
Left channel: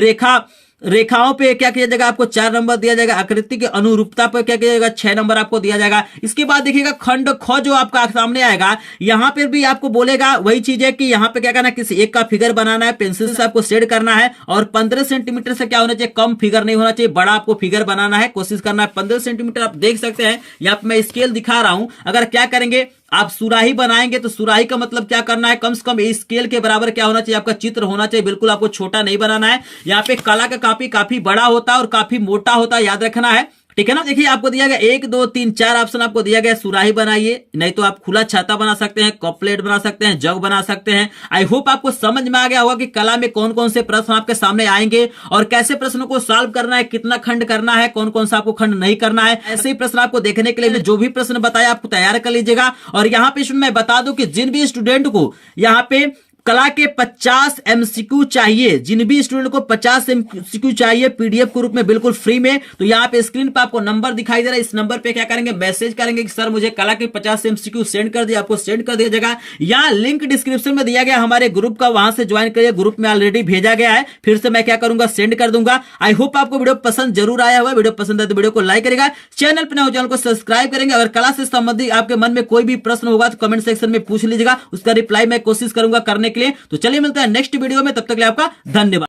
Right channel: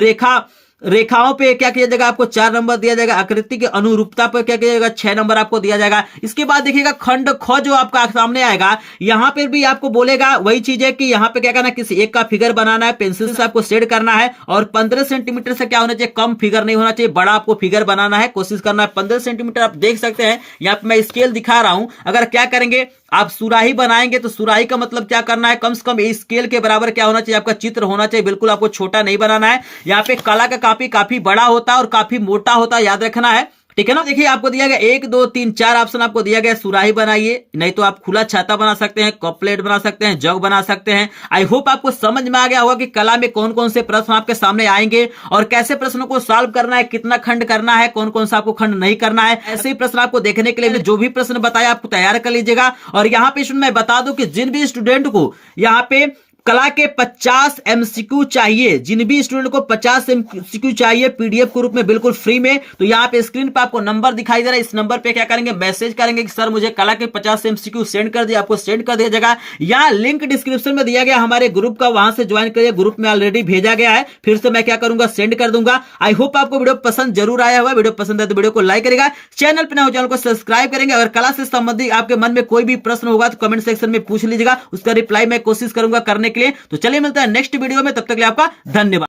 रेखाओं पे क्या किया जाएगा, आपको 4 नंबर दिया जाएगा। आकृति की अनुरूपता पर क्या किया जाएगा, 6 नंबर आपको दिया जाएगा। इसके बाद देखिएगा खंड ख जो आपका सामने आएगा, यहाँ पर भी आपको बोलेगा वही चीज है कि यहाँ पे क्या करना है, किसी एक का फिगर बनाना है, पेंसिल से आपको शेड करना है और 15 सेंटीमीटर से क्या होना चाहिए, कम फिगर नहीं होना चाहिए, बड़ा आपको फिगर बनाना है। कोशिश करना है 15 सेंटीमीटर। आप देख सकते हैं यहाँ पे मैं स्केल दिखा रहा हूं। अगर क्या करेंगे, आप सुराही बनाएंगे तो सुराही का मतलब क्या करना है, कम से कम इस स्केल के बराबर क्या होना चाहिए, आपका चित्र होना चाहिए। बिल्कुल आपको छोटा नहीं बनाना है। यहाँ पे कला का कॉपी काफी बड़ा होता है और काफी मोटा होता है, याद रखना है। ठीक है ना। देखिए आपको दिया गया 1 2 3 4 ऑप्शन आपको दिया गया। सुराही बनाइए, नहीं तो आप खुला छाता बना सकते हैं, कप प्लेट बना सकते हैं, जग बना सकते हैं। आई होप आपको समझ में आ गया होगा कि कला में कौन कौन से प्रश्न आपके सामने आएंगे और कैसे प्रश्नों को सॉल्व करना है, कितना खंड करना है, कौन कौन सा आपको खंड नहीं करना है। ऐसे ही प्रश्न आपको देखने के लिए जो भी प्रश्न बताया आपको तैयार कर लीजिएगा। और यहाँ पे मैं बता दूं कि जिन भी स्टूडेंट को यहाँ पे कला के 50 एमसीक्यू चाहिए, जिन भी स्टूडेंट को 50 एमसीक्यू चाहिए पीडीएफ के रूप में बिल्कुल फ्री में, तो यहाँ पे स्क्रीन पे आपको नंबर दिखाई दे रहा है। इस नंबर पे क्या करेंगे, मैसेज करेंगे कि सर मुझे कला के 50 एमसीक्यू सेंड कर दिया। आपको सेंड कर दिया जाएगा। यहाँ लिंक डिस्क्रिप्शन में दिया गया हमारे ग्रुप का, वहां से ज्वाइन करिए। ग्रुप में ऑलरेडी भेजा गया है, फिर से मैं क्या करूंगा, सेंड कर दूंगा। आई होप आपको वीडियो पसंद जरूर आया होगा। वीडियो पसंद है तो वीडियो को लाइक करेगा, चैनल पर नए हो चैनल को सब्सक्राइब करेंगे। अगर कला से संबंधित आपके मन में कोई भी प्रश्न होगा तो कमेंट सेक्शन में पूछ लीजिएगा, उसका रिप्लाई मैं कोशिश करूंगा करने के लिए। तो चलिए मिलता है नेक्स्ट वीडियो में, तब तक के लिए आपका धन्यवाद।